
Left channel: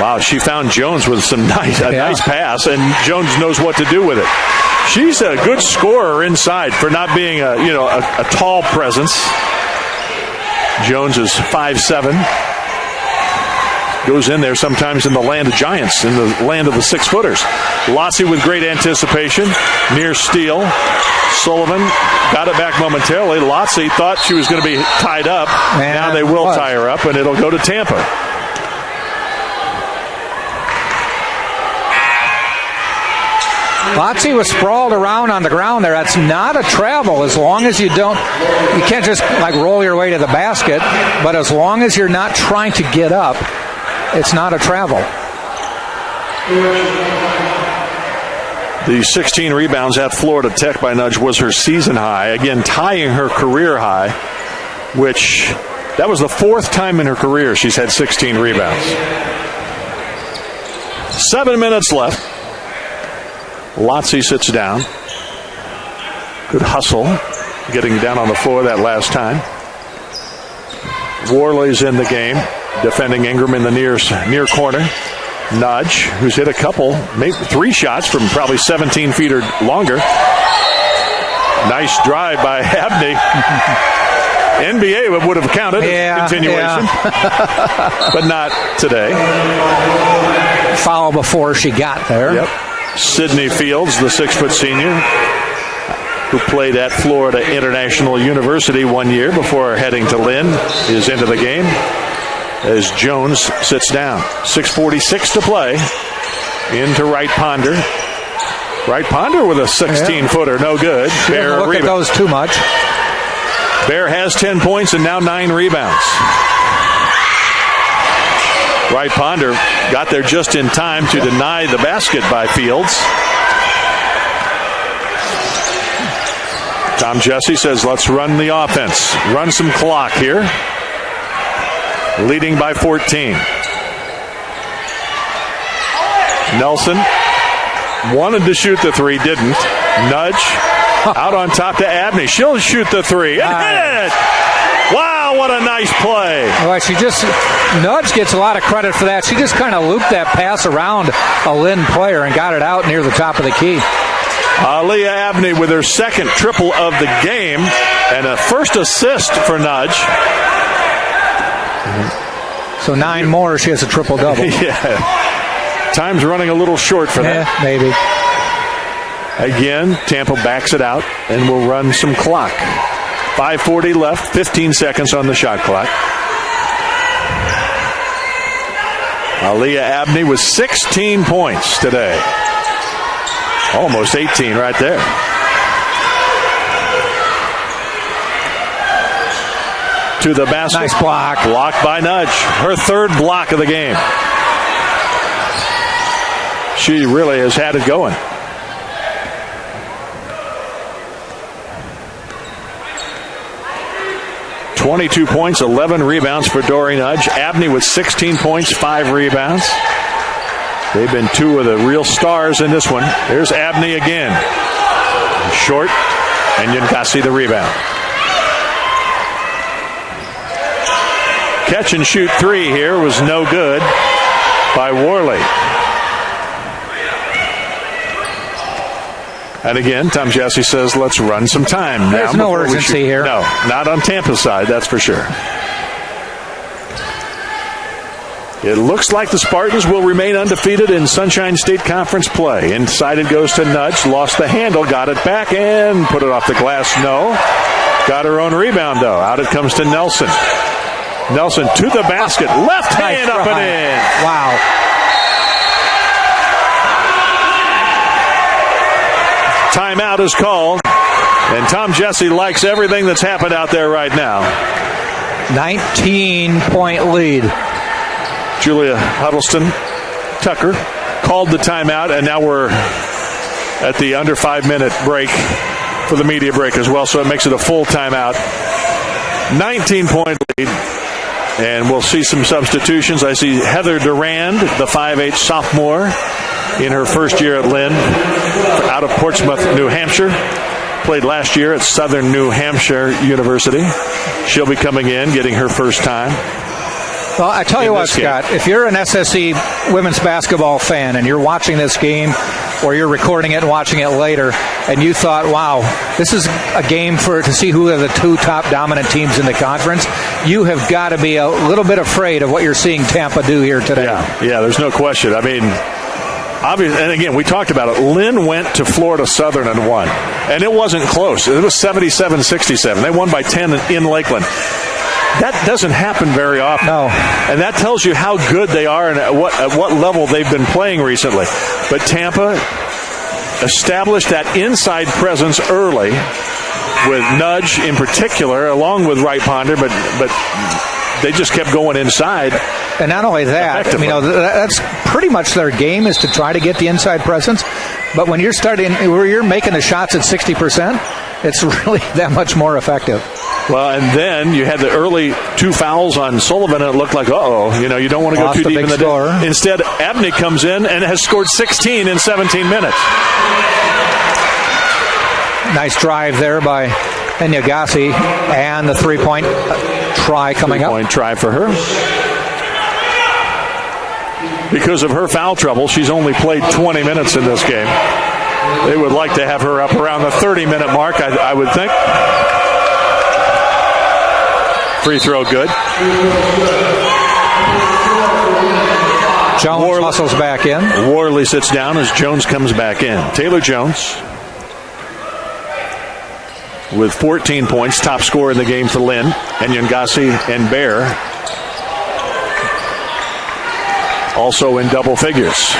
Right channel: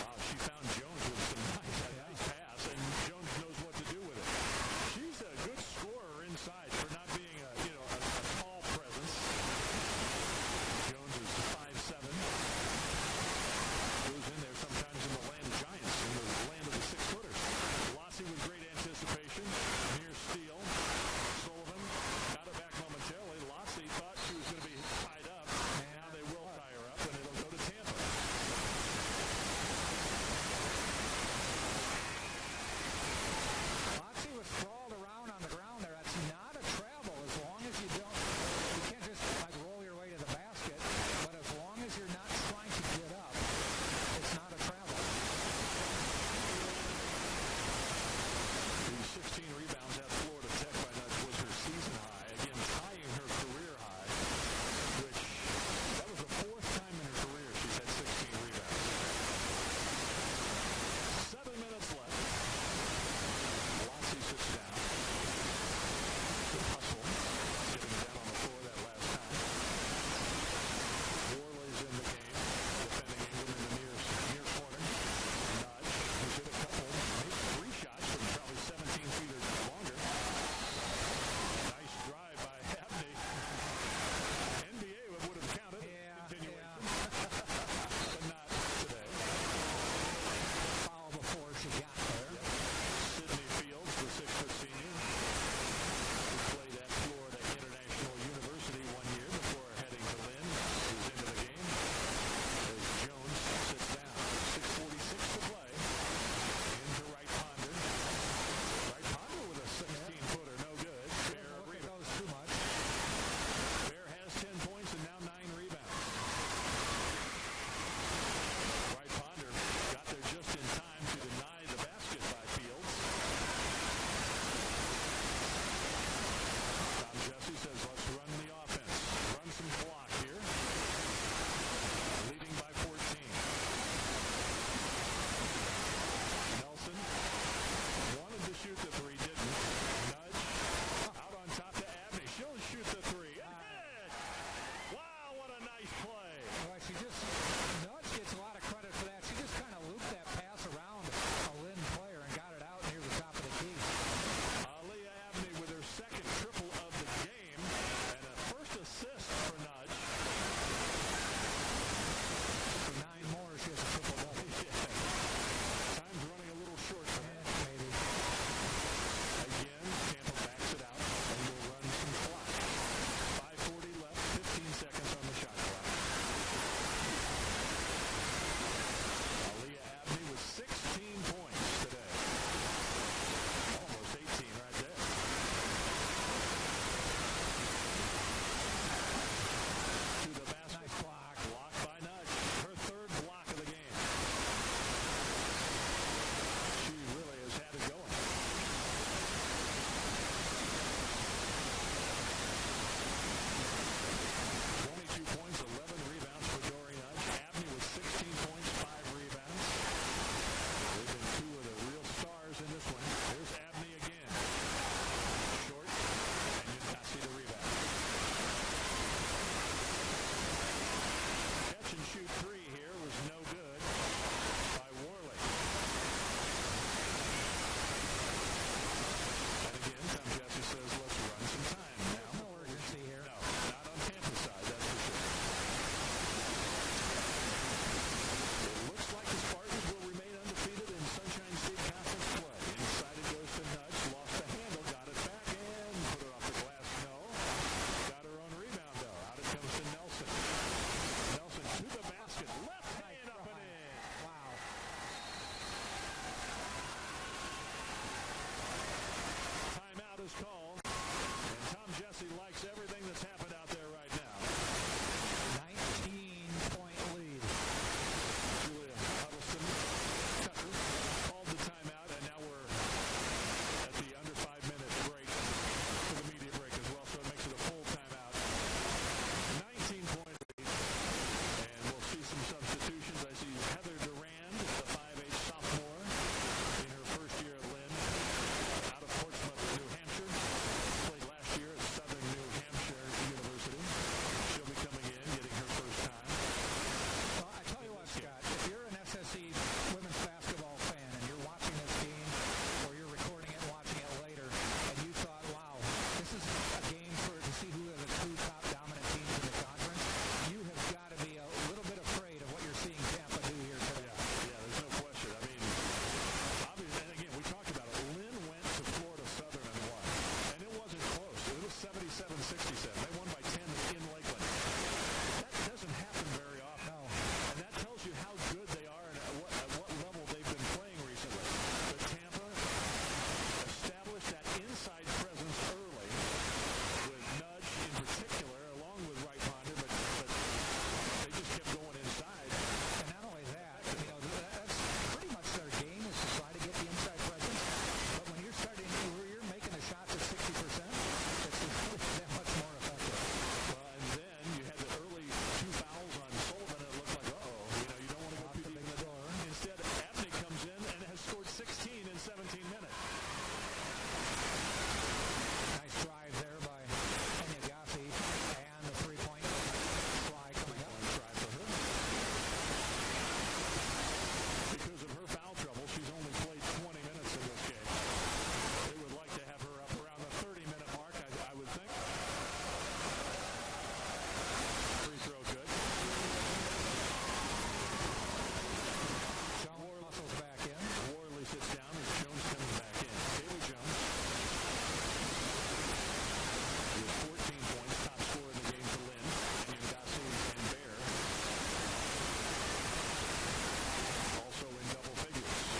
Wow, she found Jones with some nice pass, and Jones knows what to do with it. She's a good scorer inside for not being a tall presence. Jones is 5'7". Goes in there sometimes in the land of giants, in the land of the 6-footers. Lotzi with great anticipation, near steal. Sullivan got it back momentarily. Lotzi thought she was going to be tied up. Now they will tie her up, and it'll go to Tampa. Lotzi was sprawled around on the ground there. That's not a travel as long as you can't just like roll your way to the basket, but as long as you're not trying to get up, it's not a travel. The 16 rebounds at Florida Tech by Nudge was her season high. Again, tying her career high, which that was the 4th time in her career she's had 16 rebounds. 7 minutes left. Lotzi sits down. Good hustle, getting down on the floor that last time. Worley's in the game, defending Ingram in the near corner. Nudge, who's hit a couple, maybe 3 shots from probably 17 feet or longer. Nice drive by Abney. NBA would have counted as continuation, but not today. foul before she got there. Yep. Sydney Fields, the 6-foot senior, who played at Florida International University 1 year before heading to Lynn, is into the game as Jones sits down. 6:46 to play. Into Wright Ponder. Wright Ponder with a 16-footer, no good. Bear look at those too much. Bear has 10 points and now 9 rebounds. Wright Ponder got there just in time to deny the basket by Fields. Tom Jesse says, let's run the offense. Run some clock here. Leading by 14. Nelson wanted to shoot the three, didn't. Nudge out on top to Abney. She'll shoot the three and hit it. Wow, what a nice play. Well, Nudge gets a lot of credit for that. She just kind of looped that pass around a Lynn player and got it out near the top of the key. Aaliyah Abney with her second triple of the game and a first assist for Nudge. So 9 more, she has a triple-double. Yeah. Time's running a little short for that. Yeah, maybe. Again, Tampa backs it out and will run some clock. 5:40 left, 15 seconds on the shot clock. Aaliyah Abney with 16 points today. Almost 18 right there. To the basket. Nice block. Blocked by Nudge. Her third block of the game. She really has had it going. .22 points, 11 rebounds for Dory Nudge. Abney with 16 points, 5 rebounds. They've been two of the real stars in this one. There's Abney again. Short, and Yunkasi the rebound. Catch and shoot three here was no good by Worley. And again, Tom Jesse says, let's run some time. There's no urgency here. No, not on Tampa's side, that's for sure. It looks like the Spartans will remain undefeated in Sunshine State Conference play. Inside it goes to Nudge, lost the handle, got it back, and put it off the glass. No. Got her own rebound, though. Out it comes to Nelson. Nelson to the basket. Left hand up and in. Wow. Timeout is called. And Tom Jesse likes everything that's happened out there right now. 19-point lead. Julia Huddleston Tucker called the timeout, and now we're at the under 5-minute break for the media break as well, so it makes it a full timeout. 19-point lead, and we'll see some substitutions. I see Heather Durand, the 5'8 sophomore, in her first year at Lynn, out of Portsmouth, New Hampshire. Played last year at Southern New Hampshire University. She'll be coming in, getting her first time. Well, I tell you what, Scott, if you're an SSE women's basketball fan and you're watching this game or you're recording it and watching it later and you thought, wow, this is a game to see who are the two top dominant teams in the conference, you have got to be a little bit afraid of what you're seeing Tampa do here today. Yeah, there's no question. I mean, obviously, and again, we talked about it. Lynn went to Florida Southern and won, and it wasn't close. It was 77-67. They won by 10 in Lakeland. That doesn't happen very often. No. And that tells you how good they are and at what level they've been playing recently. But Tampa established that inside presence early with Nudge in particular, along with Wright Ponder, but they just kept going inside. And not only that, that's pretty much their game, is to try to get the inside presence. But when you're making the shots at 60%, it's really that much more effective. Well, and then you had the early 2 fouls on Sullivan, and it looked like, you don't want to go too deep in the day. Instead, Abney comes in and has scored 16 in 17 minutes. Nice drive there by Enyagasi, and the three-point try coming up. Three-point try for her. Because of her foul trouble, she's only played 20 minutes in this game. They would like to have her up around the 30-minute mark, I would think. Free throw good. Jones hustles back in. Worley sits down as Jones comes back in. Taylor Jones with 14 points, top scorer in the game for Lynn. And Nyangasi and Bear also in double figures.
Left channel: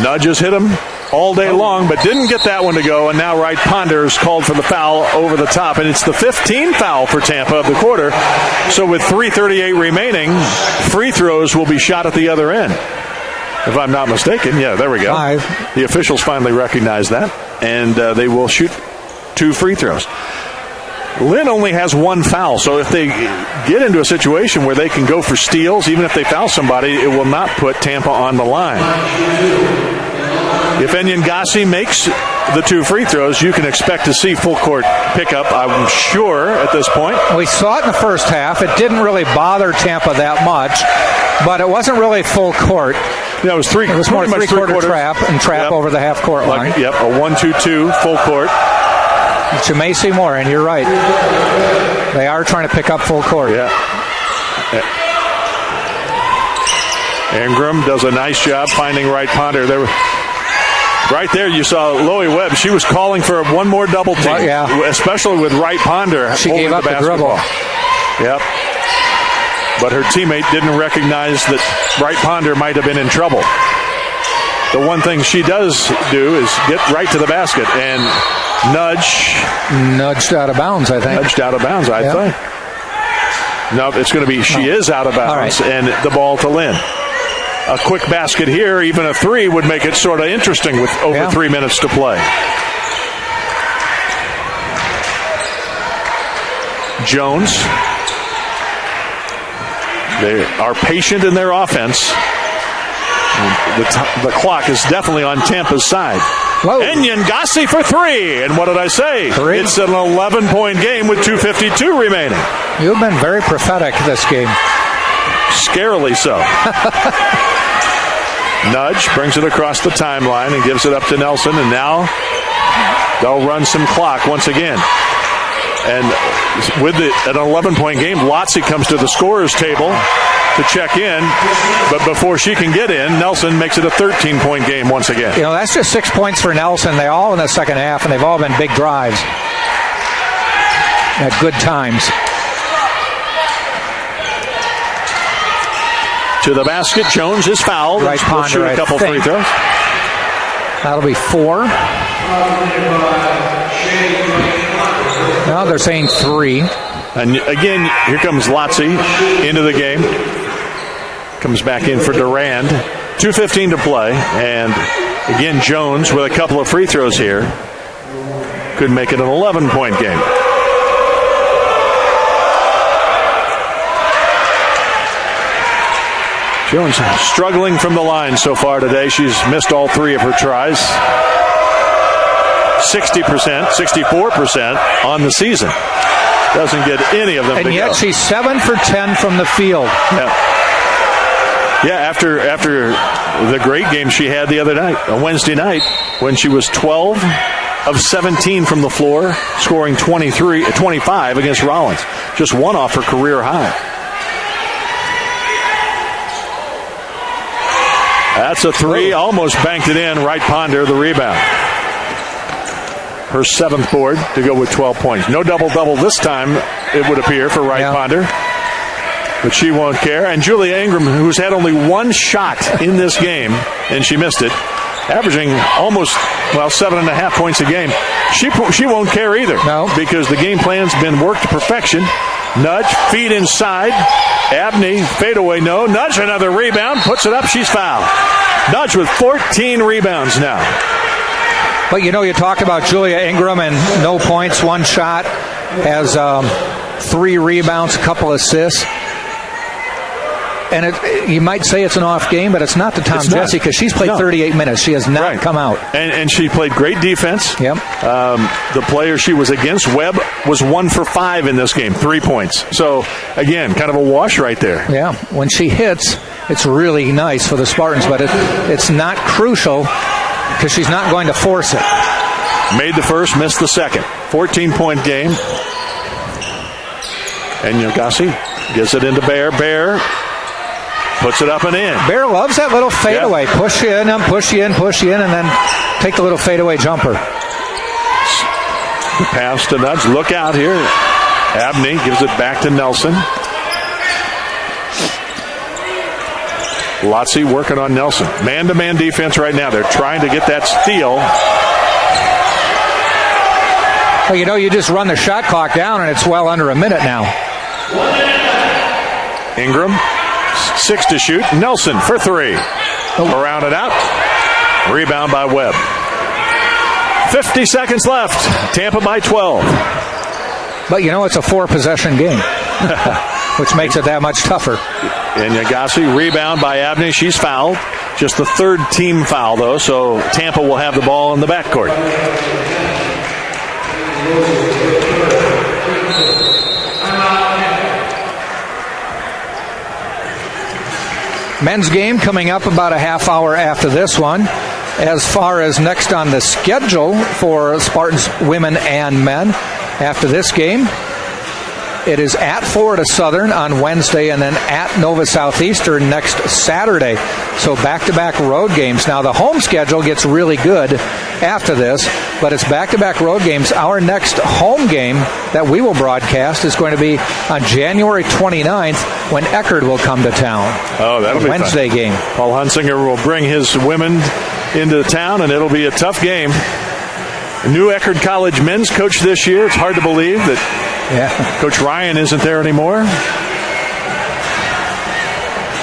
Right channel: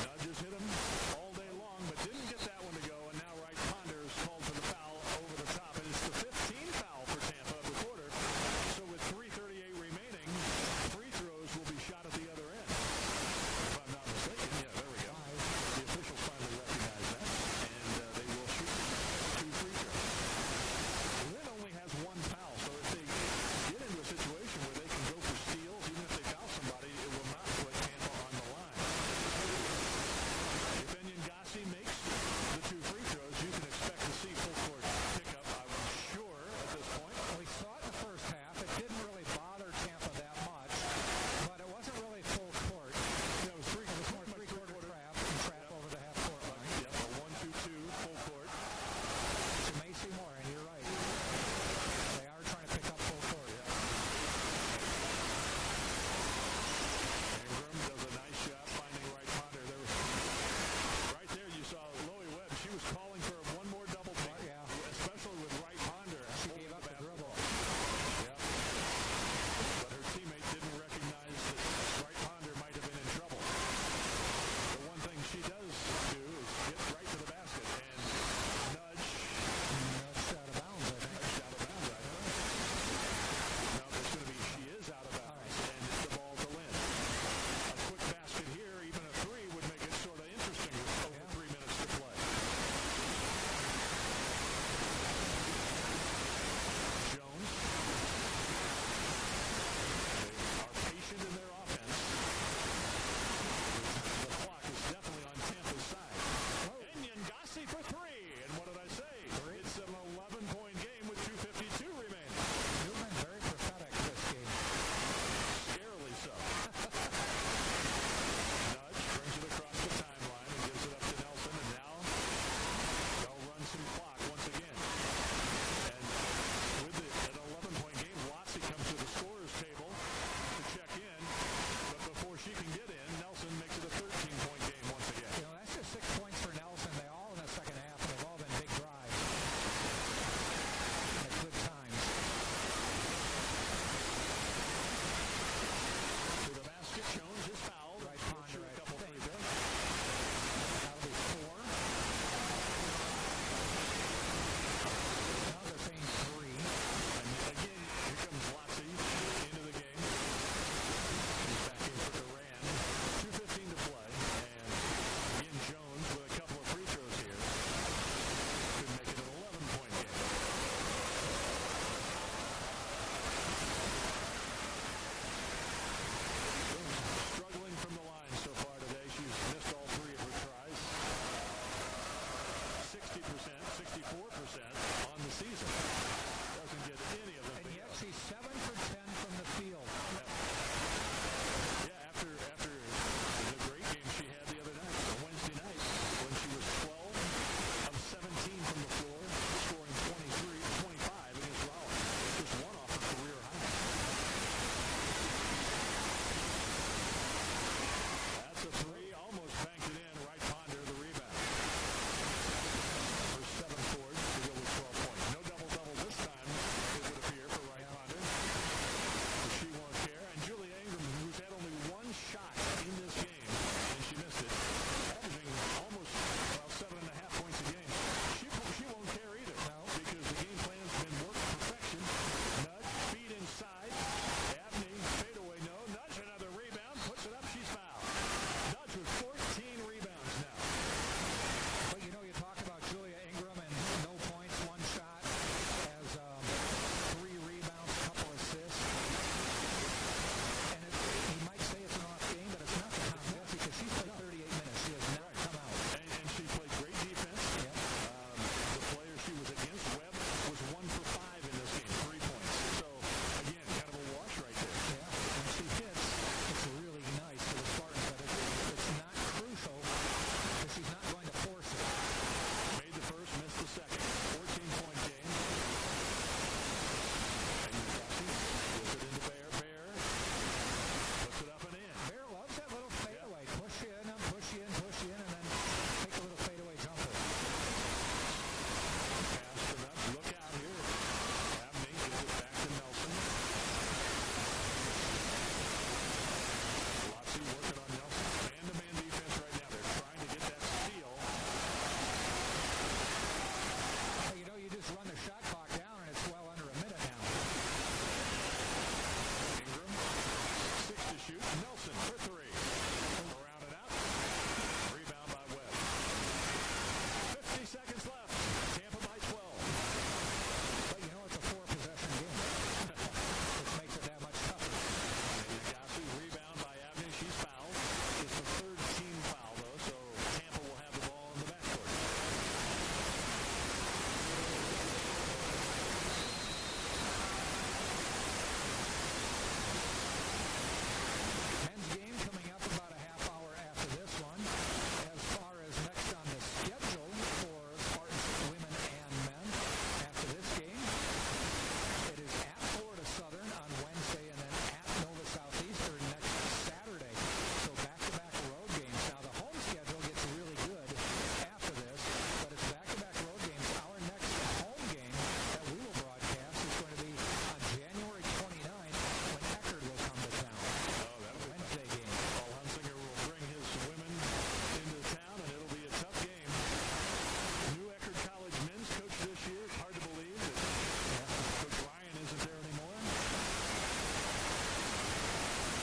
Nudges hit him all day long, but didn't get that one to go. And now Wright Ponders called for the foul over the top. And it's the 15th foul for Tampa of the quarter. So with 3:38 remaining, free throws will be shot at the other end. If I'm not mistaken. Yeah, there we go. 5. The officials finally recognize that. And they will shoot 2 free throws. Lynn only has 1 foul, so if they get into a situation where they can go for steals, even if they foul somebody, it will not put Tampa on the line. If Nyangasi makes the 2 free throws, you can expect to see full court pickup, I'm sure, at this point. We saw it in the first half. It didn't really bother Tampa that much, but it wasn't really full court. Yeah, it was more three-quarter trap over the half-court line. A 1-2-2 full court. But you may see more, and you're right. They are trying to pick up full court. Yeah. Ingram does a nice job finding Wright Ponder. Right there, you saw Loie Webb. She was calling for one more double team, especially with Wright Ponder. She gave up the dribble. Yep. But her teammate didn't recognize that Wright Ponder might have been in trouble. The one thing she does do is get right to the basket and nudged out of bounds, I think. Nudged out of bounds, I think. No, it's going to be she is out of bounds, and the ball to Lynn. A quick basket here, even a 3 would make it sort of interesting with over 3 minutes to play. Jones. They are patient in their offense. The clock is definitely on Tampa's side. And Nyangasi for 3. And what did I say? 3. It's an 11-point game with 2:52 remaining. You've been very prophetic this game. Scarily so. Nudge brings it across the timeline and gives it up to Nelson. And now they'll run some clock once again. And with an 11-point game, Lotzie comes to the scorer's table to check in, but before she can get in, Nelson makes it a 13-point game once again. You know, that's just 6 points for Nelson. They all in the second half, and they've all been big drives at good times. To the basket, Jones is fouled. Right, We'll shoot a couple free throws. That'll be 4. Now they're saying 3. And again, here comes Lotzie into the game. Comes back in for Durand. 2:15 to play. And again, Jones with a couple of free throws here could make it an 11-point game. Jones struggling from the line so far today. She's missed all 3 of her tries. 60%, 64% on the season. Doesn't get any of them. And yet she's 7 for 10 from the field. Yeah, after the great game she had the other night, on Wednesday night, when she was 12 of 17 from the floor, scoring 25 against Rollins. Just 1 off her career high. That's a 3, almost banked it in. Wright Ponder, the rebound. Her 7th board to go with 12 points. No double-double this time, it would appear, for Wright Ponder. But she won't care. And Julia Ingram, who's had only 1 shot in this game, and she missed it, averaging almost, 7.5 points a game. She won't care either. No. Because the game plan's been worked to perfection. Nudge, feed inside. Abney, fadeaway, no. Nudge, another rebound, puts it up, she's fouled. Nudge with 14 rebounds now. But, you know, you talk about Julia Ingram and no points, 1 shot, has 3 rebounds, a couple assists. And you might say it's an off game, but it's not to Tom Jessie because she's played 38 minutes. She has not come out. And she played great defense. Yep. The player she was against, Webb, was 1 for 5 in this game, 3 points. So, again, kind of a wash right there. Yeah. When she hits, it's really nice for the Spartans, but it's not crucial because she's not going to force it. Made the first, missed the second. 14-point game. And Yogasi gives it into Bear. Bear puts it up and in. Bear loves that little fadeaway. Yeah. Push you in, push you in, and then take the little fadeaway jumper. The pass to Nudge. Look out here. Abney gives it back to Nelson. Lotzie working on Nelson. Man-to-man defense right now. They're trying to get that steal. Well, you just run the shot clock down, and it's well under a minute now. Ingram, 6 to shoot. Nelson for 3. Around it out. Rebound by Webb. 50 seconds left. Tampa by 12. But it's a 4-possession game, which makes it that much tougher. And Yagasi, rebound by Abney. She's fouled. Just the 3rd team foul, though, so Tampa will have the ball in the backcourt. Men's game coming up about a half hour after this one. As far as next on the schedule for Spartans women and men, after this game, it is at Florida Southern on Wednesday and then at Nova Southeastern next Saturday. So back-to-back road games. Now the home schedule gets really good after this, but it's back-to-back road games. Our next home game that we will broadcast is going to be on January 29th when Eckerd will come to town. Oh, that'll be Wednesday fun. Game. Paul Hunsinger will bring his women into town, and it'll be a tough game. New Eckerd College men's coach this year. It's hard to believe that Coach Ryan isn't there anymore.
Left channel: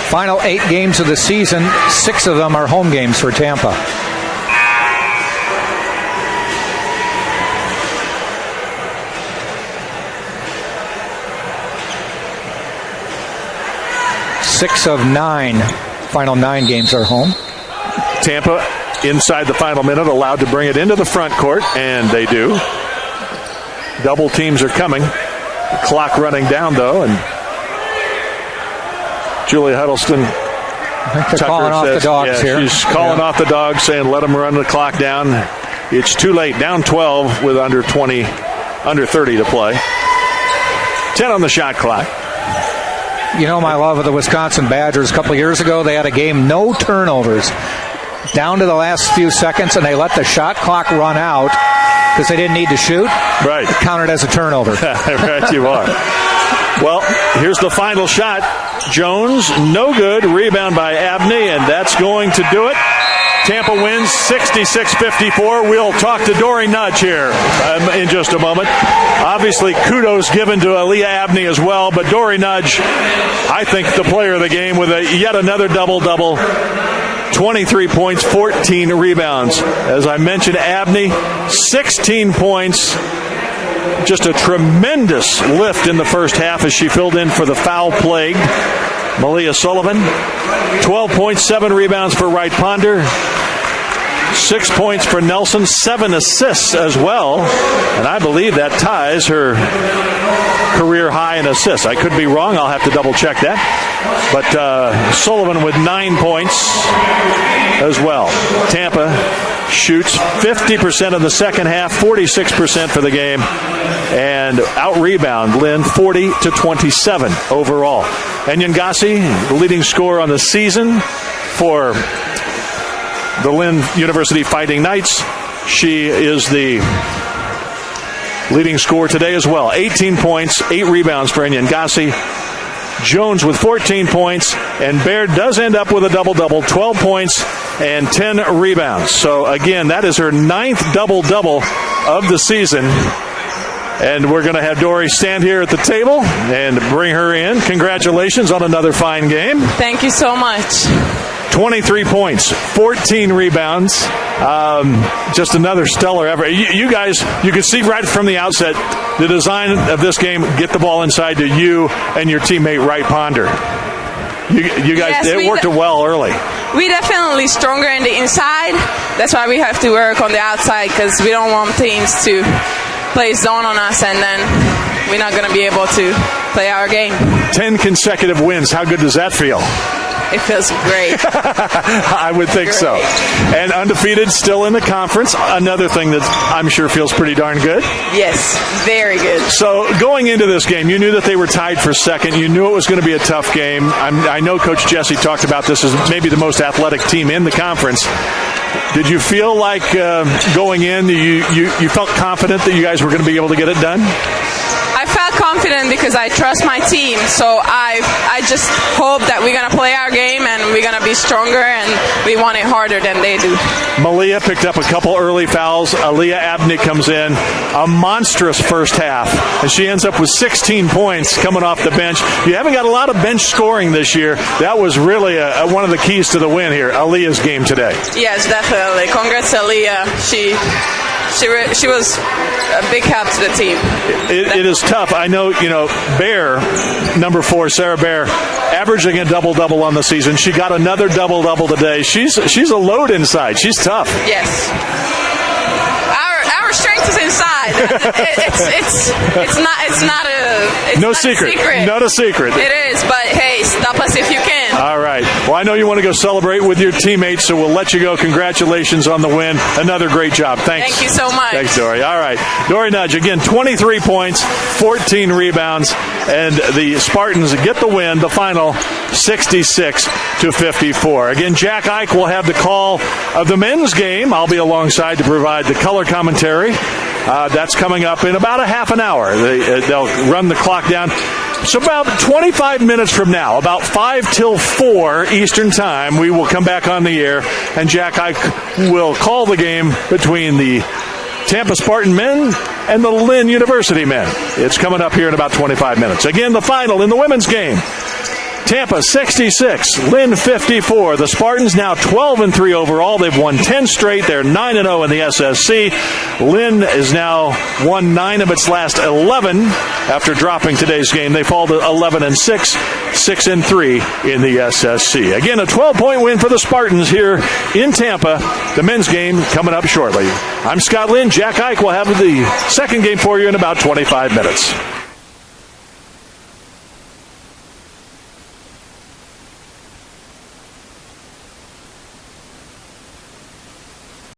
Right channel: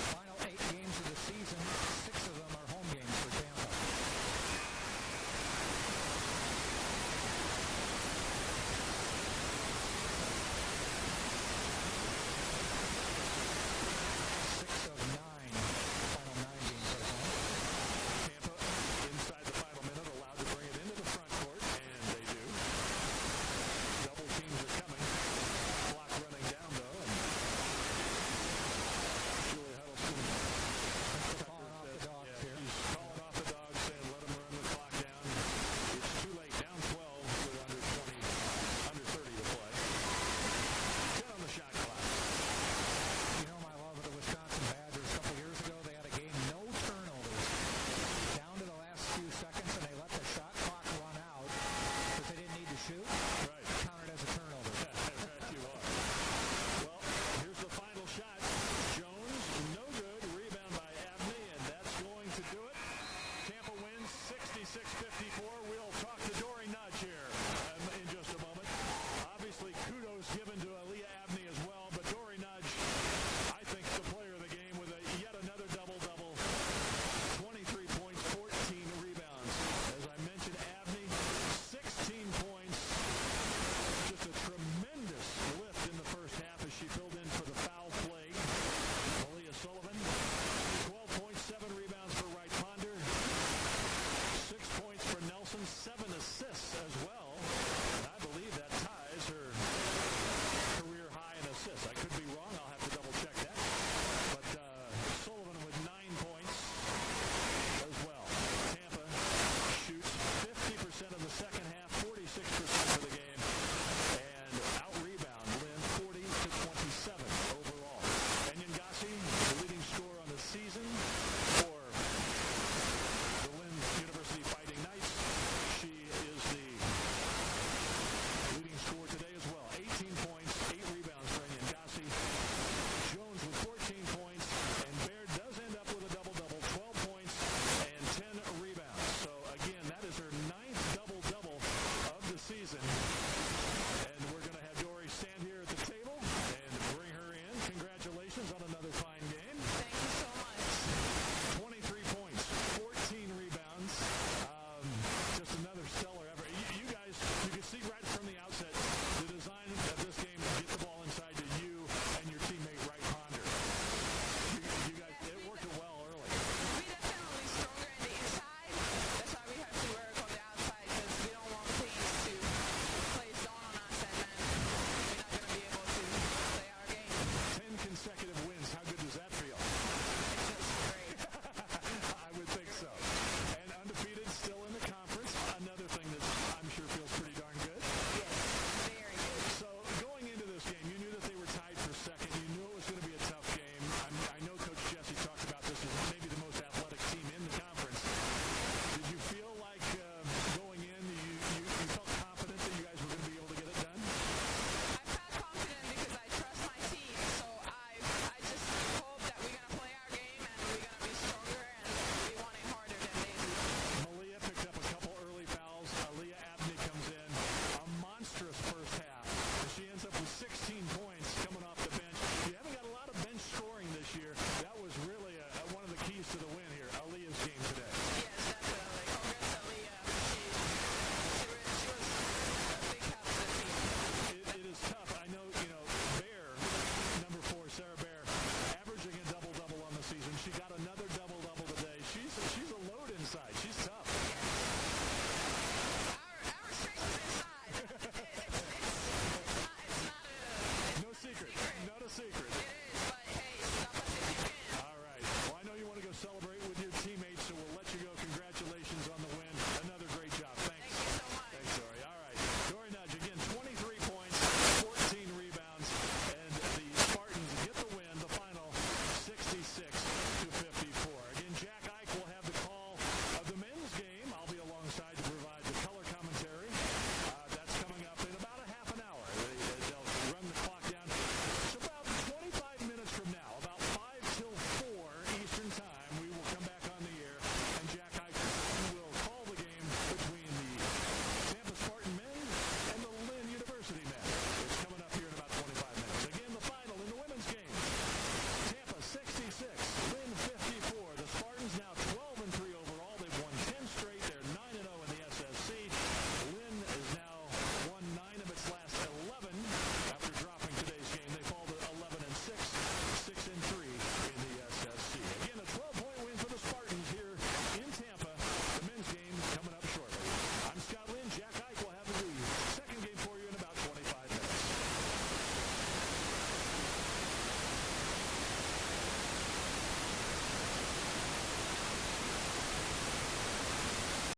Final 8 games of the season, 6 of them are home games for Tampa. Six of 9. Final 9 games are home. Tampa, inside the final minute, allowed to bring it into the front court, and they do. Double teams are coming. The clock running down, though, and Julia Huddleston. I think they're calling off the dogs here. She's calling off the dogs, saying let them run the clock down. It's too late. Down 12 with under 30 to play. 10 on the shot clock. My love of the Wisconsin Badgers. A couple years ago, they had a game, no turnovers, down to the last few seconds, and they let the shot clock run out because they didn't need to shoot. Right. It counted as a turnover. Right, you are. Well, here's the final shot. Jones, no good. Rebound by Abney, and that's going to do it. Tampa wins 66-54. We'll talk to Dory Nudge here in just a moment. Obviously, kudos given to Aaliyah Abney as well, but Dory Nudge, I think the player of the game with yet another double-double. 23 points, 14 rebounds. As I mentioned, Abney, 16 points. Just a tremendous lift in the first half as she filled in for the foul-plagued Malia Sullivan. 12 points, 7 rebounds for Wright Ponder. 6 points for Nelson, 7 assists as well. And I believe that ties her career high in assists. I could be wrong. I'll have to double check that. But Sullivan with 9 points as well. Tampa shoots 50% in the second half, 46% for the game, and out-rebound Lynn 40-27 overall. And Yangasi, the leading scorer on the season for the Lynn University Fighting Knights. She is the leading scorer today as well. 18 points, 8 rebounds for Yangasi. Jones with 14 points, and Baird does end up with a double-double, 12 points and 10 rebounds. So, again, that is her 9th double-double of the season. And we're going to have Dory stand here at the table and bring her in. Congratulations on another fine game. Thank you so much. 23 points, 14 rebounds. Just another stellar effort. You guys, you can see right from the outset, the design of this game, get the ball inside to you and your teammate Wright Ponder. You guys, it worked well early. We definitely stronger in the inside. That's why we have to work on the outside, because we don't want teams to play zone on us, and then we're not going to be able to play our game. 10 consecutive wins. How good does that feel? it feels great. I would think so. And undefeated still in the conference. Another thing that I'm sure feels pretty darn good. Yes, very good. So going into this game, you knew that they were tied for second. You knew it was going to be a tough game. I know Coach Jesse talked about this as maybe the most athletic team in the conference. Did you feel like going in, you felt confident that you guys were going to be able to get it done? I felt confident because I trust my team, so I just hope that we're going to play our game and we're going to be stronger and we want it harder than they do. Malia picked up a couple early fouls. Aaliyah Abney comes in. A monstrous first half, and she ends up with 16 points coming off the bench. You haven't got a lot of bench scoring this year. That was really one of the keys to the win here, Aaliyah's game today. Yes, definitely. Congrats, Aaliyah. She was a big help to the team. It is tough. I know, Bear, number 4, Sarah Bear, averaging a double-double on the season. She got another double-double today. She's a load inside. She's tough. Yes. Our strength is inside. It's not a secret. Not a secret. It is, but hey, stop us if you can. All right. Well, I know you want to go celebrate with your teammates, so we'll let you go. Congratulations on the win. Another great job. Thanks. Thank you so much. Thanks, Dory. All right. Dory Nudge, again, 23 points, 14 rebounds, and the Spartans get the win, the final 66-54. Again, Jack Ike will have the call of the men's game. I'll be alongside to provide the color commentary. That's coming up in about a half an hour. They'll run the clock down. So about 25 minutes from now, about 5 till 4 Eastern Time, we will come back on the air, and Jack Ike will call the game between the Tampa Spartan men and the Lynn University men. It's coming up here in about 25 minutes. Again, the final in the women's game. Tampa 66, Lynn 54. The Spartans now 12-3 overall. They've won 10 straight. They're 9-0 in the SSC. Lynn is now won 9 of its last 11 after dropping today's game. They fall to 11-6, 6-3 in the SSC. Again, a 12-point win for the Spartans here in Tampa. The men's game coming up shortly. I'm Scott Lynn. Jack Ike will have the second game for you in about 25 minutes.